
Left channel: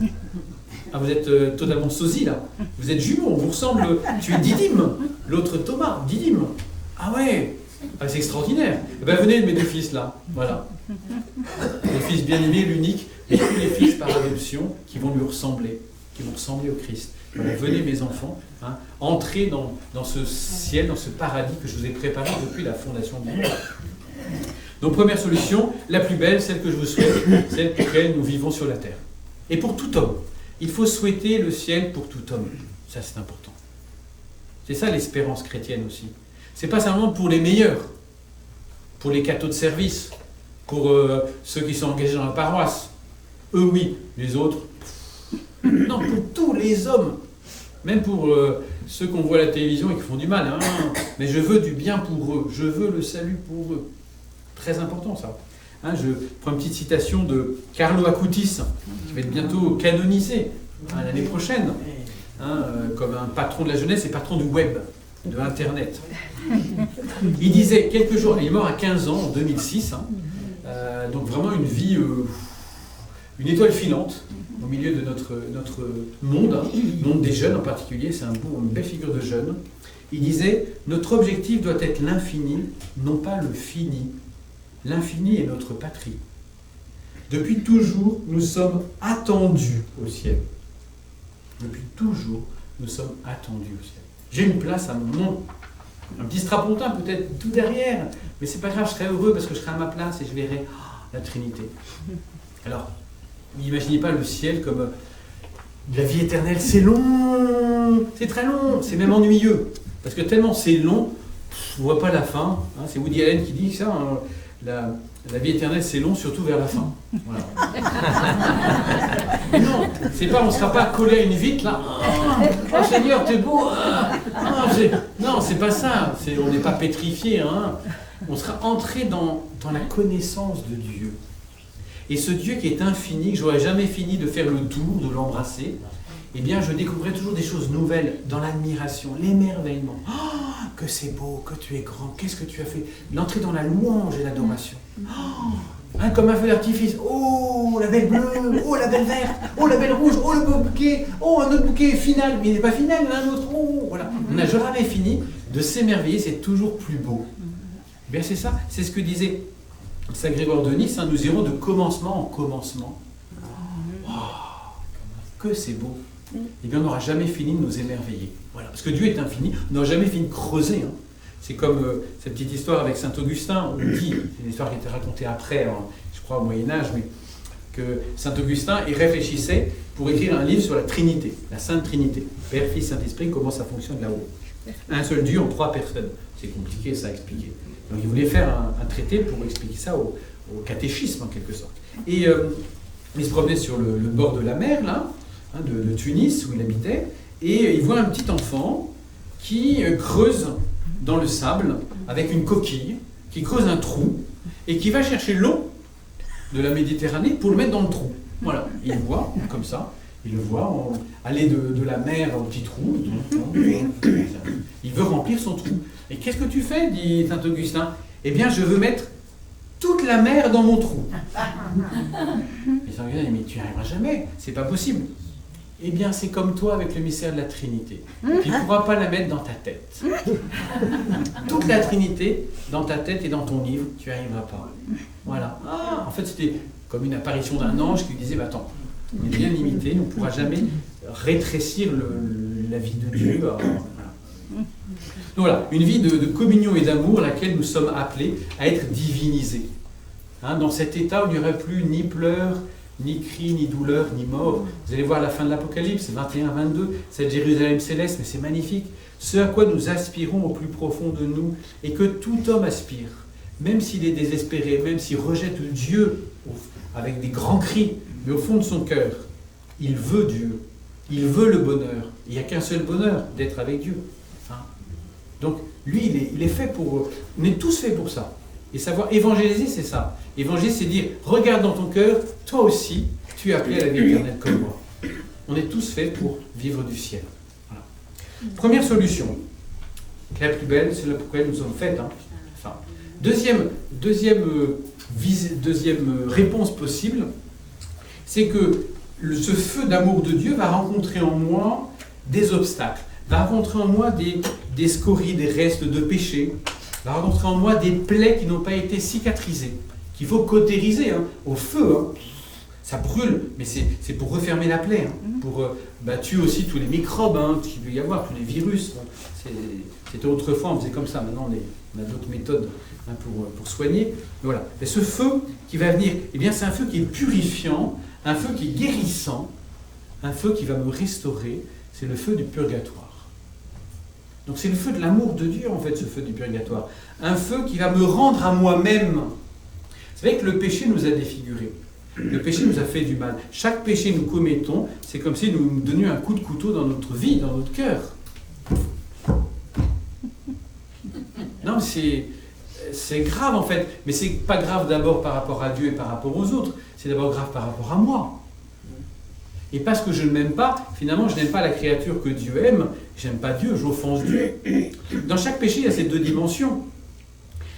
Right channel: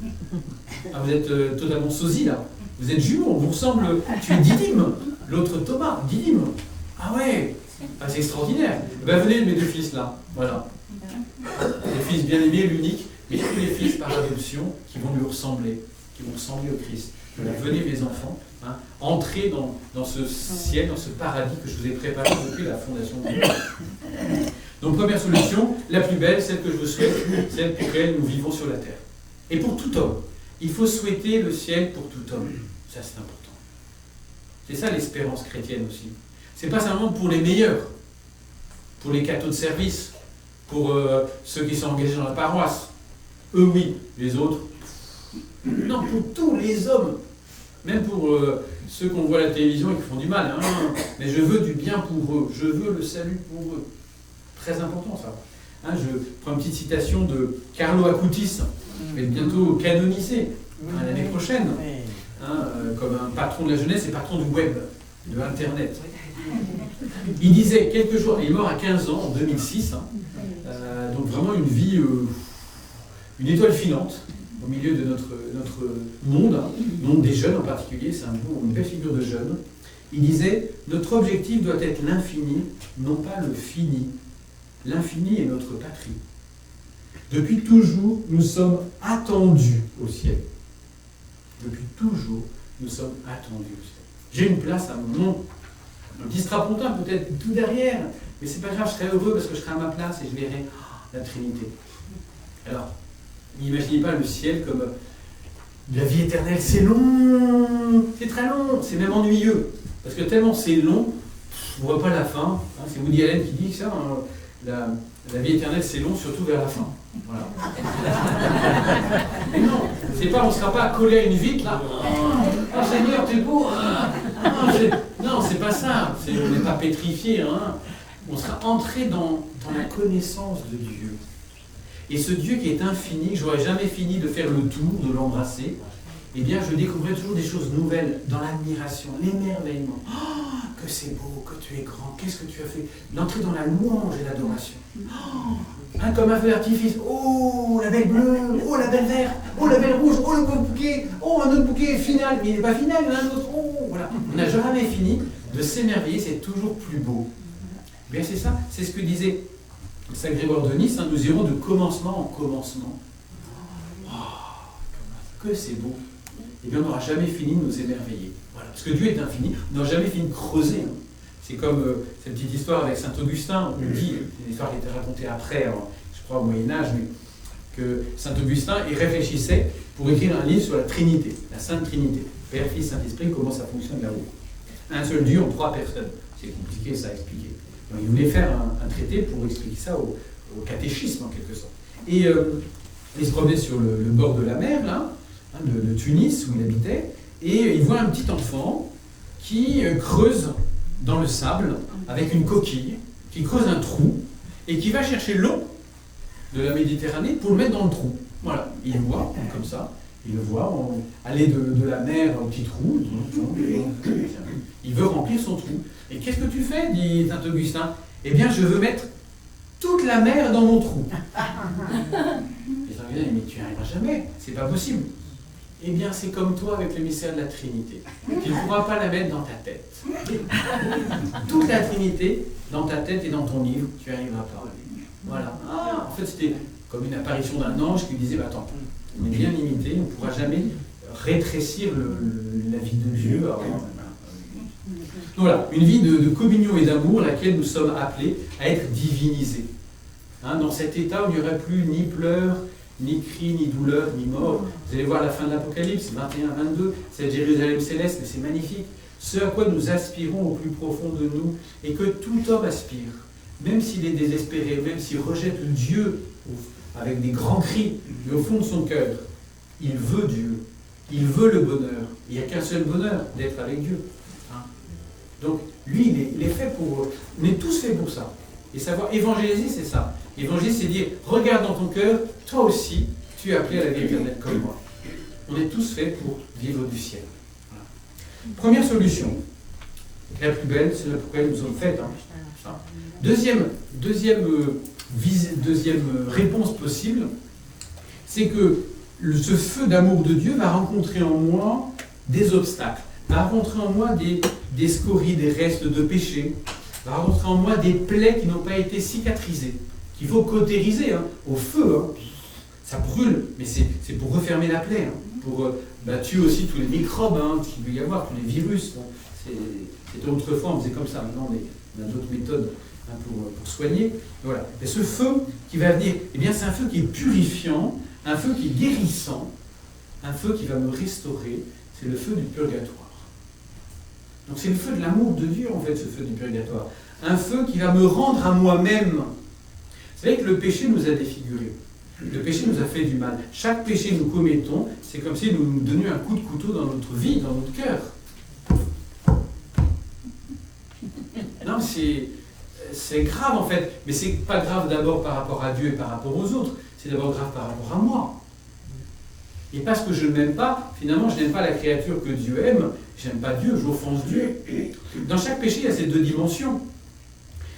Ah, vous êtes totalement sosie là. Vous êtes jumeaux, on vous ressemble. Tu es Didyme. L'autre Thomas, Didyme. Ah ouais, ah, c'est extraordinaire. Eh bien, venez mes 2 fils là. Voilà. Le fils bien-aimé, l'unique, mais tous les fils par adoption qui vont lui ressembler, qui vont ressembler au Christ. Voilà, venez mes enfants, hein, entrez dans ce ciel, dans ce paradis que je vous ai préparé depuis la fondation du monde. Donc première solution, la plus belle, celle que je vous souhaite, celle pour laquelle nous vivons sur la terre. Et pour tout homme, il faut souhaiter le ciel pour tout homme. Ça c'est important. C'est ça l'espérance chrétienne aussi. C'est pas simplement pour les meilleurs, pour les cathos de service, pour ceux qui sont engagés dans la paroisse. Eux oui, les autres... Non, pour tous les hommes, même pour ceux qu'on voit à la télévision et qui font du mal, hein, mais je veux du bien pour eux, je veux le salut pour eux. Très important ça. Hein, je prends une petite citation de Carlo Acutis, qui va être bientôt canonisé l'année prochaine, hein, comme un patron de la jeunesse et patron du web, de Internet. Il disait quelques jours, il est mort à 15 ans, en 2006, hein, donc vraiment une vie, une étoile filante, au milieu de notre monde, hein, le monde des jeunes en particulier, c'est une belle figure de jeune. Il disait, notre objectif doit être l'infini, non pas le fini. L'infini est notre patrie. Depuis toujours, nous sommes attendus au ciel. Depuis toujours, nous sommes attendus au ciel. J'ai une place à mon nom, un petit strapontin peut-être tout derrière, mais c'est pas grave, je serai heureux parce que je serai à ma place et je verrai la Trinité. Alors, n'imaginez pas le ciel comme la vie éternelle, c'est long, c'est très long, c'est même ennuyeux. Parce que tellement c'est long, on ne voit pas la fin. Hein, c'est Woody Allen qui dit ça, hein, la vie éternelle c'est long, surtout vers la fin. Voilà. Mais non, c'est pas, on ne sera pas collé à une vitre là. Oh Seigneur, t'es beau. Non, c'est pas ça. On n'est pas pétrifié. Hein. On sera entré dans la connaissance de Dieu. Et ce Dieu qui est infini, que je n'aurais jamais fini de faire le tour, de l'embrasser, eh bien je découvrirai toujours des choses nouvelles dans l'admiration, l'émerveillement. Oh, que c'est beau, que tu es grand, qu'est-ce que tu as fait? L'entrée dans la louange et l'adoration. Oh, hein, comme un feu d'artifice. Oh, la belle bleue, oh, la belle verte, oh, la belle rouge, oh, le beau bouquet, oh, un autre bouquet final, mais il n'est pas final, il y en a un autre. Oh, voilà. On n'a jamais fini de s'émerveiller, c'est toujours plus beau. Eh bien c'est ça, c'est ce que disait Saint Grégoire de Nice, hein, nous irons de commencement en commencement. Oh, que c'est beau. eh bien on n'aura jamais fini de nous émerveiller. Voilà. Parce que Dieu est infini, on n'aura jamais fini de creuser. Hein. C'est comme cette petite histoire avec Saint Augustin, on dit, c'est une histoire qui a été racontée après, je crois au Moyen-Âge, mais que Saint Augustin y réfléchissait pour écrire un livre sur la Trinité, la Sainte Trinité. Père, Fils, Saint-Esprit, comment ça fonctionne là-haut. Un seul Dieu en 3 personnes. C'est compliqué ça à expliquer. Donc il voulait faire un traité pour expliquer ça au catéchisme en quelque sorte. Et il se promenait sur le bord de la mer, là, hein, de Tunis, où il habitait, et il voit un petit enfant qui creuse dans le sable avec une coquille, qui creuse un trou, et qui va chercher l'eau de la Méditerranée pour le mettre dans le trou. Voilà, il le voit, comme ça, il le voit aller de la mer au petit trou, il veut remplir son trou. Et qu'est-ce que tu fais, dit Saint Augustin? Eh bien, je veux mettre toute la mer dans mon trou. Et Saint Augustin dit, mais tu n'y arriveras jamais, c'est pas possible. Eh bien, c'est comme toi avec le mystère de la Trinité. Tu ne pourras pas la mettre dans ta tête. Toute la Trinité, dans ta tête et dans ton livre, tu n'y arriveras pas. Voilà. Ah, en fait, c'était comme une apparition d'un ange qui lui disait, bah, attends, on est bien limité, on ne pourra jamais rétrécir la vie de Dieu. Voilà. Donc voilà, une vie de communion et d'amour, laquelle nous sommes appelés à être divinisés. Hein, dans cet état où il n'y aurait plus ni pleurs, ni cris, ni douleur, ni mort. Vous allez voir la fin de l'Apocalypse, 21-22, cette Jérusalem céleste, mais c'est magnifique. Ce à quoi nous aspirons au plus profond de nous, et que tout homme aspire, même s'il est désespéré, même s'il rejette Dieu avec des grands cris, mais au fond de son cœur, il veut Dieu, il veut le bonheur. Il n'y a qu'un seul bonheur, d'être avec Dieu. Hein? Donc, lui, il est fait pour... On est tous faits pour ça. Et savoir évangéliser, c'est ça. Évangéliser, c'est dire, regarde dans ton cœur, toi aussi, tu es appelé à la vie éternelle comme moi. On est tous faits pour vivre du ciel. Voilà. Première solution, qui est la plus belle, c'est la pour laquelle nous sommes faits. Hein. Enfin, deuxième réponse possible, c'est que ce feu d'amour de Dieu va rencontrer en moi des obstacles, va rencontrer en moi des scories, des restes de péché, va rencontrer en moi des plaies qui n'ont pas été cicatrisées, qu'il faut cautériser hein, au feu. Hein. Ça brûle, mais c'est pour refermer la plaie, hein, pour tuer aussi tous les microbes hein, qu'il peut y avoir, tous les virus. Bon, c'était autrefois, on faisait comme ça, maintenant on a d'autres méthodes hein, pour soigner. Mais voilà. Mais ce feu qui va venir, eh bien, c'est un feu qui est purifiant, un feu qui est guérissant, un feu qui va me restaurer, c'est le feu du purgatoire. Donc c'est le feu de l'amour de Dieu, en fait, ce feu du purgatoire. Un feu qui va me rendre à moi-même. Vous savez que le péché nous a défigurés. Le péché nous a fait du mal. Chaque péché que nous commettons, c'est comme si nous nous donnions un coup de couteau dans notre vie, dans notre cœur. Non, c'est grave, en fait. Mais c'est pas grave d'abord par rapport à Dieu et par rapport aux autres. C'est d'abord grave par rapport à moi. Et parce que je ne m'aime pas, finalement, je n'aime pas la créature que Dieu aime, j'aime pas Dieu, j'offense Dieu. Dans chaque péché, il y a ces deux dimensions.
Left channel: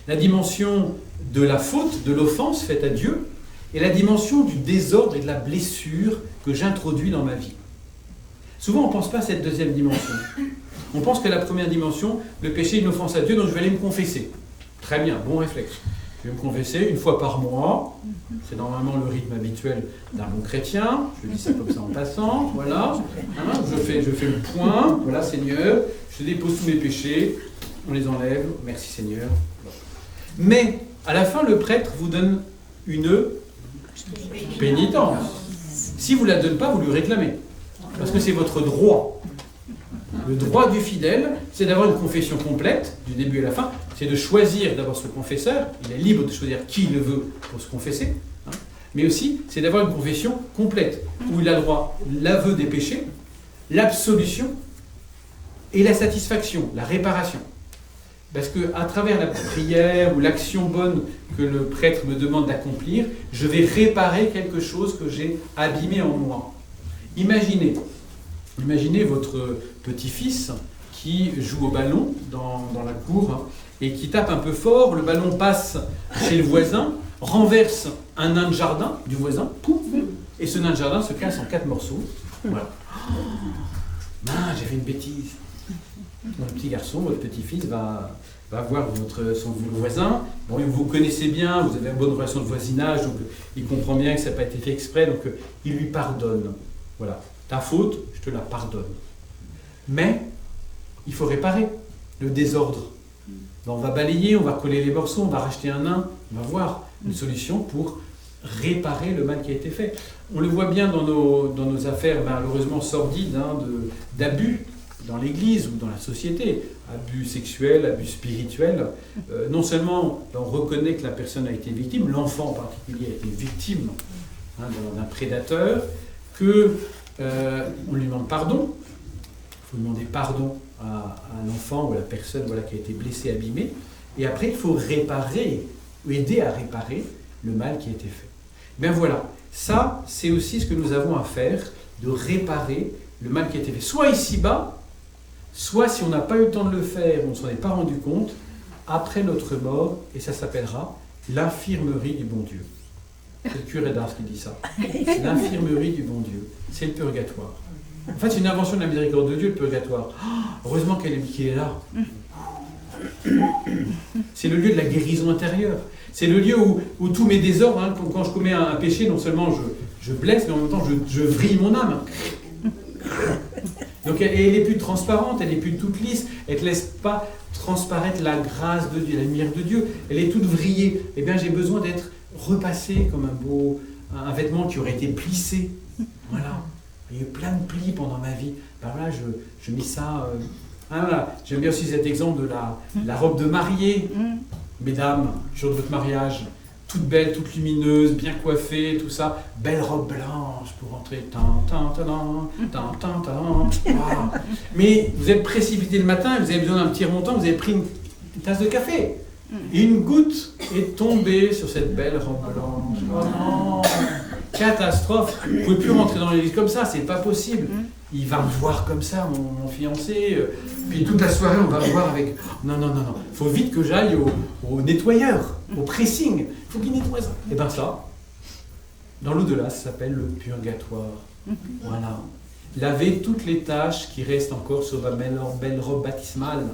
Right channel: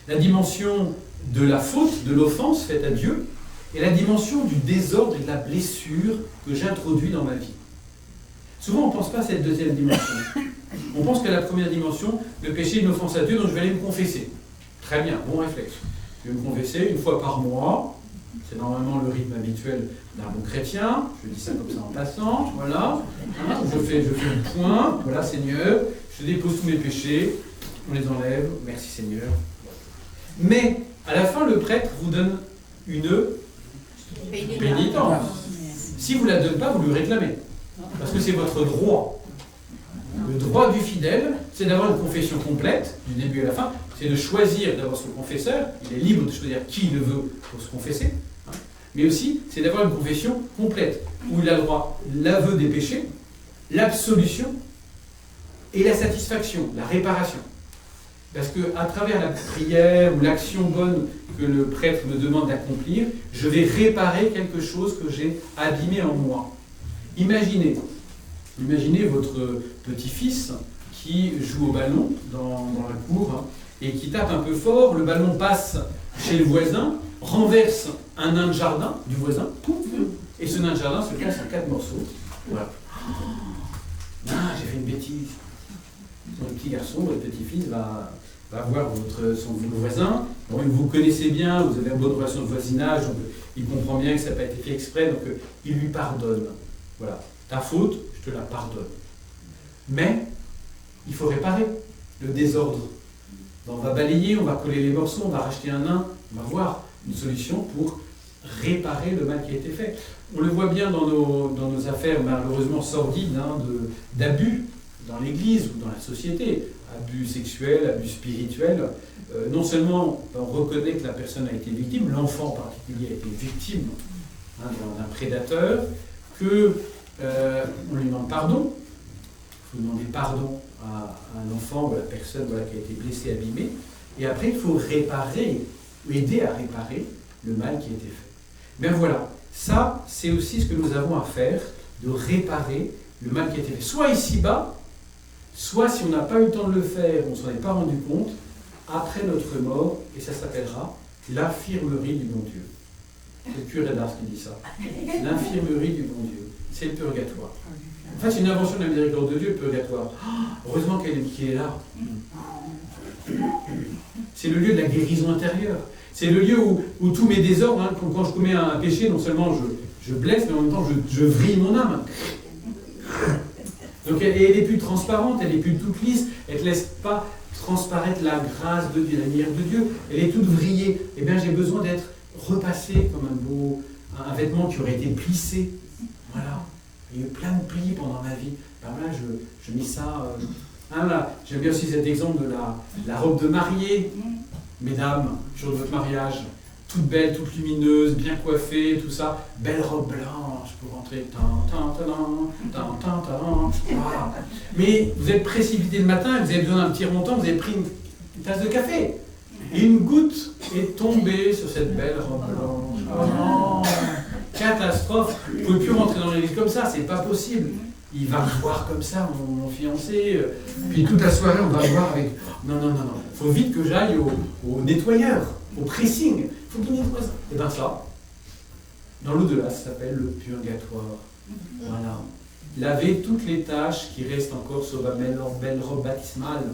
La dimension de la faute, de l'offense faite à Dieu, et la dimension du désordre et de la blessure que j'introduis dans ma vie. Souvent, on ne pense pas à cette deuxième dimension. On pense qu'à la première dimension, le péché est une offense à Dieu, donc je vais aller me confesser. Très bien, bon réflexe. Je vais me confesser une fois par mois. C'est normalement le rythme habituel d'un bon chrétien. Je dis ça comme ça en passant. Voilà. Hein, je fais le point. Voilà, Seigneur. Je dépose tous mes péchés. On les enlève. Merci, Seigneur. Mais, à la fin, le prêtre vous donne une pénitence. Si vous ne la donnez pas, vous lui réclamez. Parce que c'est votre droit. Le droit du fidèle, c'est d'avoir une confession complète, du début à la fin. C'est de choisir d'avoir ce confesseur. Il est libre de choisir qui il veut pour se confesser. Hein. Mais aussi, c'est d'avoir une confession complète, où il a le droit l'aveu des péchés, l'absolution et la satisfaction, la réparation. Parce qu'à travers la prière ou l'action bonne que le prêtre me demande d'accomplir, je vais réparer quelque chose que j'ai abîmé en moi. Imaginez votre petit-fils qui joue au ballon dans la cour et qui tape un peu fort, le ballon passe chez le voisin, renverse un nain de jardin du voisin, pouf, et ce nain de jardin se casse en 4 morceaux. Voilà. J'ai fait une bêtise. Votre petit garçon, votre petit-fils va voir son voisin. Bon, vous connaissez bien, vous avez une bonne relation de voisinage, donc il comprend bien que ça n'a pas été fait exprès, donc il lui pardonne. Voilà. Ta faute, je te la pardonne. Mais il faut réparer le désordre. On va balayer, on va coller les morceaux, on va racheter un nain, on va voir une solution pour réparer le mal qui a été fait. On le voit bien dans nos affaires malheureusement sordides, d'abus dans l'Église ou dans la société, abus sexuels, abus spirituels. Non seulement on reconnaît que la personne a été victime, l'enfant en particulier a été victime d'un prédateur, on lui demande pardon. Il faut demander pardon à un enfant ou à la personne qui a été blessée, abîmée. Et après, il faut réparer, ou aider à réparer le mal qui a été fait. Bien voilà, ça, c'est aussi ce que nous avons à faire, de réparer le mal qui a été fait. Soit ici-bas, soit si on n'a pas eu le temps de le faire, on ne s'en est pas rendu compte, après notre mort, et ça s'appellera l'infirmerie du bon Dieu. C'est le curé d'Ars qui dit ça. L'infirmerie du bon Dieu, c'est le purgatoire. En fait, c'est une invention de la miséricorde de Dieu, le purgatoire. Heureusement qu'il est là. C'est le lieu de la guérison intérieure. C'est le lieu où tous mes désordres, quand je commets un péché, non seulement je blesse, mais en même temps je vrille mon âme. Donc elle n'est plus transparente, elle n'est plus toute lisse, elle ne te laisse pas transparaître la grâce de Dieu, la lumière de Dieu, elle est toute vrillée. Eh bien, j'ai besoin d'être repassé comme un vêtement qui aurait été plissé. Voilà. Il y a eu plein de plis pendant ma vie. Ben voilà, je mets ça. Voilà. J'aime bien aussi cet exemple de la robe de mariée. Mesdames, jour de votre mariage, toute belle, toute lumineuse, bien coiffée, tout ça. Belle robe blanche pour rentrer. Voilà. Mais vous êtes précipité le matin, vous avez besoin d'un petit remontant, vous avez pris une tasse de café. Et une goutte est tombée sur cette belle robe blanche. Oh non! Catastrophe! Vous ne pouvez plus rentrer dans l'église comme ça, c'est pas possible. Il va me voir comme ça, mon fiancé. Puis toute la soirée, on va me voir avec... Non. Il faut vite que j'aille au nettoyeur, au pressing. Il faut qu'il nettoie ça. Et bien ça, dans l'au-delà, ça s'appelle le purgatoire. Voilà. Laver toutes les tâches qui restent encore sur ma belle robe baptismale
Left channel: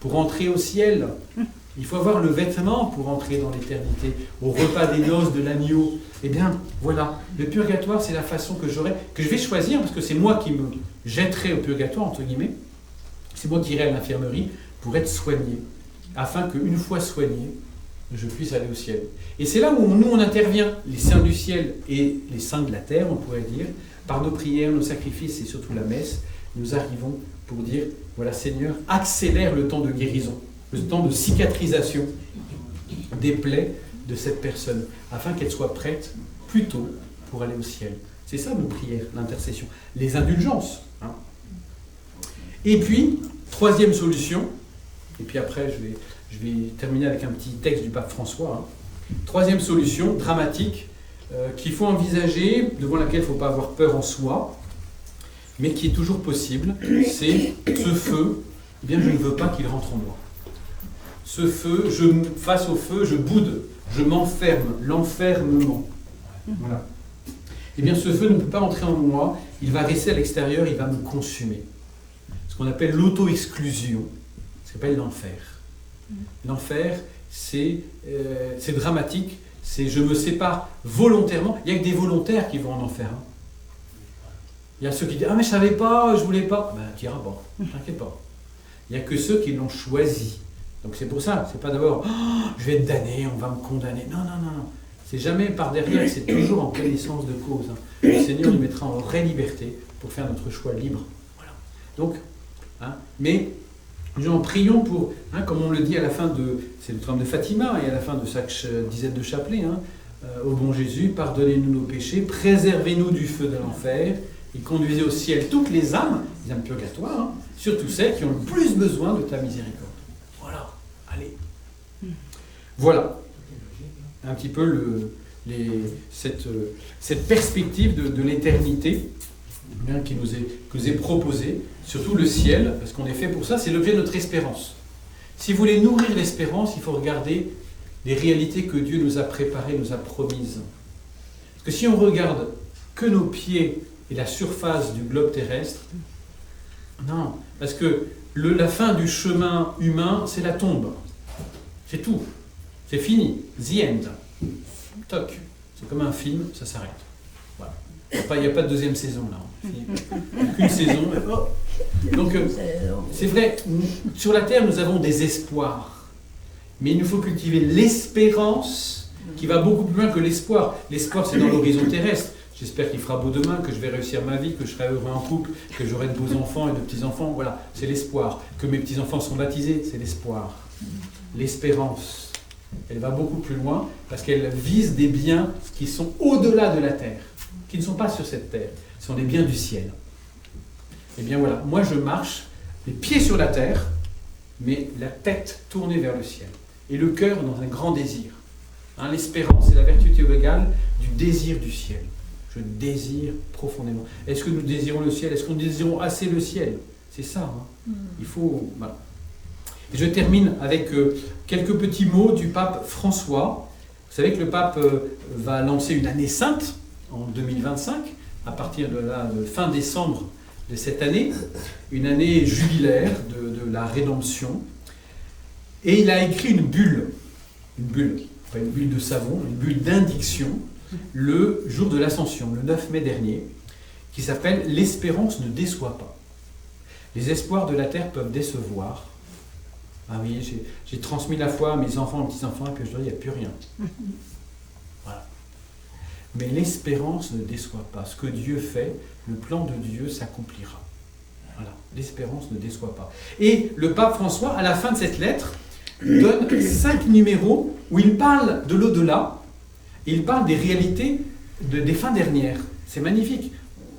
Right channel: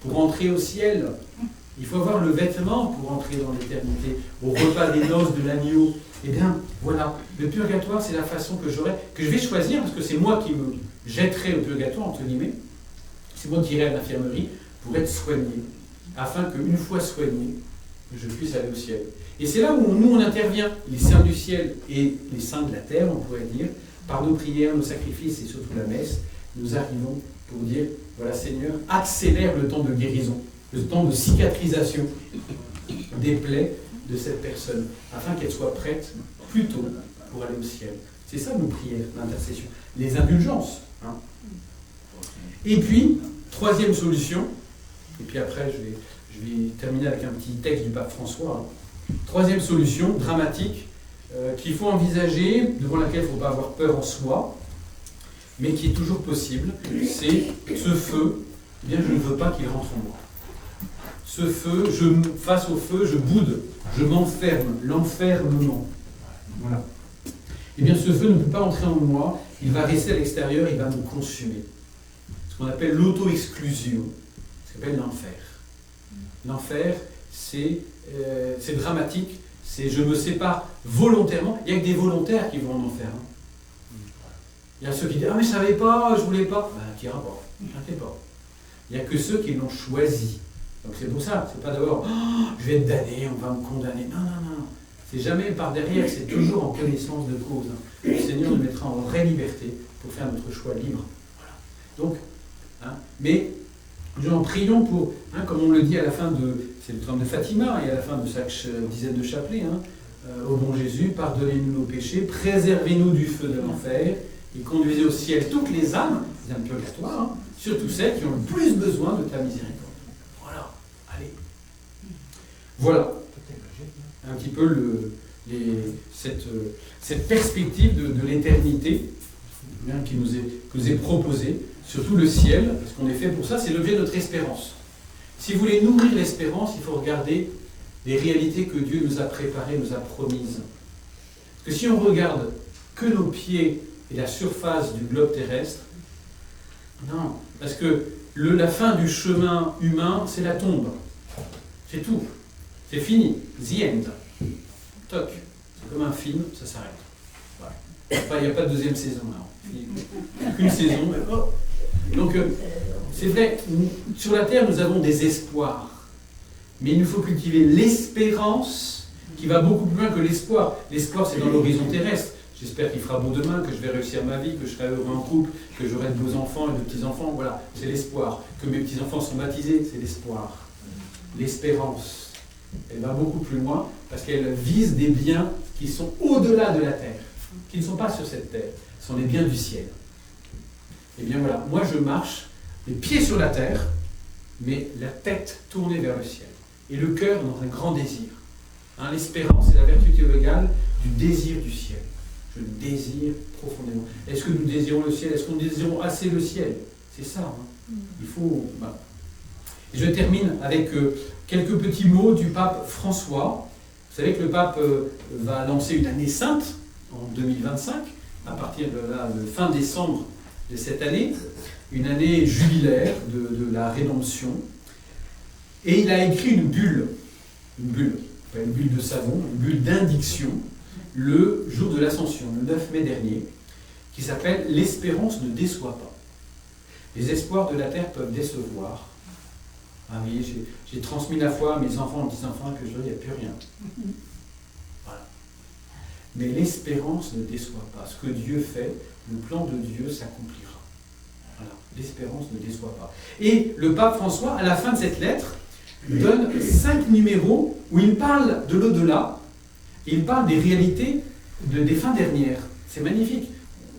pour entrer au ciel. Il faut avoir le vêtement pour entrer dans l'éternité, au repas des noces de l'agneau. Eh bien, voilà, le purgatoire, c'est la façon que je vais choisir, parce que c'est moi qui me jetterai au purgatoire, entre guillemets. C'est moi qui irai à l'infirmerie pour être soigné, afin qu'une fois soigné, je puisse aller au ciel. Et c'est là où nous, on intervient, les saints du ciel et les saints de la terre, on pourrait dire, par nos prières, nos sacrifices et surtout la messe, nous arrivons pour dire, voilà Seigneur, accélère le temps de guérison, le temps de cicatrisation des plaies de cette personne, afin qu'elle soit prête plus tôt pour aller au ciel. C'est ça nos prières, l'intercession. Les indulgences. Et puis, troisième solution, et puis après je vais terminer avec un petit texte du pape François. Troisième solution, dramatique, qu'il faut envisager, devant laquelle il ne faut pas avoir peur en soi, mais qui est toujours possible, c'est ce feu, eh bien je ne veux pas qu'il rentre en moi. Ce feu, face au feu, je boude, je m'enferme, l'enfermement. Voilà. Eh bien, ce feu ne peut pas entrer en moi, il va rester à l'extérieur, il va me consumer. Ce qu'on appelle l'auto-exclusion, ça s'appelle l'enfer. L'enfer, c'est dramatique, c'est je me sépare volontairement. Il n'y a que des volontaires qui vont en enfer. Il y a ceux qui disent « Ah mais je ne savais pas, je ne voulais pas ». Ben, tu n'iras pas, t'inquiète pas. Il n'y a que ceux qui l'ont choisi. Donc c'est pour ça, c'est pas d'abord oh, je vais être damné, on va me condamner. Non. C'est jamais par derrière, c'est toujours en connaissance de cause. Le Seigneur nous mettra en vraie liberté pour faire notre choix libre. Voilà. Donc, mais nous en prions pour, comme on le dit à la fin c'est le trône de Fatima et à la fin de chaque dizaine de chapelets, au bon Jésus, pardonnez-nous nos péchés, préservez-nous du feu de l'enfer et conduisez au ciel toutes les âmes purgatoires, surtout celles qui ont le plus besoin de ta miséricorde. Allez. Voilà un petit peu cette perspective de l'éternité qui nous est proposée, surtout le ciel, parce qu'on est fait pour ça, c'est l'objet de notre espérance. Si vous voulez nourrir l'espérance, il faut regarder les réalités que Dieu nous a préparées, nous a promises. Parce que si on regarde que nos pieds et la surface du globe terrestre, non, parce que la fin du chemin humain, c'est la tombe. C'est tout. C'est fini. The end. Toc. C'est comme un film, ça s'arrête. Voilà. Il n'y a pas de deuxième saison là. Aucune saison. Donc, c'est vrai, sur la terre, nous avons des espoirs. Mais il nous faut cultiver l'espérance qui va beaucoup plus loin que l'espoir. L'espoir, c'est dans l'horizon terrestre. J'espère qu'il fera beau demain, que je vais réussir ma vie, que je serai heureux en couple, que j'aurai de beaux enfants et de petits-enfants. Voilà, c'est l'espoir. Que mes petits-enfants sont baptisés, c'est l'espoir. L'espérance, elle va beaucoup plus loin parce qu'elle vise des biens qui sont au-delà de la terre, qui ne sont pas sur cette terre, ce sont des biens du ciel. Et bien voilà, moi je marche les pieds sur la terre, mais la tête tournée vers le ciel. Et le cœur dans un grand désir. Hein, l'espérance, c'est la vertu théologale du désir du ciel. Je désire profondément. Est-ce que nous désirons le ciel? Est-ce que nous désirons assez le ciel? C'est ça. Hein. Il faut... Voilà. Et je termine avec quelques petits mots du pape François. Vous savez que le pape va lancer une année sainte en 2025, à partir de fin décembre de cette année, une année jubilaire de la rédemption. Et il a écrit une bulle, pas une bulle de savon, une bulle d'indiction, le jour de l'Ascension, le 9 mai dernier, qui s'appelle « L'espérance ne déçoit pas ». Les espoirs de la terre peuvent décevoir. Ah oui, j'ai transmis la foi à mes enfants, aux petits-enfants, et puis aujourd'hui, il n'y a plus rien. Voilà. Mais l'espérance ne déçoit pas. Ce que Dieu fait, le plan de Dieu s'accomplira. Voilà. L'espérance ne déçoit pas. Et le pape François, à la fin de cette lettre, donne 5 numéros où il parle de l'au-delà, et il parle des réalités des fins dernières. C'est magnifique.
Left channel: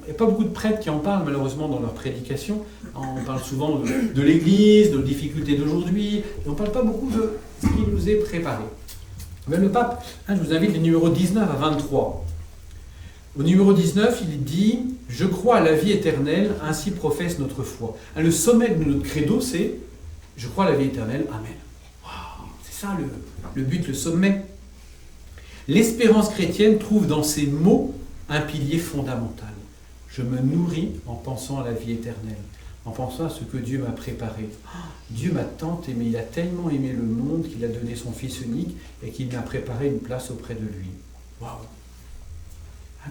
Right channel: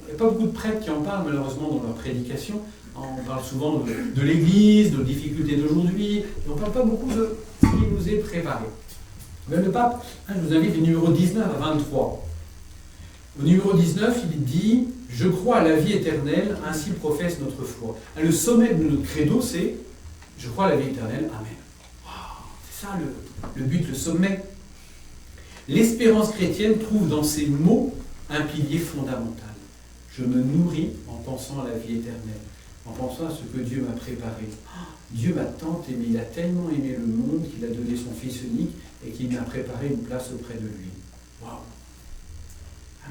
Il n'y a pas beaucoup de prêtres qui en parlent, malheureusement, dans leur prédication. On parle souvent de l'Église, de difficultés d'aujourd'hui, et on ne parle pas beaucoup de ce qui nous est préparé. Mais le pape, je vous invite les numéros 19 à 23. Au numéro 19, il dit « Je crois à la vie éternelle, ainsi professe notre foi ». Le sommet de notre credo, c'est « Je crois à la vie éternelle, Amen ». C'est ça le but, le sommet. L'espérance chrétienne trouve dans ces mots un pilier fondamental. Je me nourris en pensant à la vie éternelle, en pensant à ce que Dieu m'a préparé. Dieu m'a tant aimé, il a tellement aimé le monde qu'il a donné son Fils unique et qu'il m'a préparé une place auprès de lui. Waouh!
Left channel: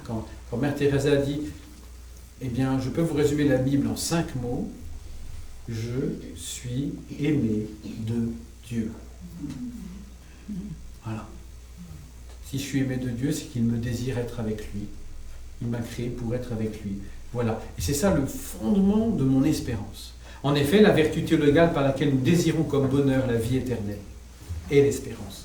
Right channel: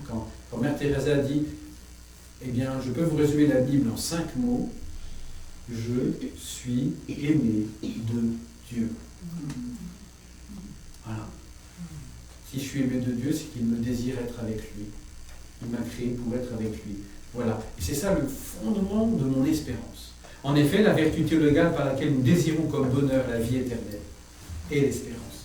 Quand Mère Teresa a dit, eh bien, je peux vous résumer la Bible en 5 mots, je suis aimé de Dieu. Voilà. Si je suis aimé de Dieu, c'est qu'il me désire être avec lui. Il m'a créé pour être avec lui. Voilà. Et c'est ça le fondement de mon espérance. En effet, la vertu théologale par laquelle nous désirons comme bonheur la vie éternelle est l'espérance.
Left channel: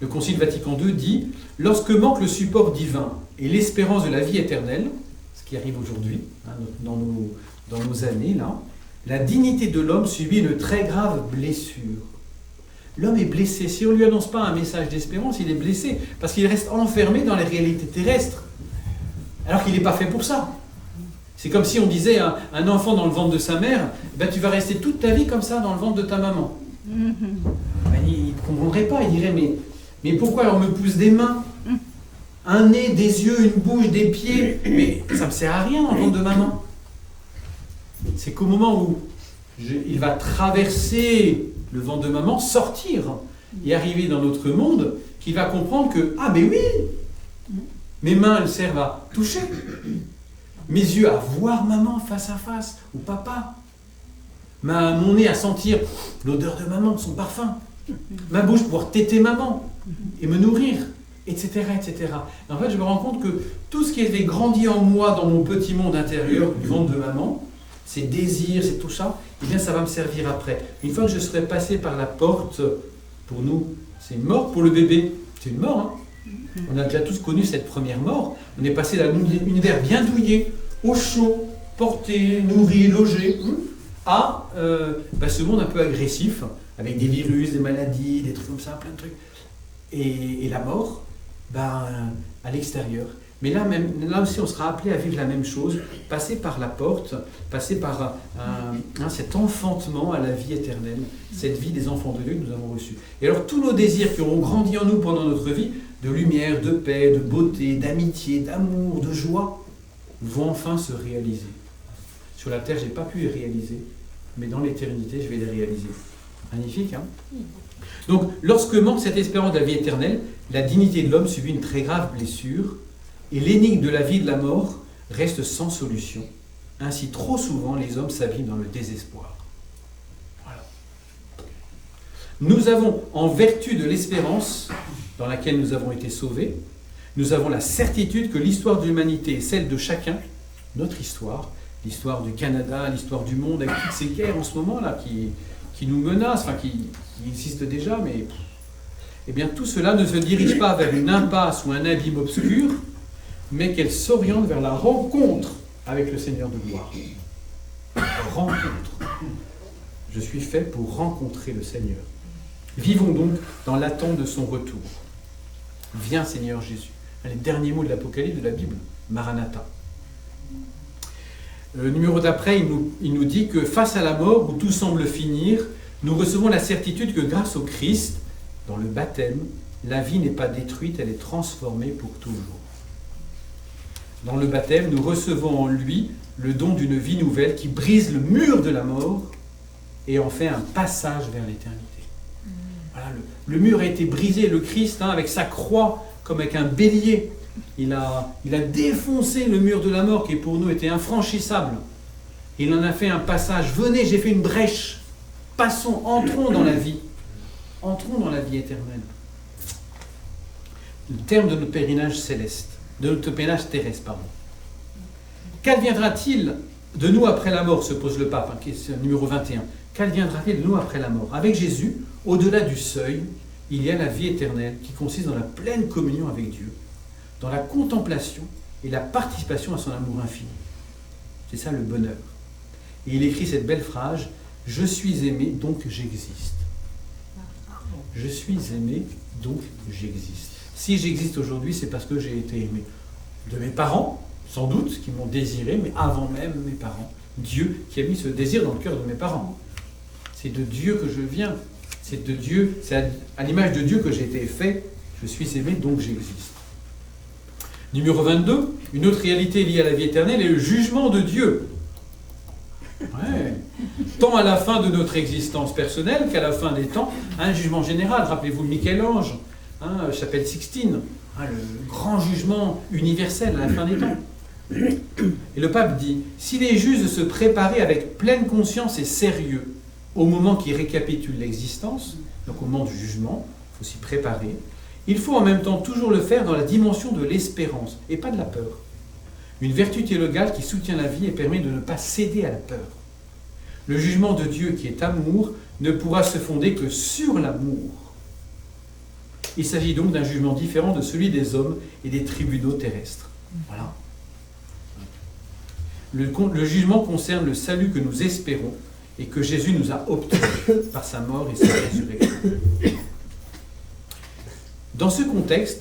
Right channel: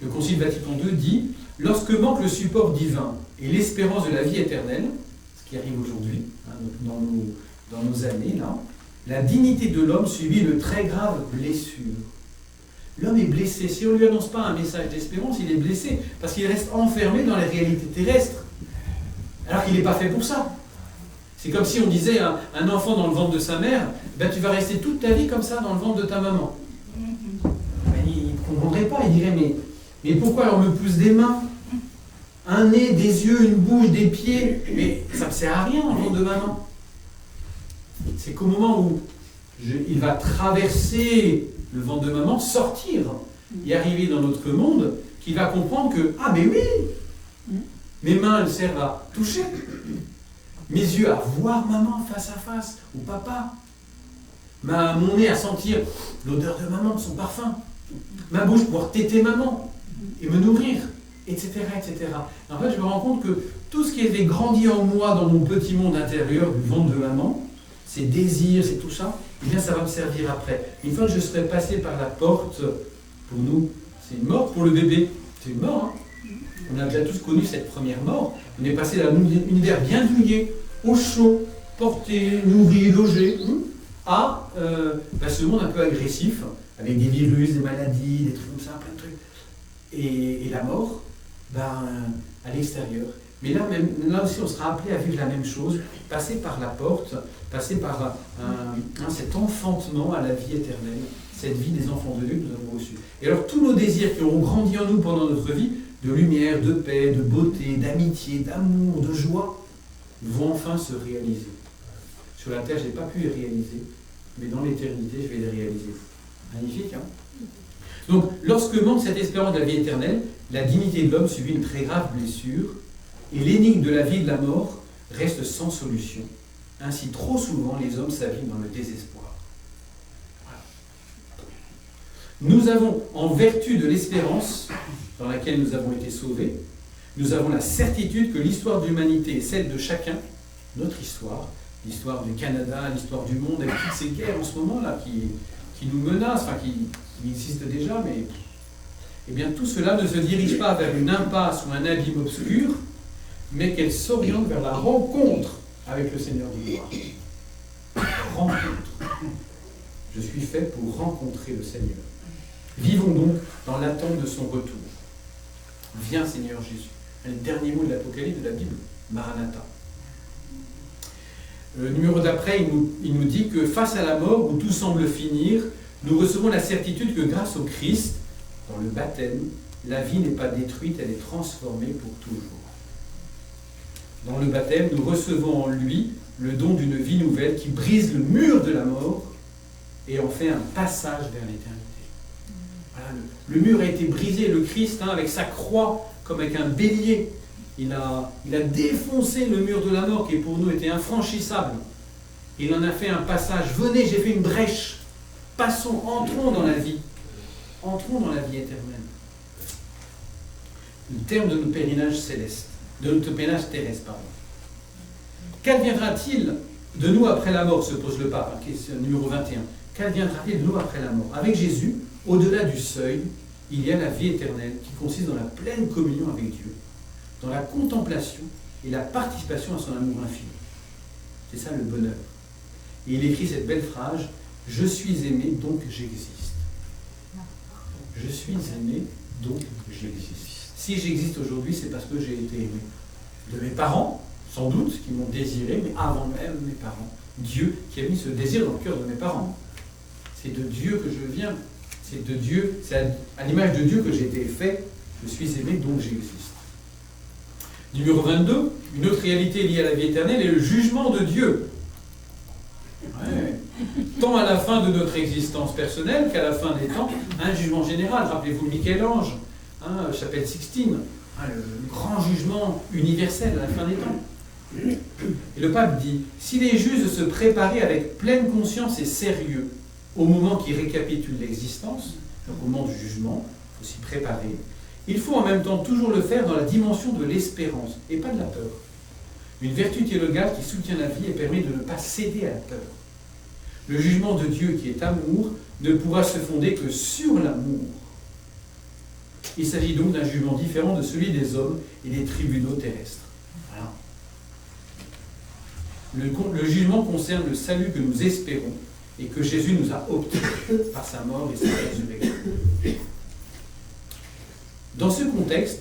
Le Concile Vatican II dit « Lorsque manque le support divin et l'espérance de la vie éternelle, ce qui arrive aujourd'hui, hein, dans nos années, là, la dignité de l'homme subit une très grave blessure. » L'homme est blessé. Si on ne lui annonce pas un message d'espérance, il est blessé, parce qu'il reste enfermé dans les réalités terrestres, alors qu'il n'est pas fait pour ça. C'est comme si on disait à un enfant dans le ventre de sa mère, ben, tu vas rester toute ta vie comme ça dans le ventre de ta maman. Ben, il ne comprendrait pas, il dirait, mais pourquoi alors me pousse des mains, un nez, des yeux, une bouche, des pieds, mais ça ne me sert à rien dans le ventre de maman. C'est qu'au moment où il va traverser le ventre de maman, sortir et arriver dans notre monde, qu'il va comprendre que, ah mais oui, mes mains elles servent à toucher, mes yeux à voir maman face à face, ou papa, mon nez à sentir l'odeur de maman, de son parfum, ma bouche pour pouvoir téter maman et me nourrir, etc., etc. Et en fait, je me rends compte que tout ce qui avait grandi en moi dans mon petit monde intérieur du ventre de maman, ces désirs, c'est tout ça, eh bien ça va me servir après. Une fois que je serai passé par la porte, pour nous, c'est une mort, pour le bébé, c'est une mort. Hein. On a déjà tous connu cette première mort. On est passé d'un univers bien douillet, au chaud, porté, nourri, logé, à ce monde un peu agressif, avec des virus, des maladies, des trucs comme ça, plein de trucs. Et la mort, à l'extérieur. Mais là aussi, on sera appelé à vivre la même chose, passer par la porte, passer par cet enfantement à la vie éternelle, cette vie des enfants de Dieu que nous avons reçue. Et alors, tous nos désirs qui auront grandi en nous pendant notre vie, de lumière, de paix, de beauté, d'amitié, d'amour, de joie, vont enfin se réaliser. Sur la terre, je n'ai pas pu les réaliser, mais dans l'éternité, je vais les réaliser. Magnifique, hein? Donc, lorsque manque cette espérance de la vie éternelle, la dignité de l'homme subit une très grave blessure. et l'énigme de la vie et de la mort reste sans solution. Ainsi, trop souvent, les hommes s'abîment dans le désespoir. Voilà. Nous avons, en vertu de l'espérance dans laquelle nous avons été sauvés, nous avons la certitude que l'histoire de l'humanité est celle de chacun, notre histoire, l'histoire du Canada, l'histoire du monde, avec toutes ces guerres en ce moment-là qui nous menacent, enfin qui existent déjà, mais eh bien tout cela ne se dirige pas vers une impasse ou un abîme obscur, mais qu'elle s'oriente vers la rencontre avec le Seigneur de gloire. Rencontre. Je suis fait pour rencontrer le Seigneur. Vivons donc dans l'attente de son retour. Viens Seigneur Jésus. Les derniers mots de l'Apocalypse de la Bible, Maranatha. Le numéro d'après, il nous dit que face à la mort, où tout semble finir, nous recevons la certitude que grâce au Christ, dans le baptême, la vie n'est pas détruite, elle est transformée pour toujours. Dans le baptême, nous recevons en lui le don d'une vie nouvelle qui brise le mur de la mort et en fait un passage vers l'éternité. Voilà, le mur a été brisé, le Christ, avec sa croix, comme avec un bélier, il a défoncé le mur de la mort qui pour nous était infranchissable. Il en a fait un passage. Venez, j'ai fait une brèche. Passons, entrons dans la vie. Entrons dans la vie éternelle. Le terme de notre pèlerinage céleste, de notre pèlerinage terrestre, pardon. Qu'adviendra-t-il de nous après la mort, se pose le pape, question numéro 21. Qu'adviendra-t-il de nous après la mort? Avec Jésus, au-delà du seuil, il y a la vie éternelle qui consiste dans la pleine communion avec Dieu, dans la contemplation et la participation à son amour infini. C'est ça le bonheur. Et il écrit cette belle phrase, « Je suis aimé, donc j'existe. » Je suis aimé, donc j'existe. Si j'existe aujourd'hui, c'est parce que j'ai été aimé. De mes parents, sans doute, qui m'ont désiré, mais avant même mes parents. Dieu qui a mis ce désir dans le cœur de mes parents. C'est de Dieu que je viens. C'est de Dieu, c'est à l'image de Dieu que j'ai été fait. Je suis aimé, donc j'existe. Numéro 22, une autre réalité liée à la vie éternelle est le jugement de Dieu. Ouais. Tant à la fin de notre existence personnelle qu'à la fin des temps, un jugement général. Rappelez-vous Michel-Ange, chapelle Sixtine, le grand jugement universel à la fin des temps. Et le pape dit, si les justes se préparaient avec pleine conscience et sérieux au moment qui récapitule l'existence, donc au moment du jugement, il faut s'y préparer, il faut en même temps toujours le faire dans la dimension de l'espérance et pas de la peur. Une vertu théologale qui soutient la vie et permet de ne pas céder à la peur. Le jugement de Dieu qui est amour ne pourra se fonder que sur l'amour. Il s'agit donc d'un jugement différent de celui des hommes et des tribunaux terrestres. Voilà. Le jugement concerne le salut que nous espérons et que Jésus nous a obtenu par sa mort et sa résurrection. Dans ce contexte,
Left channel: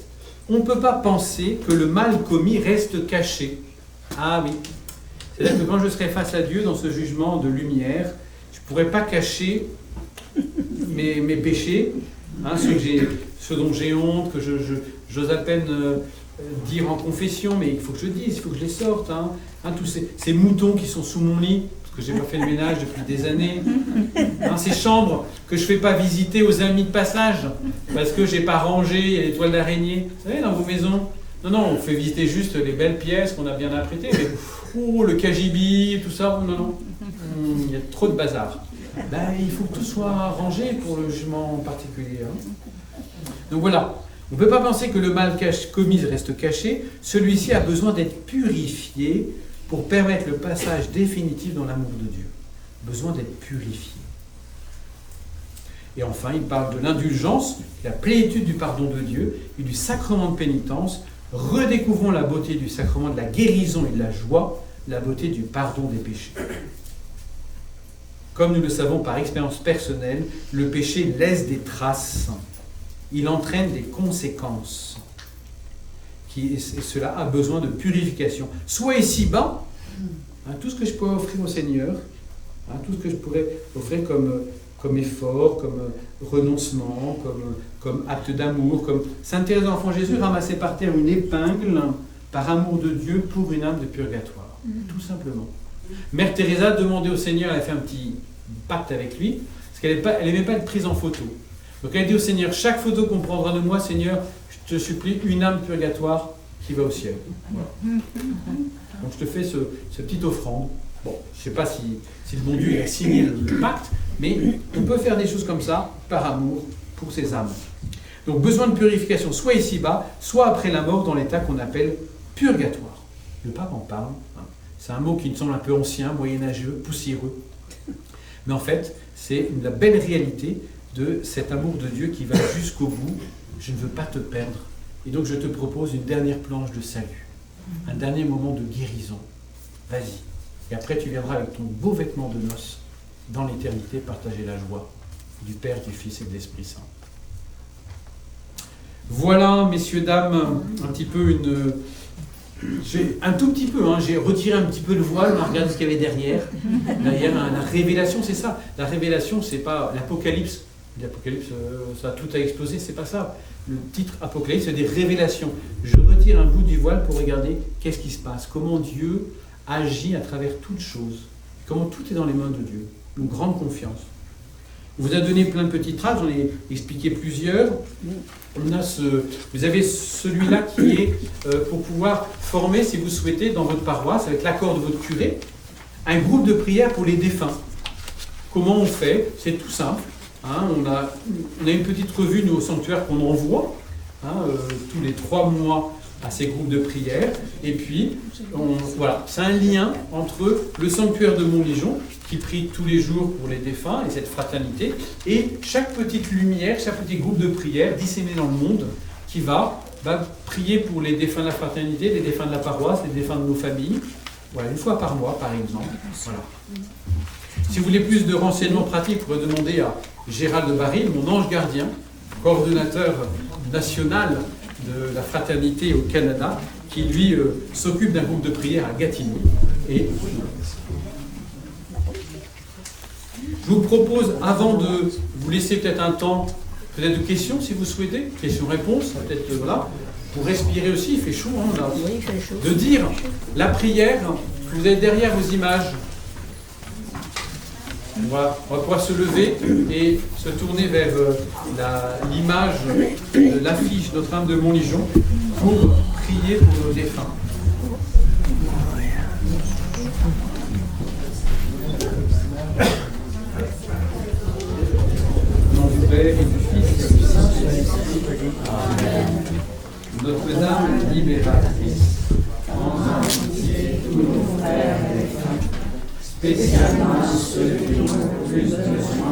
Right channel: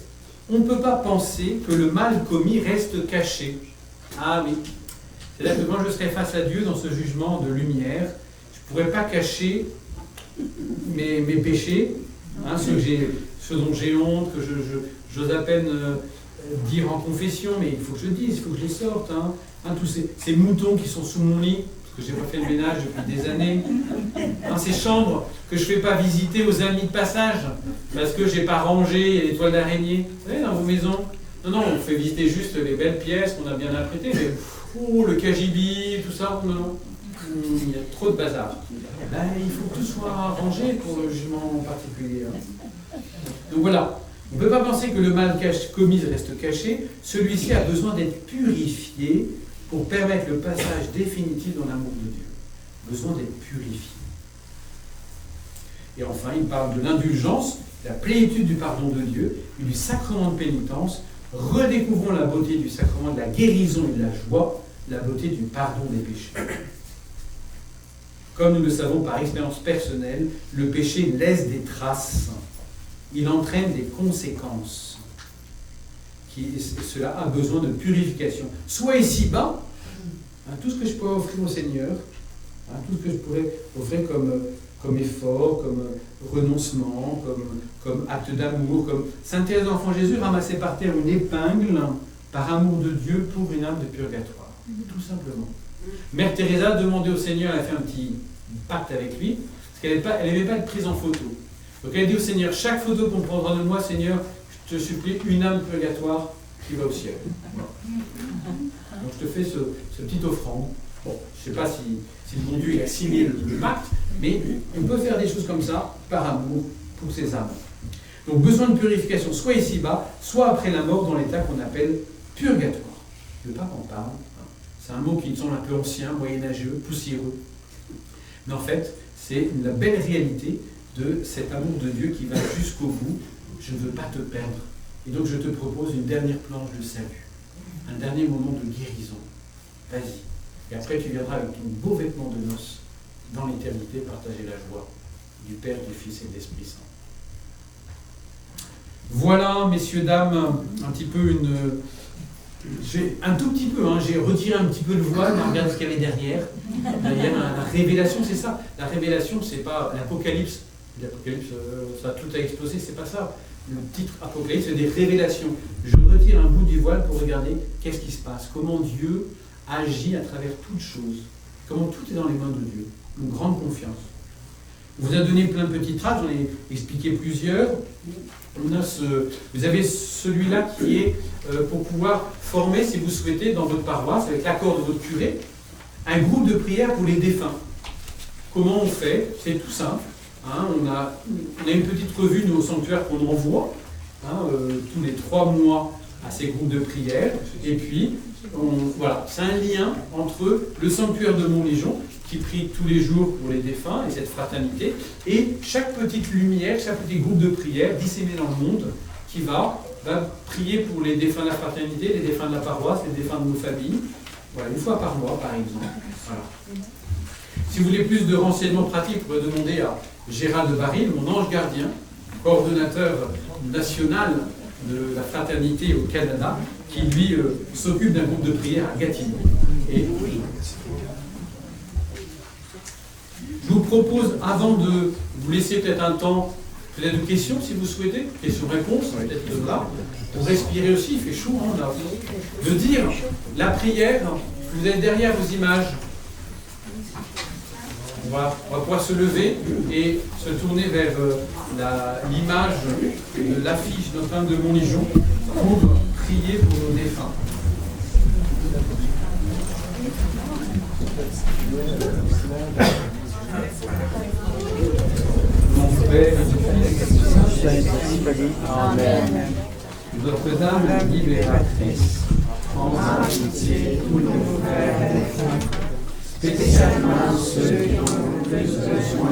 on ne peut pas penser que le mal commis reste caché. Ah oui. C'est-à-dire que quand je serai face à Dieu dans ce jugement de lumière, je ne pourrai pas cacher mes péchés, ceux dont j'ai honte, que j'ose à peine dire en confession, mais il faut que je dise, il faut que je les sorte. Tous ces moutons qui sont sous mon lit, parce que je n'ai pas fait le ménage depuis des années. Ces chambres que je ne fais pas visiter aux amis de passage, parce que je n'ai pas rangé les toiles d'araignée. Vous savez, dans vos maisons, non, on fait visiter juste les belles pièces qu'on a bien apprêtées, mais le cagibi, tout ça, non. Il y a trop de bazar. Il faut que tout soit rangé pour le jugement en particulier. Donc voilà, on ne peut pas penser que le mal commis reste caché. Celui-ci a besoin d'être purifié pour permettre le passage définitif dans l'amour de Dieu. Besoin d'être purifié. Et enfin, il parle de l'indulgence, la plénitude du pardon de Dieu et du sacrement de pénitence. Redécouvrons la beauté du sacrement de la guérison et de la joie, la beauté du pardon des péchés. Comme nous le savons par expérience personnelle, le péché laisse des traces. Il entraîne des conséquences. Et cela a besoin de purification. Soit ici-bas, tout ce que je pourrais offrir au Seigneur, tout ce que je pourrais offrir comme effort, comme renoncement, comme acte d'amour, comme Sainte Thérèse de l'Enfant Jésus ramassait par terre une épingle par amour de Dieu pour une âme de purgatoire. Tout simplement. Mère Teresa demandait au Seigneur, elle a fait un petit pacte avec lui, parce qu'elle n'aimait pas être prise en photo. Donc elle a dit au Seigneur, chaque photo qu'on prendra de moi, Seigneur, je te supplie, une âme de purgatoire qui va au ciel. Voilà. Donc je te fais ce petit offrande. Bon, je ne sais pas si le bon Dieu a signé le pacte, mais on peut faire des choses comme ça par amour pour ces âmes. Donc besoin de purification, soit ici-bas, soit après la mort dans l'état qu'on appelle purgatoire. Le pape en parle. Hein. C'est un mot qui me semble un peu ancien, moyenâgeux, poussiéreux. Mais en fait, c'est la belle réalité de cet amour de Dieu qui va jusqu'au bout. Je ne veux pas te perdre. Et donc je te propose une dernière planche de salut, un dernier moment de guérison. Vas-y. Et après tu viendras avec ton beau vêtement de noces dans l'éternité partager la joie du Père, du Fils et de l'Esprit Saint. Voilà, messieurs, dames, un petit peu un tout petit peu, hein, j'ai retiré un petit peu le voile, on a regardé ce qu'il y avait derrière. Derrière, la révélation, c'est ça. La révélation, c'est pas l'Apocalypse. L'Apocalypse, ça tout a explosé, c'est pas ça. Le titre Apocalypse, c'est des révélations. Je retire un bout du voile pour regarder qu'est-ce qui se passe, comment Dieu agit à travers toutes choses, comment tout est dans les mains de Dieu. Une grande confiance. On vous a donné plein de petites traces, j'en ai expliqué plusieurs. Vous avez celui-là qui est pour pouvoir former, si vous souhaitez, dans votre paroisse, avec l'accord de votre curé, un groupe de prière pour les défunts. Comment on fait? C'est tout simple. Hein, on a une petite revue, nous, au sanctuaire, qu'on envoie tous les 3 mois à ces groupes de prière. Et puis, voilà, c'est un lien entre le sanctuaire de Montlégion, qui prie tous les jours pour les défunts et cette fraternité, et chaque petite lumière, chaque petit groupe de prière disséminé dans le monde, qui va prier pour les défunts de la fraternité, les défunts de la paroisse, les défunts de nos familles. Voilà, 1 fois par mois, par exemple. Voilà. Si vous voulez plus de renseignements pratiques, vous pouvez demander à Gérald de Baril, mon ange gardien, coordonnateur national de la fraternité au Canada, qui lui s'occupe d'un groupe de prière à Gatineau. Et je vous propose, avant de vous laisser peut-être un temps, peut-être de questions si vous souhaitez, questions-réponses, peut-être voilà, pour respirer aussi, il fait chaud, hein, là, de dire la prière, vous êtes derrière vos images. On va pouvoir se lever et se tourner vers l'image de l'affiche Notre-Dame de Montlégion pour prier pour nos défunts. Au nom du Père et du Fils et du Saint-Esprit. Amen. Notre-Dame libératrice, prends en pitié tous nos frères et défunts, spécialement ceux qui ont le plus besoin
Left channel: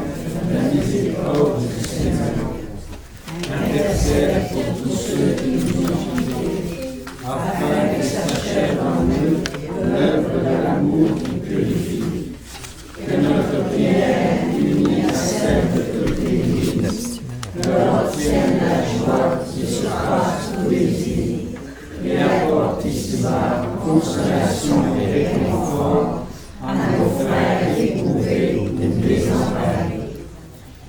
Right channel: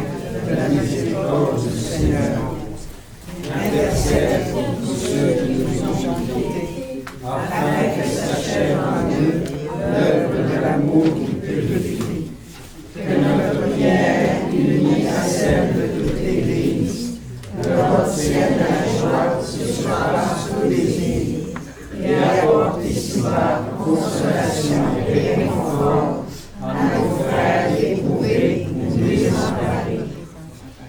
de la miséricorde du Seigneur. Intercède pour tous ceux qui nous ont quittés, afin que s'achève en nous l'œuvre de l'amour qui purifie. Que notre prière, unie à celle de toute l'Église, leur obtienne la joie qui surpasse tous les vies, et apporte ici-bas consolation et réconfort à nos frères éprouvés ou désemparés.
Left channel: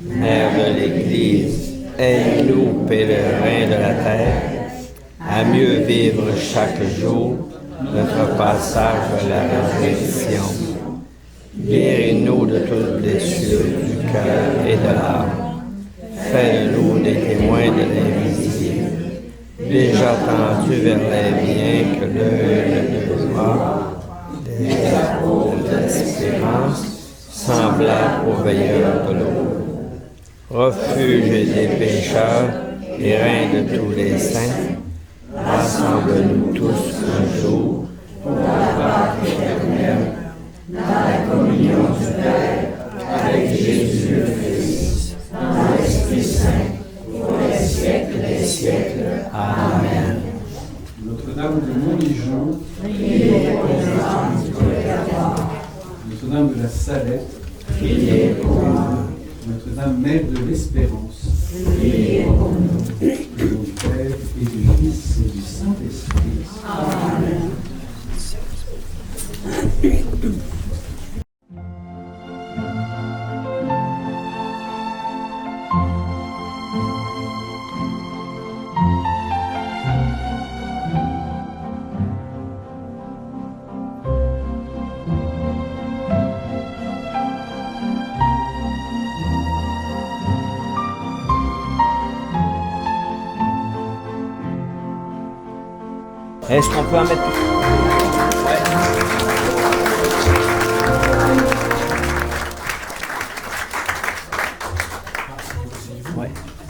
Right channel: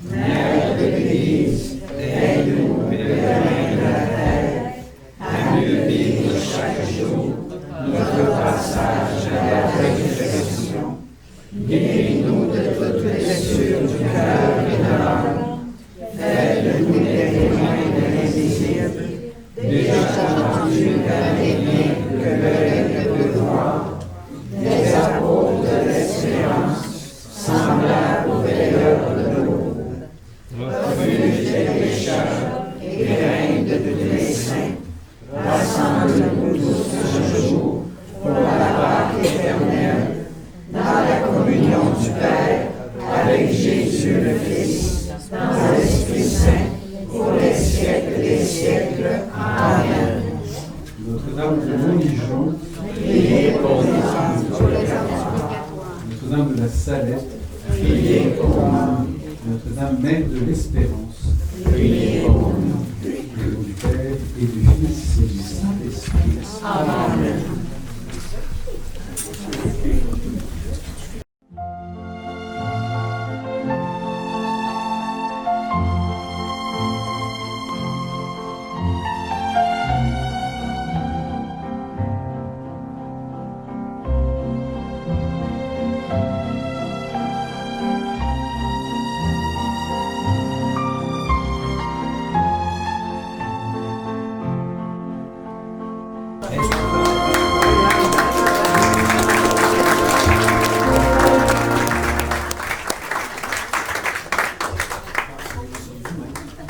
Mère de l'Église, aide-nous, pèlerins de la terre, à mieux vivre chaque jour notre passage à la perfection. Guéris-nous de toute blessure du cœur et de l'âme. Fais-nous des témoins de l'Église, déjà tendus vers les biens que le cœur de gloire, des apôtres de l'espérance, semblables aux veilleurs de l'eau, refuge des pécheurs et règne de tous les saints, rassemble-nous tous un jour pour la Pâque éternelle, dans la communion du Père, avec Jésus le Fils, dans l'Esprit Saint, pour les siècles des siècles. Amen. Notre-Dame de Montlégion, priez pour nous. Notre-Dame de la Salette, priez pour nous. Notre-Dame, Mère de l'Espérance, priez pour nous. Au nom du Père et du Fils et du Saint-Esprit. Amen. Est-ce qu'on peut en mettre...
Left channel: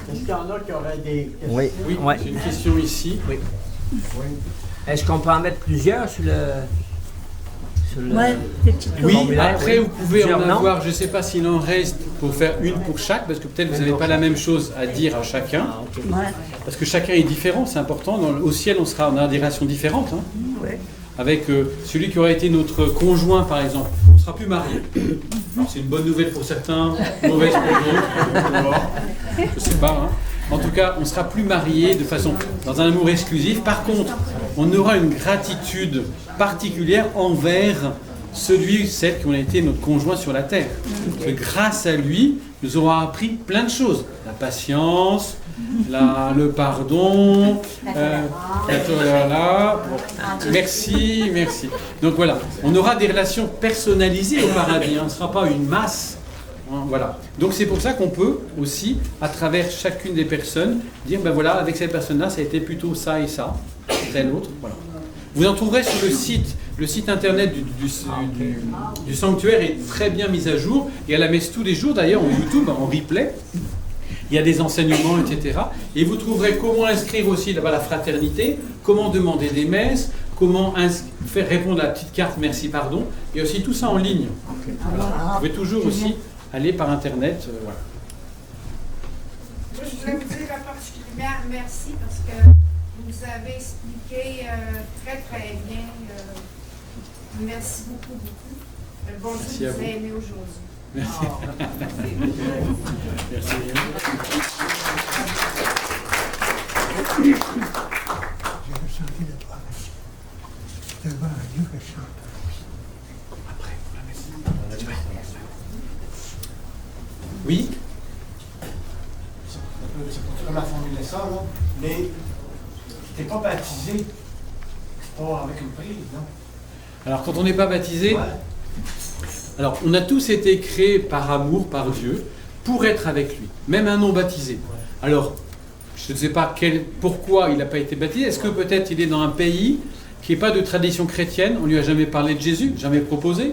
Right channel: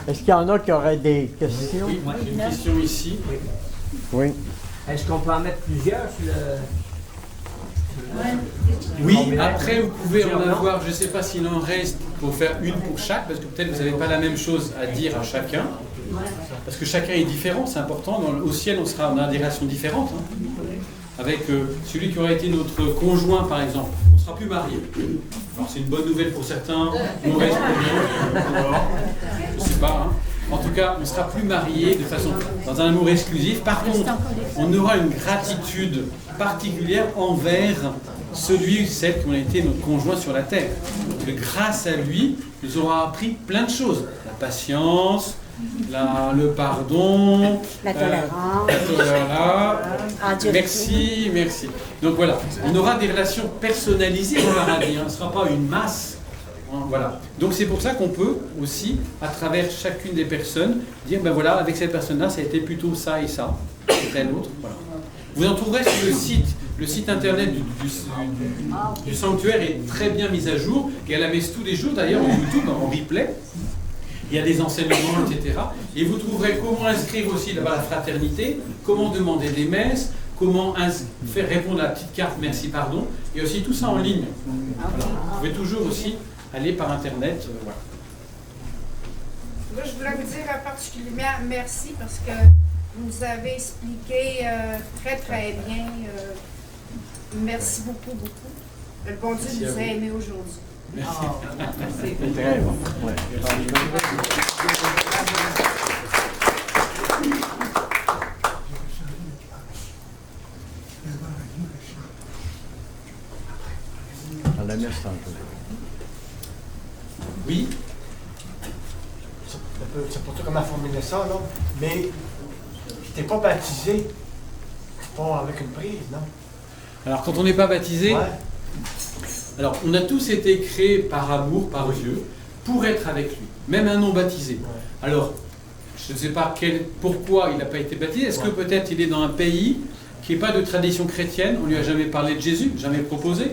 Est-ce qu'il y en a qui auraient des questions? Oui, Ouais. j'ai une question ici. Oui. Oui. Est-ce qu'on peut en mettre plusieurs sur le... Ouais, Oui, formulaire, après oui. vous pouvez en Plusieurs noms. avoir, je ne sais pas s'il en reste pour faire une pour chaque, parce que peut-être vous n'avez pas la même chose à dire à chacun, parce que chacun est différent, c'est important. Au ciel, on a des relations différentes. Hein. Avec celui qui aurait été notre conjoint, par exemple, on ne sera plus marié. Alors c'est une bonne nouvelle pour certains, mauvaise pour d'autres, je ne sais pas. Hein. En tout cas, on ne sera plus marié dans un amour exclusif. Par contre, on aura une gratitude particulière envers celui ou celle qui ont été notre conjoint sur la terre. Que grâce à lui, nous aurons appris plein de choses. La patience, le pardon, La tolérance. la tolérance. Ah, Dieu Merci, merci. Donc voilà, on aura des relations personnalisées au paradis. On ne sera pas une masse. Voilà. Donc c'est pour ça qu'on peut aussi, à travers chacune des personnes, dire ben voilà, avec cette personne-là, ça a été plutôt ça et ça, tel autre. Voilà. Vous en trouverez sur le site internet du sanctuaire est très bien mis à jour, et à la messe tous les jours d'ailleurs en YouTube, en replay. Il y a des enseignements, etc. Et vous trouverez comment inscrire aussi là-bas la fraternité, comment demander des messes, comment faire répondre à la petite carte merci pardon, et aussi tout ça en ligne. Voilà. Vous pouvez toujours aussi aller par internet. Voilà. Moi, je voudrais vous dire particulièrement merci parce que vous nous avez expliqué très très bien. Merci beaucoup, beaucoup. Le bon Dieu Merci à nous a vous. aimés aujourd'hui. Merci. Merci. Oui. C'est pas comment formuler ça, là. Mais t'es pas baptisé. Pas avec une prise, non? Alors quand on n'est pas baptisé, Ouais. alors on a tous été créés par amour, par Dieu, pour être avec lui, même un non baptisé. Alors, je ne sais pas pourquoi il n'a pas été baptisé. Est-ce que peut-être il est dans un pays qui n'est pas de tradition chrétienne, on ne lui a jamais parlé de Jésus, jamais proposé.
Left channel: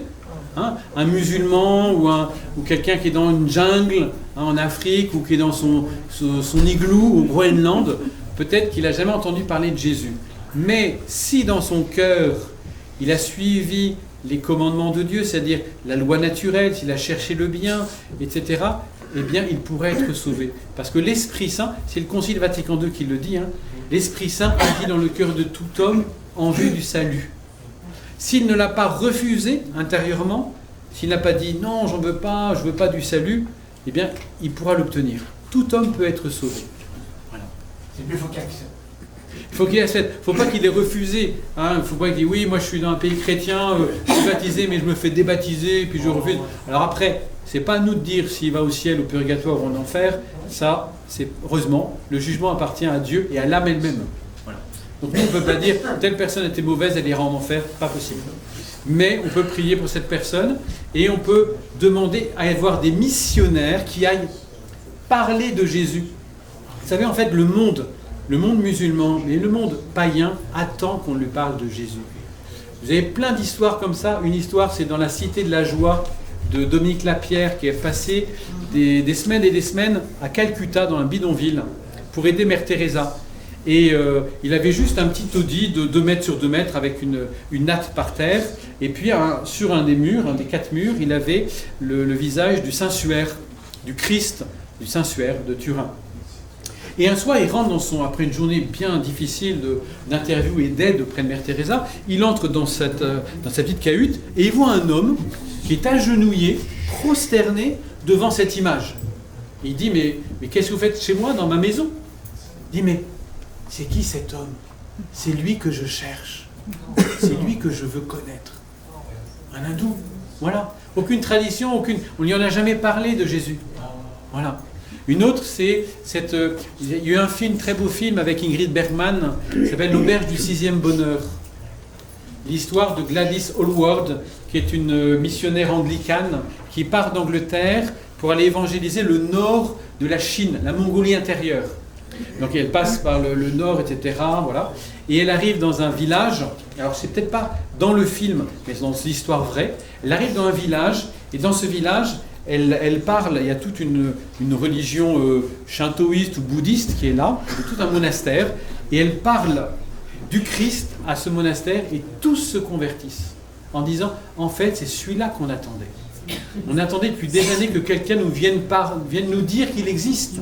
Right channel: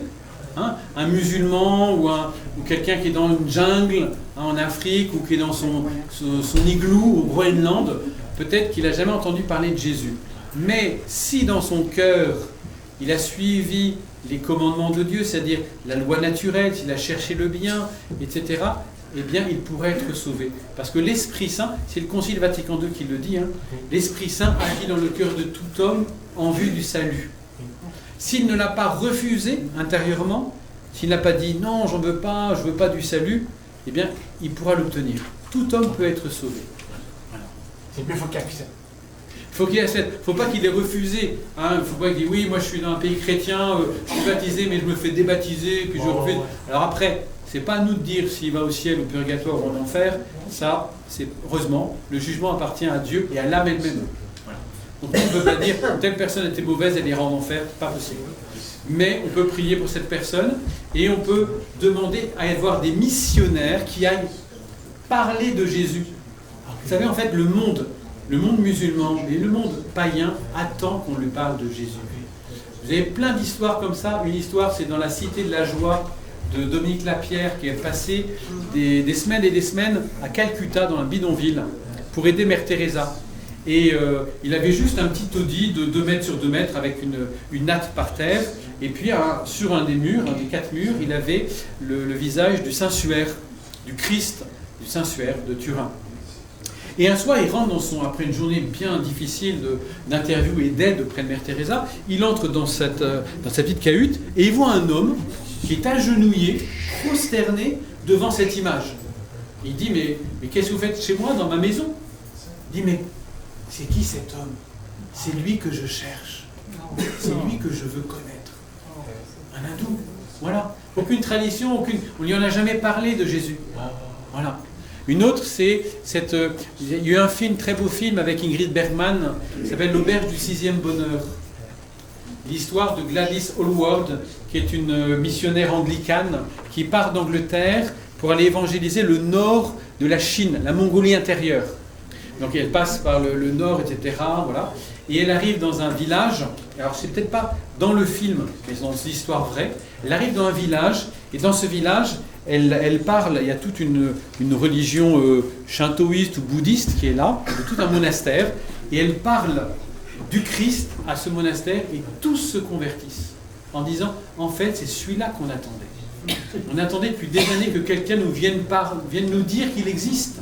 Hein, un musulman ou quelqu'un qui est dans une jungle en Afrique ou qui est dans son igloo au Groenland, peut-être qu'il n'a jamais entendu parler de Jésus. Mais si dans son cœur, il a suivi les commandements de Dieu, c'est-à-dire la loi naturelle, s'il a cherché le bien, etc., eh bien, il pourrait être sauvé. Parce que l'Esprit Saint, c'est le Concile Vatican II qui le dit, hein, l'Esprit Saint agit dans le cœur de tout homme en vue du salut. S'il ne l'a pas refusé intérieurement, s'il n'a pas dit « non, j'en veux pas, je veux pas du salut », eh bien, il pourra l'obtenir. Tout homme peut être sauvé. Voilà. C'est mieux, il faut qu'il accepte. Il faut qu'il accepte. Il ne faut pas qu'il ait refusé. Hein. Il ne faut pas qu'il dise « oui, moi je suis dans un pays chrétien, je suis baptisé, mais je me fais débaptiser, puis je refuse ». Alors après, c'est pas à nous de dire s'il va au ciel, au purgatoire ou en enfer. Ça, c'est heureusement, le jugement appartient à Dieu et à l'âme elle-même. Voilà. Donc on ne peut pas dire telle personne était mauvaise, elle ira en enfer, pas possible. Mais on peut prier pour cette personne et on peut demander à y avoir des missionnaires qui aillent parler de Jésus. Vous savez, en fait, le monde musulman, mais le monde païen attend qu'on lui parle de Jésus. Vous avez plein d'histoires comme ça. Une histoire, c'est dans la Cité de la Joie de Dominique Lapierre qui est passé des semaines et des semaines à Calcutta, dans un bidonville, pour aider Mère Teresa. Et il avait juste un petit taudis de 2 mètres sur 2 mètres avec une natte par terre. Et puis sur un des murs, un des 4 murs, il avait le visage du Saint-Suaire, du Christ du Saint-Suaire de Turin. Et un soir, il rentre après une journée bien difficile d'interview et d'aide auprès de Mère Teresa, il entre dans sa petite cahute et il voit un homme qui est agenouillé, prosterné devant cette image. Il dit, mais qu'est-ce que vous faites chez moi, dans ma maison? Il dit, mais c'est qui cet homme? C'est lui que je cherche. C'est lui que je veux connaître. Un hindou. Voilà. Aucune tradition, on n'y en a jamais parlé de Jésus. Voilà. Une autre, c'est il y a eu un film, très beau film avec Ingrid Bergman, qui s'appelle L'Auberge du 6e bonheur. L'histoire de Gladys Hallward, qui est une missionnaire anglicane qui part d'Angleterre pour aller évangéliser le nord de la Chine, la Mongolie intérieure. Donc elle passe par le nord, etc. Voilà. Et elle arrive dans un village, alors c'est peut-être pas dans le film, mais c'est dans l'histoire vraie. Elle arrive dans un village, et dans ce village, elle parle, il y a toute une religion shintoïste ou bouddhiste qui est là, de tout un monastère, et elle parle du Christ à ce monastère, et tous se convertissent, en disant, en fait, c'est celui-là qu'on attendait. On attendait depuis des années que quelqu'un vienne nous dire qu'il existe,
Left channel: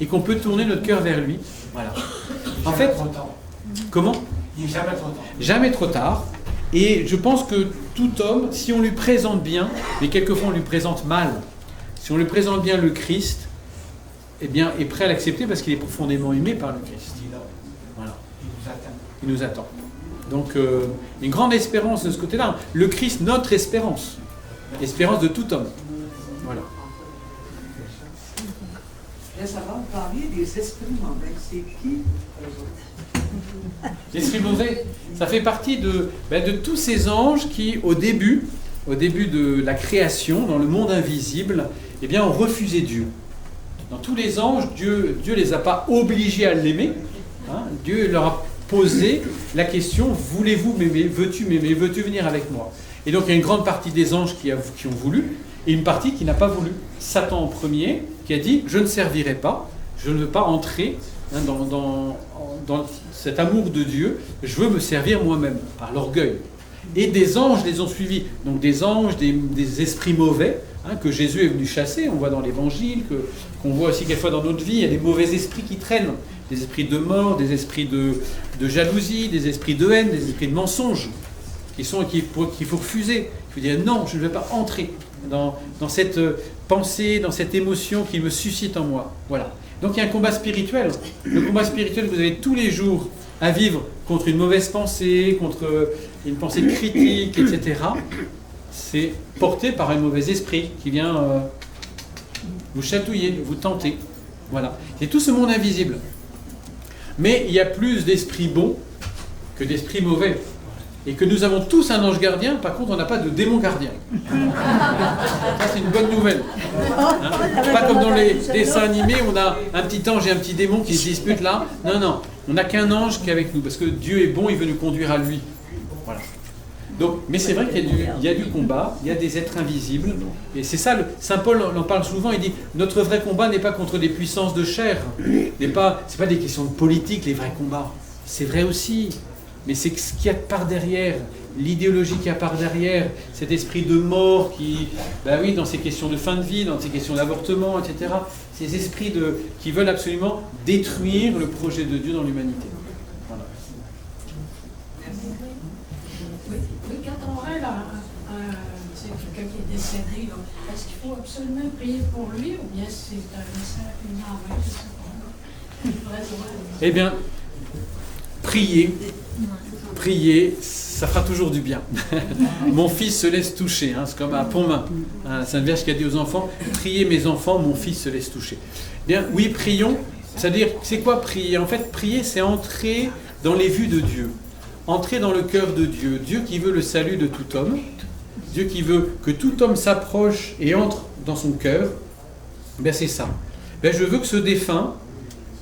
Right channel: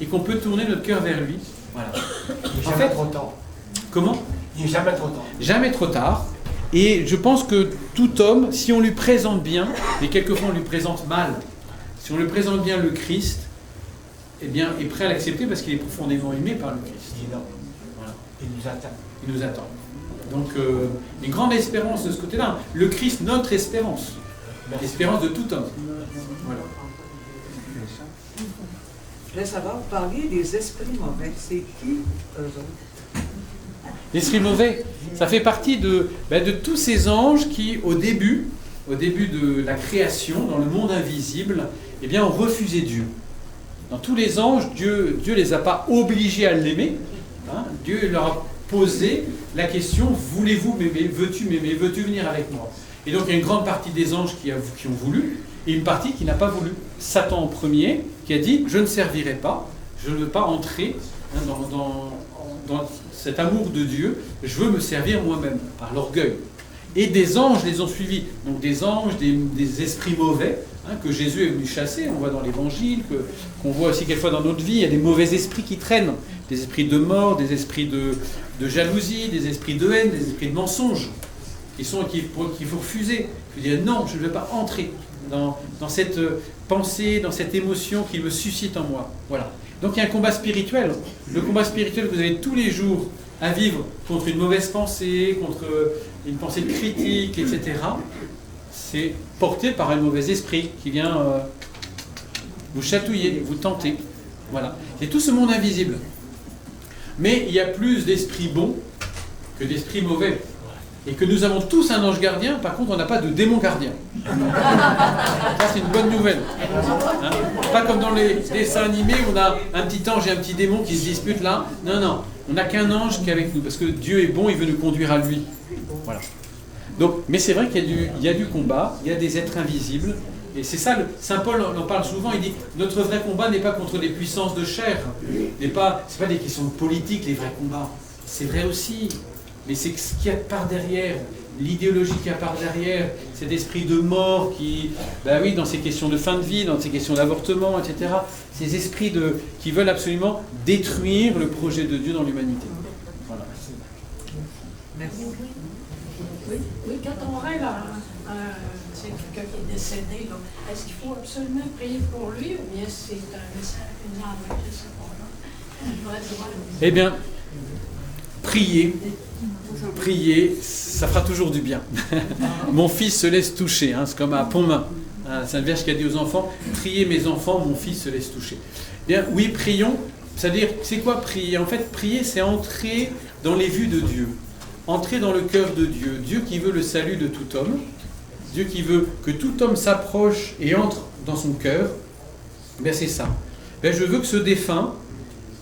et qu'on peut tourner notre cœur vers lui. Voilà. En fait, trop tard. comment ? Il n'est jamais trop tard. Jamais trop tard. Et je pense que tout homme, si on lui présente bien, mais quelquefois on lui présente mal, si on lui présente bien le Christ, eh bien, est prêt à l'accepter parce qu'il est profondément aimé par le Christ. Il est là. Voilà. Il nous attend. Il nous attend. Donc, une grande espérance de ce côté-là. Le Christ, notre espérance. L'espérance de tout homme. Voilà. Je voulais savoir, vous parliez des esprits mauvais. C'est qui, eux autres? L'esprit mauvais, ça fait partie de tous ces anges qui, au début de la création, dans le monde invisible, eh bien, ont refusé Dieu. Dans tous les anges, Dieu les a pas obligés à l'aimer. Hein. Dieu leur a posé la question, voulez-vous m'aimer? Veux-tu m'aimer? Veux-tu venir avec moi? Et donc, il y a une grande partie des anges qui ont voulu, et une partie qui n'a pas voulu. Satan en premier, qui a dit, je ne servirai pas, je ne veux pas entrer dans cet amour de Dieu, je veux me servir moi-même, par l'orgueil. Et des anges les ont suivis. Donc des anges, des esprits mauvais, que Jésus est venu chasser, on voit dans l'Évangile, qu'on voit aussi quelquefois dans notre vie, il y a des mauvais esprits qui traînent. Des esprits de mort, des esprits de jalousie, des esprits de haine, des esprits de mensonge, qu'il faut refuser. Il faut dire non, je ne vais pas entrer dans cette pensée, dans cette émotion qu'il me suscite en moi. Voilà. Donc il y a un combat spirituel. Le combat spirituel que vous avez tous les jours à vivre contre une mauvaise pensée, contre une pensée critique, etc. C'est porté par un mauvais esprit qui vient vous chatouiller, vous tenter. Voilà. C'est tout ce monde invisible. Mais il y a plus d'esprits bons que d'esprits mauvais. Et que nous avons tous un ange gardien, par contre on n'a pas de démon gardien. Ça c'est une bonne nouvelle. Hein, pas comme dans les dessins animés, on a un petit ange et un petit démon qui se disputent là. Non, on n'a qu'un ange qui est avec nous, parce que Dieu est bon, il veut nous conduire à lui. Voilà. Donc, mais c'est vrai qu'il y a du combat, il y a des êtres invisibles, et c'est ça, Saint Paul en parle souvent, il dit, notre vrai combat n'est pas contre des puissances de chair, c'est pas des questions de politique, les vrais combats. C'est vrai aussi. Mais c'est ce qu'il y a par derrière, l'idéologie qu'il y a par derrière, cet esprit de mort qui, dans ces questions de fin de vie, dans ces questions d'avortement, etc., ces esprits qui veulent absolument détruire le projet de Dieu dans l'humanité. Voilà. Oui, quand on rêve c'est quelqu'un qui est décédé, là, est-ce qu'il faut absolument prier pour lui ou bien c'est un message, une envie, je sais pas. Eh bien, prier, ça fera toujours du bien. Mon fils se laisse toucher, c'est comme à Pontmain, Sainte Vierge qui a dit aux enfants, priez mes enfants, mon fils se laisse toucher. Bien, oui, prions, c'est-à-dire, c'est quoi prier? En fait, prier, c'est entrer dans les vues de Dieu, entrer dans le cœur de Dieu, Dieu qui veut le salut de tout homme, Dieu qui veut que tout homme s'approche et entre dans son cœur, c'est ça. Je veux que ce défunt,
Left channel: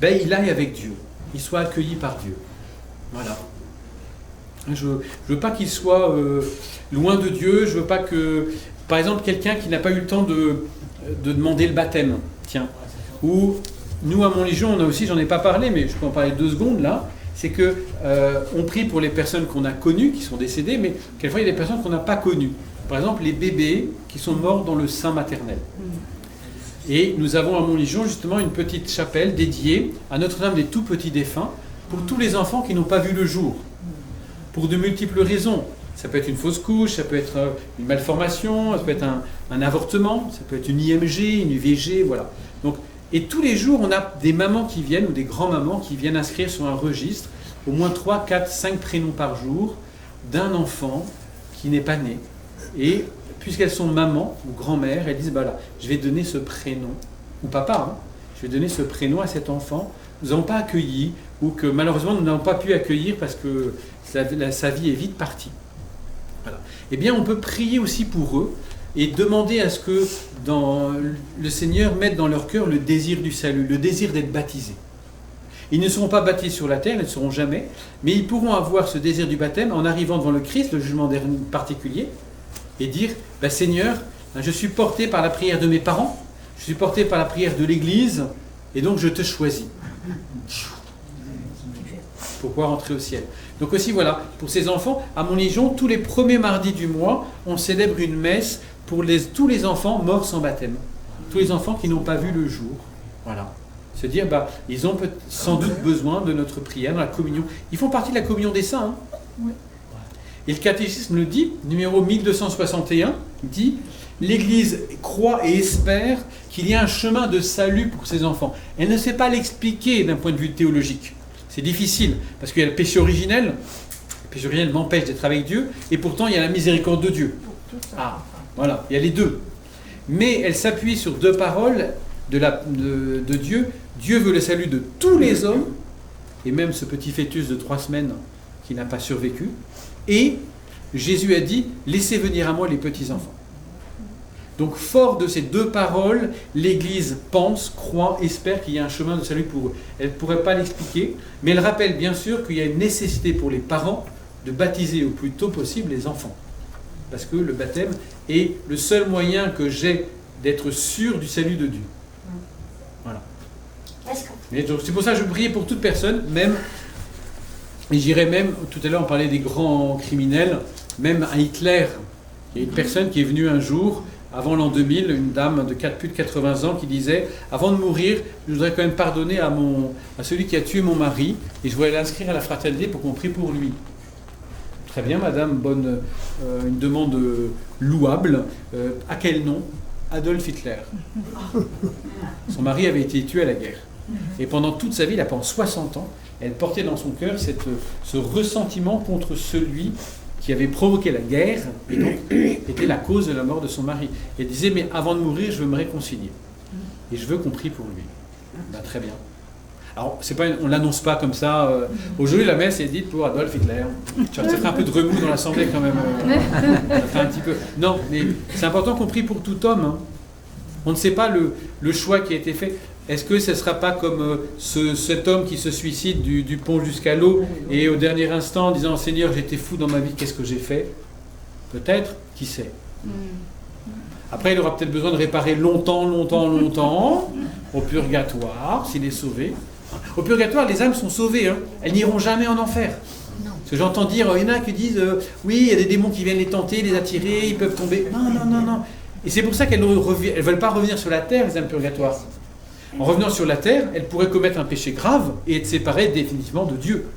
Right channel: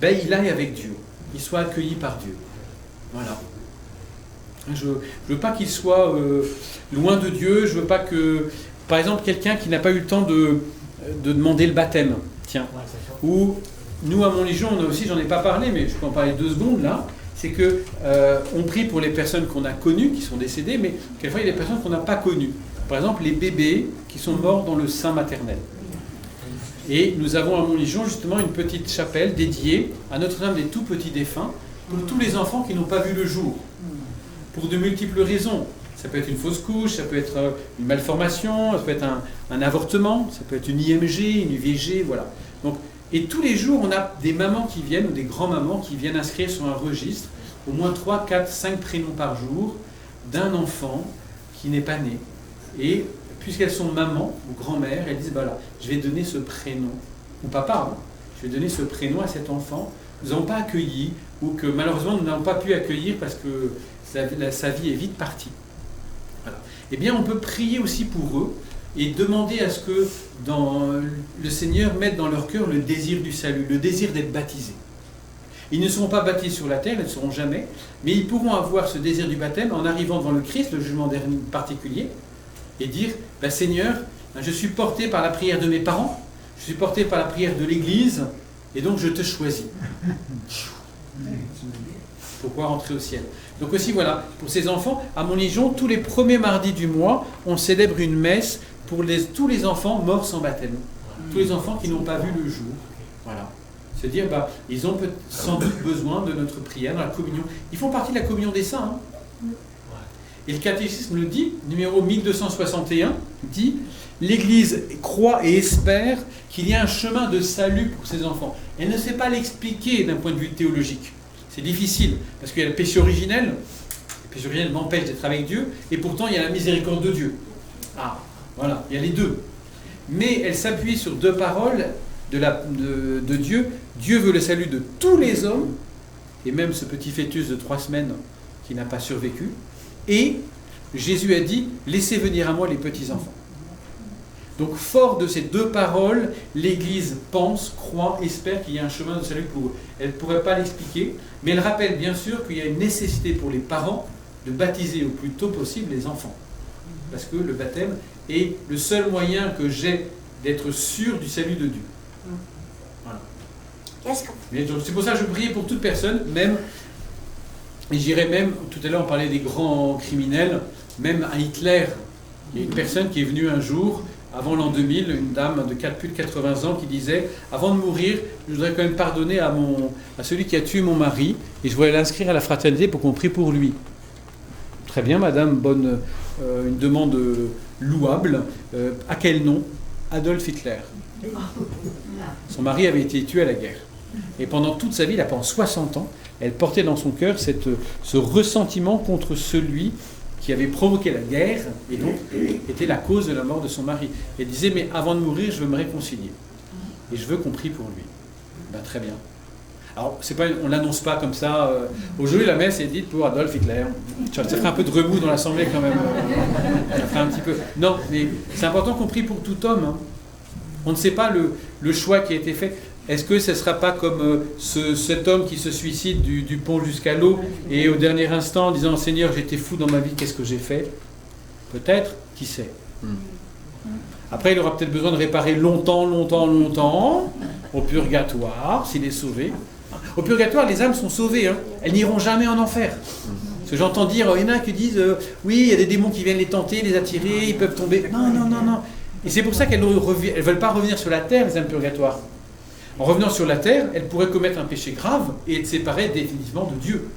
il aille avec Dieu, il soit accueilli par Dieu. Voilà. Je ne veux pas qu'il soit loin de Dieu, je veux pas que, par exemple, quelqu'un qui n'a pas eu le temps de demander le baptême, tiens, ou nous à Montlégion, on a aussi, j'en ai pas parlé, mais je peux en parler 2 secondes là, c'est que on prie pour les personnes qu'on a connues, qui sont décédées, mais quelquefois il y a des personnes qu'on n'a pas connues. Par exemple, les bébés qui sont morts dans le sein maternel. Et nous avons à Montlégion justement une petite chapelle dédiée à Notre-Dame des tout petits défunts, pour tous les enfants qui n'ont pas vu le jour, pour de multiples raisons. Ça peut être une fausse couche, ça peut être une malformation, ça peut être un avortement, ça peut être une IMG, une UVG, voilà. Donc, et tous les jours, on a des mamans qui viennent, ou des grands-mamans qui viennent inscrire sur un registre au moins 3, 4, 5 prénoms par jour d'un enfant qui n'est pas né. Et puisqu'elles sont maman ou grand-mère, elles disent, je vais donner ce prénom, ou papa, je vais donner ce prénom à cet enfant, nous n'avons pas accueilli, ou que malheureusement nous n'avons pas pu accueillir parce que sa vie est vite partie. Voilà. Eh bien, on peut prier aussi pour eux et demander à ce que le Seigneur mette dans leur cœur le désir du salut, le désir d'être baptisé. Ils ne seront pas baptisés sur la terre, ils ne le seront jamais, mais ils pourront avoir ce désir du baptême en arrivant devant le Christ, le jugement particulier, et dire, ben, Seigneur, je suis porté par la prière de mes parents, je suis porté par la prière de l'Église, et donc je te choisis. Pour pouvoir entrer au ciel. Donc aussi, voilà, pour ces enfants, à Montlégion, tous les premiers mardis du mois, on célèbre une messe pour tous les enfants morts sans baptême. Tous les enfants qui n'ont pas vu le jour. Voilà. Se dire, bah, ils ont sans doute besoin de notre prière dans la communion. Ils font partie de la communion des saints. Hein. Et le catéchisme le dit, numéro 1261, dit « L'Église croit et espère qu'il y a un chemin de salut pour ses enfants. » Elle ne sait pas l'expliquer d'un point de vue théologique. C'est difficile, parce qu'il y a le péché originel. Le péché originel m'empêche d'être avec Dieu, et pourtant il y a la miséricorde de Dieu. Ah, voilà, il y a les deux. Mais elle s'appuie sur deux paroles de Dieu. Dieu veut le salut de tous les hommes, et même ce petit fœtus de 3 semaines qui n'a pas survécu. Et Jésus a dit, laissez venir à moi les petits-enfants. Donc, fort de ces deux paroles, l'Église pense, croit, espère qu'il y a un chemin de salut pour eux. Elle ne pourrait pas l'expliquer, mais elle rappelle bien sûr qu'il y a une nécessité pour les parents de baptiser au plus tôt possible les enfants. Parce que le baptême est le seul moyen que j'ai d'être sûr du salut de Dieu. Voilà. Mais donc, c'est pour ça que je prie pour toute personne, même, et j'irais même, tout à l'heure on parlait des grands criminels, même à Hitler. Il y a une personne qui est venue un jour, avant l'an 2000, une dame de plus de 80 ans qui disait « Avant de mourir, je voudrais quand même pardonner à celui qui a tué mon mari et je voudrais l'inscrire à la fraternité pour qu'on prie pour lui. » Très bien, madame, une demande louable. À quel nom? Adolf Hitler. Son mari avait été tué à la guerre. Et pendant toute sa vie, pendant 60 ans, elle portait dans son cœur ce ressentiment contre celui qui avait provoqué la guerre et donc était la cause de la mort de son mari. Elle disait, mais avant de mourir, je veux me réconcilier. Et je veux qu'on prie pour lui. Ben, très bien. Alors, on ne l'annonce pas comme ça. Aujourd'hui, la messe est dite pour Adolf Hitler. Ça ferait un peu de remous dans l'Assemblée quand même. Ça ferait un petit peu... Non, mais c'est important qu'on prie pour tout homme. Hein. On ne sait pas le choix qui a été fait. Est-ce que ce ne sera pas comme cet homme qui se suicide du pont jusqu'à l'eau et au dernier instant en disant « Seigneur, j'étais fou dans ma vie, qu'est-ce que j'ai fait ?» Peut-être, qui sait. Après, il aura peut-être besoin de réparer longtemps au purgatoire, s'il est sauvé. Au purgatoire, les âmes sont sauvées. Hein. Elles n'iront jamais en enfer. Parce que j'entends dire, il y en a qui disent oui, il y a des démons qui viennent les tenter, les attirer, ils peuvent tomber. Non. Et c'est pour ça qu'elles ne veulent pas revenir sur la terre, les âmes purgatoires. En revenant sur la terre, elles pourraient commettre un péché grave et être séparées définitivement de Dieu.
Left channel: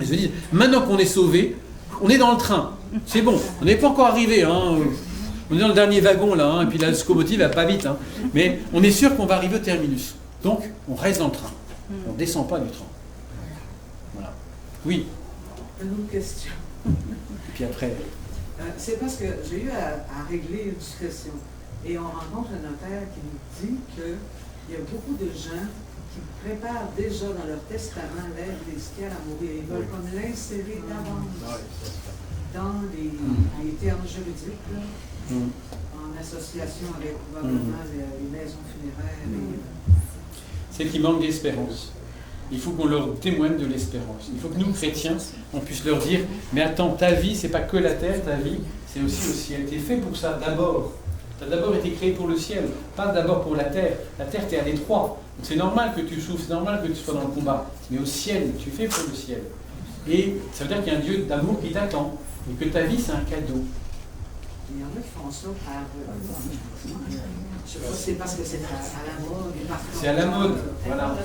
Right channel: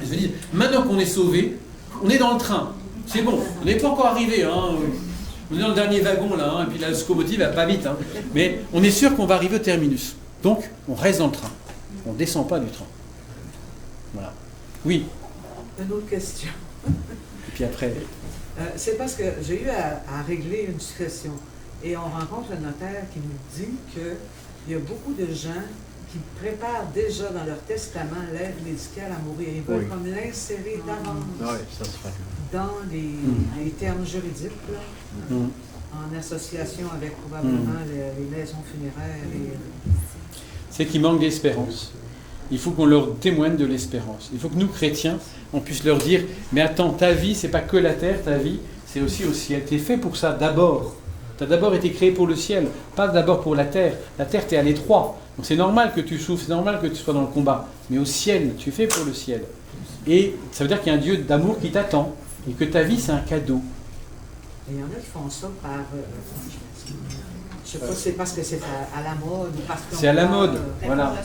Elles se disent, maintenant qu'on est sauvés, on est dans le train. C'est bon, on n'est pas encore arrivé. Hein. On est dans le dernier wagon, là, hein, et puis la locomotive va pas vite. Hein. Mais on est sûr qu'on va arriver au terminus. Donc, on reste dans le train. On ne descend pas du train. Voilà. Oui. Une autre question. Et puis après... c'est parce que j'ai eu à régler une succession. Et on rencontre un notaire qui nous dit qu'il y a beaucoup de gens qui préparent déjà dans leur testament l'aide médicale à mourir. Ils veulent comme l'insérer d'avance dans les termes juridiques, là, en association avec probablement les maisons funéraires. C'est qu'il manque d'espérance. Il faut qu'on leur témoigne de l'espérance. Il faut que nous, chrétiens, on puisse leur dire « Mais attends, ta vie, c'est pas que la terre, ta vie, c'est aussi au ciel. Tu es fait pour ça d'abord. Tu as d'abord été créé pour le ciel, pas d'abord pour la terre. La terre, tu es à l'étroit. Donc c'est normal que tu souffres, c'est normal que tu sois dans le combat. Mais au ciel, tu es fait pour le ciel. Et ça veut dire qu'il y a un Dieu d'amour qui t'attend. Et que ta vie, c'est un cadeau. Il y en a qui font ça par... je sais pas, c'est parce que c'est à la mode. C'est à la mode, voilà.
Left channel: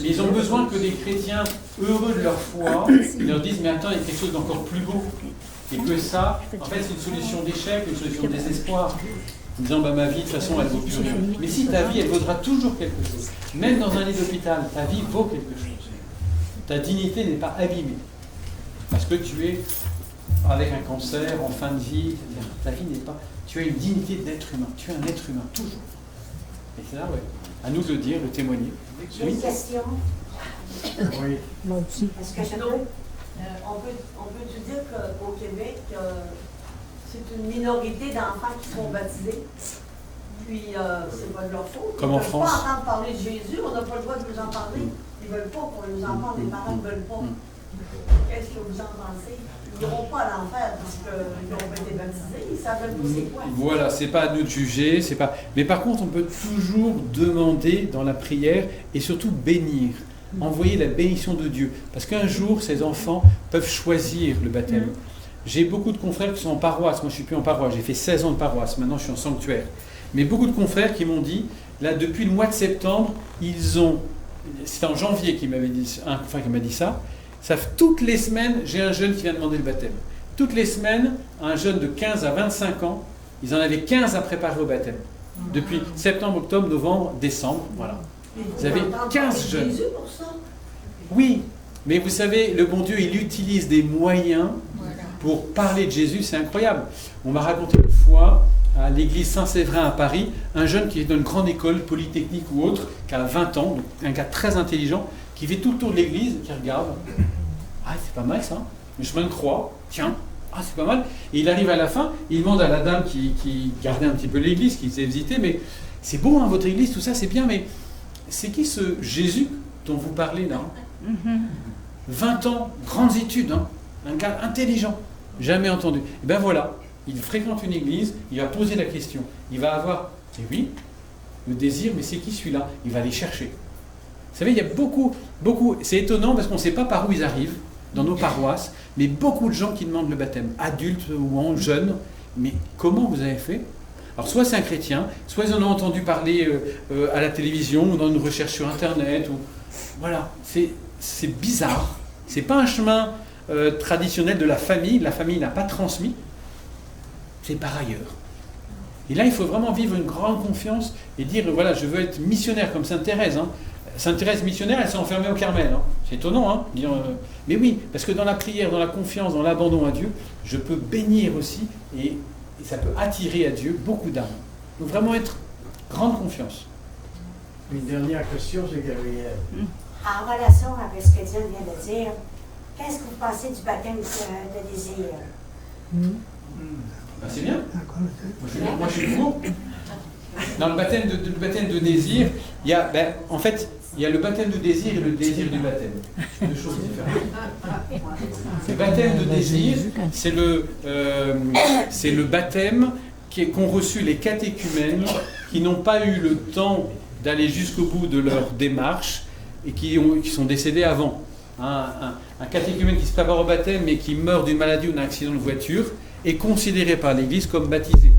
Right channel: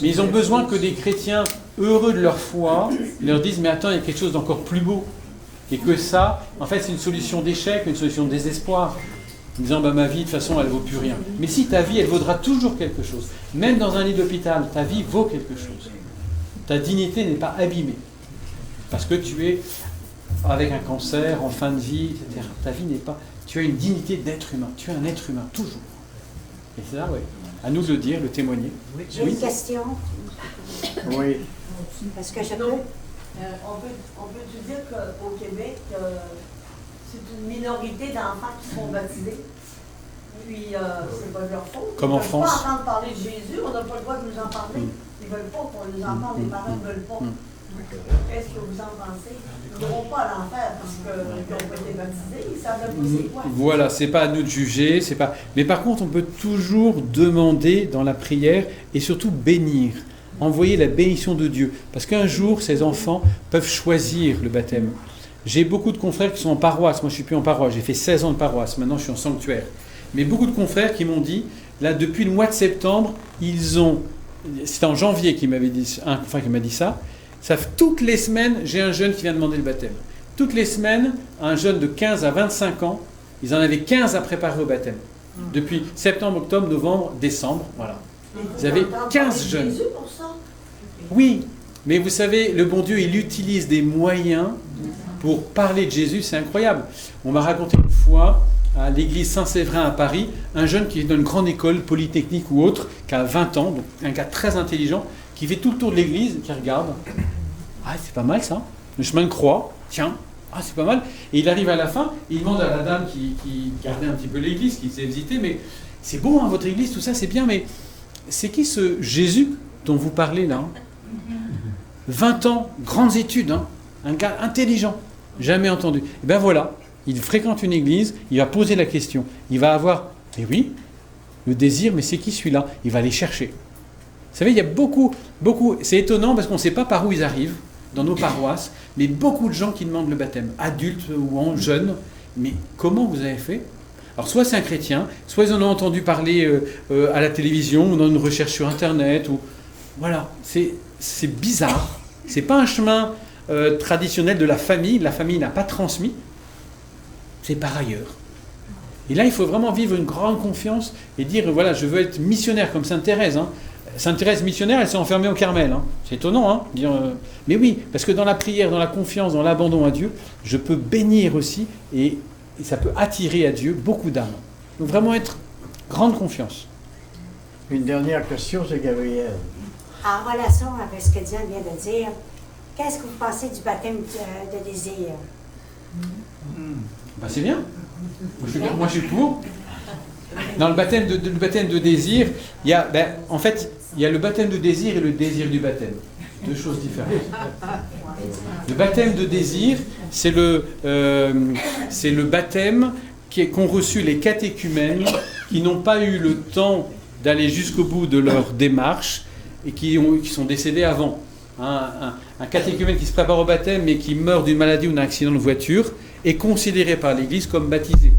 Mais ils ont besoin que des chrétiens heureux de leur foi leur disent « Mais attends, il y a quelque chose d'encore plus beau. » Et que ça, en fait, c'est une solution d'échec, une solution de désespoir. En disant, ma vie, de toute façon, elle ne vaut plus rien. Mais si ta vie, elle vaudra toujours quelque chose. Même dans un lit d'hôpital, ta vie vaut quelque chose. Ta dignité n'est pas abîmée. Parce que tu es avec un cancer, en fin de vie, etc. Ta vie n'est pas... Tu as une dignité d'être humain. Tu es un être humain, toujours. Et c'est là, oui. À nous de le dire, le témoigner. J'ai une question. Oui. Parce que je on peut dire qu'au Québec, c'est une minorité d'enfants qui sont baptisés. Puis, c'est pas de leur faute. Comme en France. On ne peut pas entendre parler de Jésus, on n'a pas le droit de nous en parler. Ils ne veulent pas pour les enfants, les parents ne veulent pas. Qu'est-ce que vous en pensez? Ils n'iront pas à l'enfer parce qu'ils n'ont pas été baptisés, ils ne savent même pas c'est quoi. Voilà, c'est pas à nous de juger, c'est pas. Mais par contre, on peut toujours demander dans la prière et surtout bénir, envoyer la bénédiction de Dieu, parce qu'un jour, ces enfants peuvent choisir le baptême. J'ai beaucoup de confrères qui sont en paroisse. Moi, je suis plus en paroisse. J'ai fait 16 ans de paroisse. Maintenant, je suis en sanctuaire. Mais beaucoup de confrères qui m'ont dit, là, depuis le mois de septembre, ils ont. C'était en janvier qu'il m'avait dit, un confrère qui m'a dit ça. Toutes les semaines, j'ai un jeune qui vient demander le baptême. Toutes les semaines, un jeune de 15 à 25 ans, ils en avaient 15 à préparer au baptême. Depuis septembre, octobre, novembre, décembre, voilà. Ils avaient 15 jeunes. Jésus pour ça? Oui, mais vous savez, le bon Dieu, il utilise des moyens pour parler de Jésus, c'est incroyable. On m'a raconté une fois, à l'église Saint-Séverin à Paris, un jeune qui est dans une grande école, polytechnique ou autre, qui a 20 ans, donc un gars très intelligent, qui fait tout le tour de l'église, qui regarde. Ah, c'est pas mal ça, le chemin de croix, tiens, ah, c'est pas mal. Et il arrive à la fin, il demande à la dame qui gardait un petit peu l'église, qui s'est visitée, mais c'est beau, hein, votre église, tout ça, c'est bien, mais c'est qui ce Jésus dont vous parlez là, hein? 20 ans, grandes études, hein, un gars intelligent, jamais entendu. Et bien voilà, il fréquente une église, il va poser la question, il va avoir, mais oui, le désir, mais c'est qui celui-là? Il va aller chercher. Vous savez, il y a beaucoup, c'est étonnant parce qu'on ne sait pas par où ils arrivent, dans nos paroisses, mais beaucoup de gens qui demandent le baptême, adultes ou jeunes, mais comment vous avez fait? Alors soit c'est un chrétien, soit ils en ont entendu parler à la télévision ou dans une recherche sur Internet, ou voilà, c'est bizarre, c'est pas un chemin traditionnel de la famille n'a pas transmis, c'est par ailleurs. Et là, il faut vraiment vivre une grande confiance et dire, voilà, je veux être missionnaire comme Sainte Thérèse. Hein. Sainte Thérèse missionnaire, elle s'est enfermée au Carmel. Hein. C'est étonnant, hein, mais oui, parce que dans la prière, dans la confiance, dans l'abandon à Dieu, je peux bénir aussi et ça peut attirer à Dieu beaucoup d'âmes. Donc vraiment être grande confiance. Une dernière question, c'est Gabriel. En relation avec ce que Diane vient de dire, qu'est-ce que vous pensez du baptême de désir? Ben, c'est bien. Moi, je suis pour. Dans le baptême de désir, il y a, en fait, il y a le baptême de désir et le désir du baptême. Deux choses différentes. Le baptême de désir, c'est le baptême qu'ont reçu les catéchumènes qui n'ont pas eu le temps d'aller jusqu'au bout de leur démarche et qui sont décédés avant. Un catéchumène qui se prépare au baptême mais qui meurt d'une maladie ou d'un accident de voiture est considéré par l'Église comme baptisé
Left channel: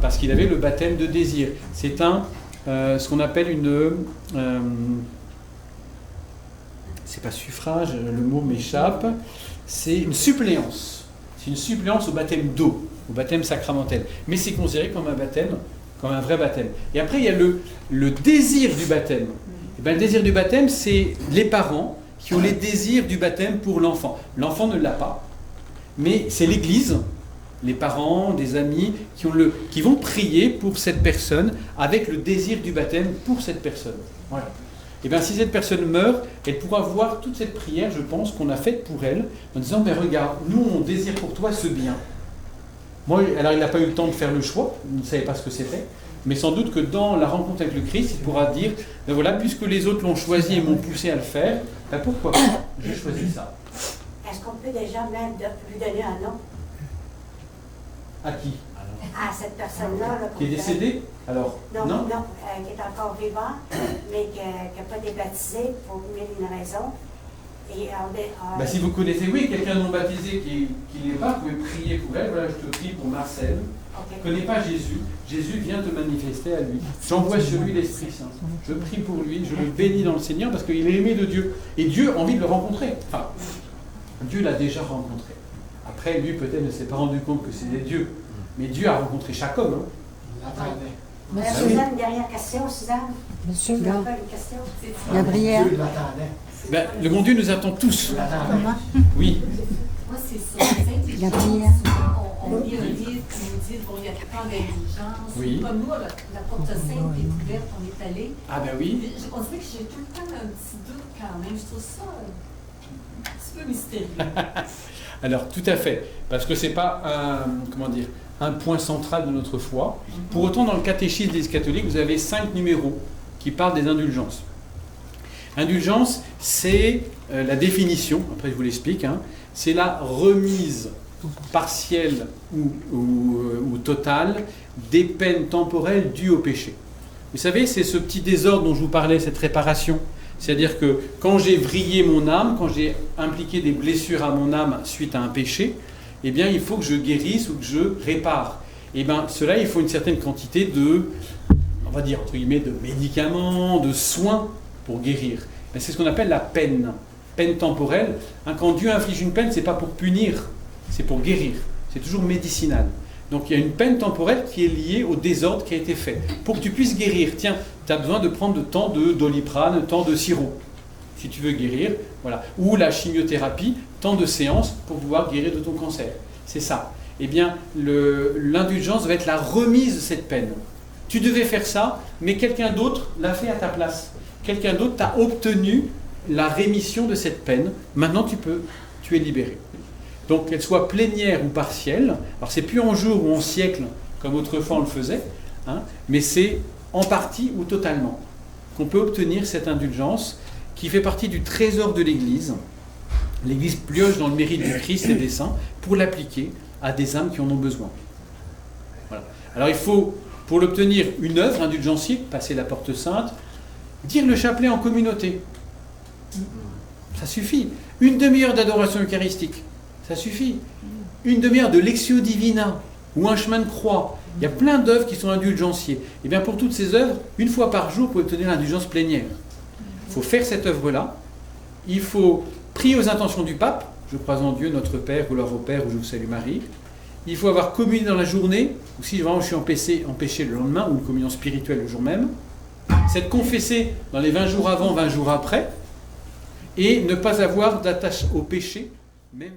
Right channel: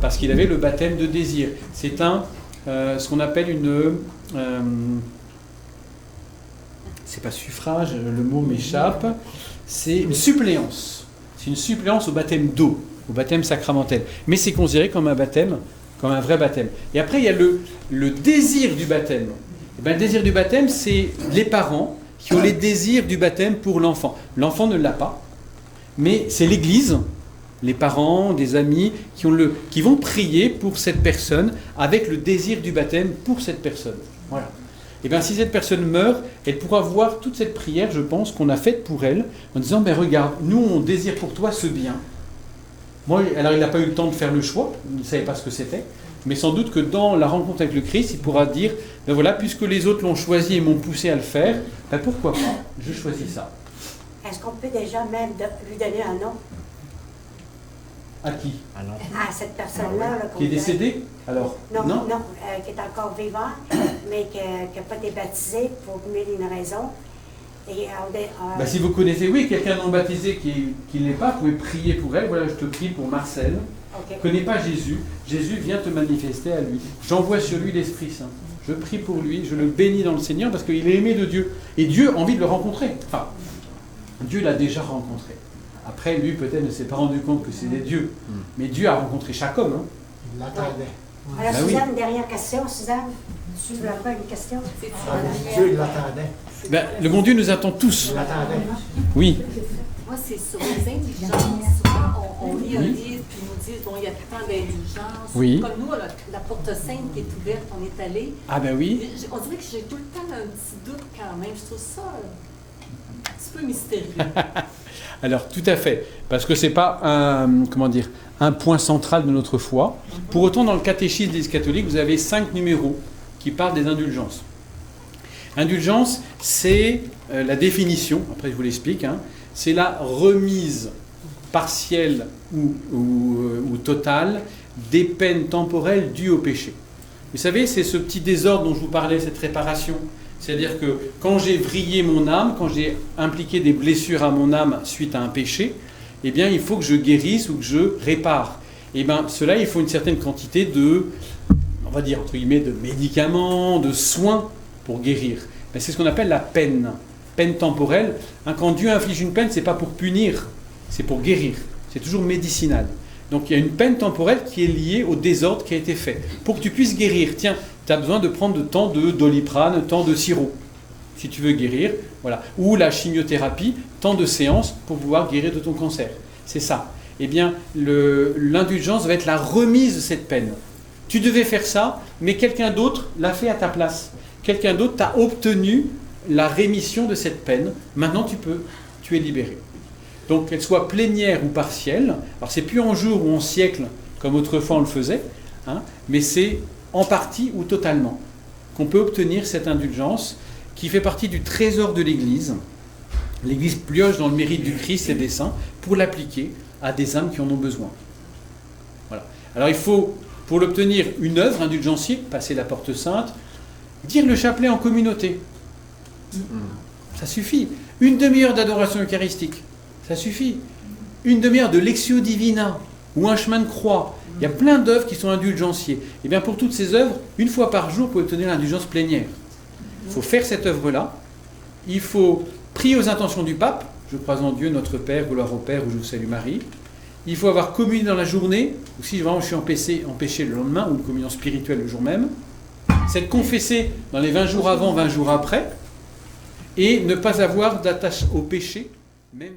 parce qu'il avait le baptême de désir. C'est ce qu'on appelle c'est pas suffrage, le mot m'échappe, c'est une suppléance. C'est une suppléance au baptême d'eau, au baptême sacramentel. Mais c'est considéré comme un baptême, comme un vrai baptême. Et après, il y a le désir du baptême. Et bien, le désir du baptême, c'est les parents qui ont les désirs du baptême pour l'enfant. L'enfant ne l'a pas, mais c'est l'Église, les parents, des amis, qui vont prier pour cette personne avec le désir du baptême pour cette personne. Voilà. Et bien, si cette personne meurt, elle pourra voir toute cette prière, je pense, qu'on a faite pour elle, en disant, regarde, nous, on désire pour toi ce bien. Moi, alors il n'a pas eu le temps de faire le choix, il ne savait pas ce que c'était, mais sans doute que dans la rencontre avec le Christ, il pourra dire, voilà, puisque les autres l'ont choisi et m'ont poussé à le faire, pourquoi pas, je choisis ça. Est-ce qu'on peut déjà même lui donner un nom? À qui? À cette personne-là. Là, qui est décédée? Alors, non, qui est encore vivant, mais qui n'a pas été baptisé pour mille et une raisons. Et si vous connaissez, quelqu'un non baptisé qui n'est pas, vous pouvez prier pour elle. Voilà, je te prie pour Marcel. Okay. Ne connais pas Jésus. Jésus vient te manifester à lui. J'envoie sur lui l'Esprit Saint. Je prie pour lui, je le bénis dans le Seigneur parce qu'il est aimé de Dieu. Et Dieu a envie de le rencontrer. Enfin, Dieu l'a déjà rencontré. Après, lui, peut-être, ne s'est pas rendu compte que c'était Dieu. Mais Dieu a rencontré chaque homme. Hein. Il l'attendait. Voilà, Suzanne, dernière question, Suzanne. Monsieur, vous avez une question? Gabriel. Dieu l'attendait. Le bon Dieu nous attend tous. Oui. Moi, c'est sur les indulgences. On lit un livre qui nous dit, il y a tant d'indulgences. Oui. Comme nous, la porte sainte qui est ouverte, on est allé. Ah ben oui. On dirait que j'ai tout le temps un petit doute quand même. Je trouve ça un petit peu mystérieux. Alors, tout à fait. Parce que ce n'est pas un point central de notre foi. Pour autant, dans le catéchisme des catholiques, vous avez 5 numéros qui parlent des indulgences. Indulgence, c'est la définition, après je vous l'explique, hein, c'est la remise partielle ou totale des peines temporelles dues au péché. Vous savez, c'est ce petit désordre dont je vous parlais, cette réparation. C'est-à-dire que quand j'ai vrillé mon âme, quand j'ai impliqué des blessures à mon âme suite à un péché, eh bien, il faut que je guérisse ou que je répare. Et bien, cela, il faut une certaine quantité de, on va dire, entre guillemets, de médicaments, de soins pour guérir. Ben, c'est ce qu'on appelle la peine. Peine temporelle. Hein, quand Dieu inflige une peine, ce n'est pas pour punir, c'est pour guérir. C'est toujours médicinal. Donc il y a une peine temporelle qui est liée au désordre qui a été fait. Pour que tu puisses guérir, tiens, tu as besoin de prendre tant de Doliprane, tant de sirop, si tu veux guérir. Voilà. Ou la chimiothérapie, tant de séances pour pouvoir guérir de ton cancer. C'est ça. Eh bien, l'indulgence va être la remise de cette peine. Tu devais faire ça, mais quelqu'un d'autre l'a fait à ta place. Quelqu'un d'autre t'a obtenu la rémission de cette peine. Maintenant, tu es libéré. Donc, qu'elle soit plénière ou partielle. Alors, c'est plus en jour ou en siècle, comme autrefois on le faisait, hein, mais c'est en partie ou totalement qu'on peut obtenir cette indulgence qui fait partie du trésor de l'Église. L'Église pioche dans le mérite du Christ et des saints pour l'appliquer à des âmes qui en ont besoin. Voilà. Alors, il faut, pour l'obtenir, une œuvre indulgentielle, passer la porte sainte, dire le chapelet en communauté. Ça suffit. Une demi-heure d'adoration eucharistique. Ça suffit. Une demi-heure de Lectio Divina ou un chemin de croix. Il y a plein d'œuvres qui sont indulgentiées. Et bien pour toutes ces œuvres, une fois par jour, vous pouvez obtenir l'indulgence plénière. Il faut faire cette œuvre-là. Il faut prier aux intentions du pape. Je crois en Dieu, notre Père, gloire au Père, ou je vous salue Marie. Il faut avoir communié dans la journée, ou si vraiment je suis empêché le lendemain, ou une communion spirituelle le jour même. C'est confesser dans les 20 jours avant, 20 jours après. Et ne pas avoir d'attache au péché, même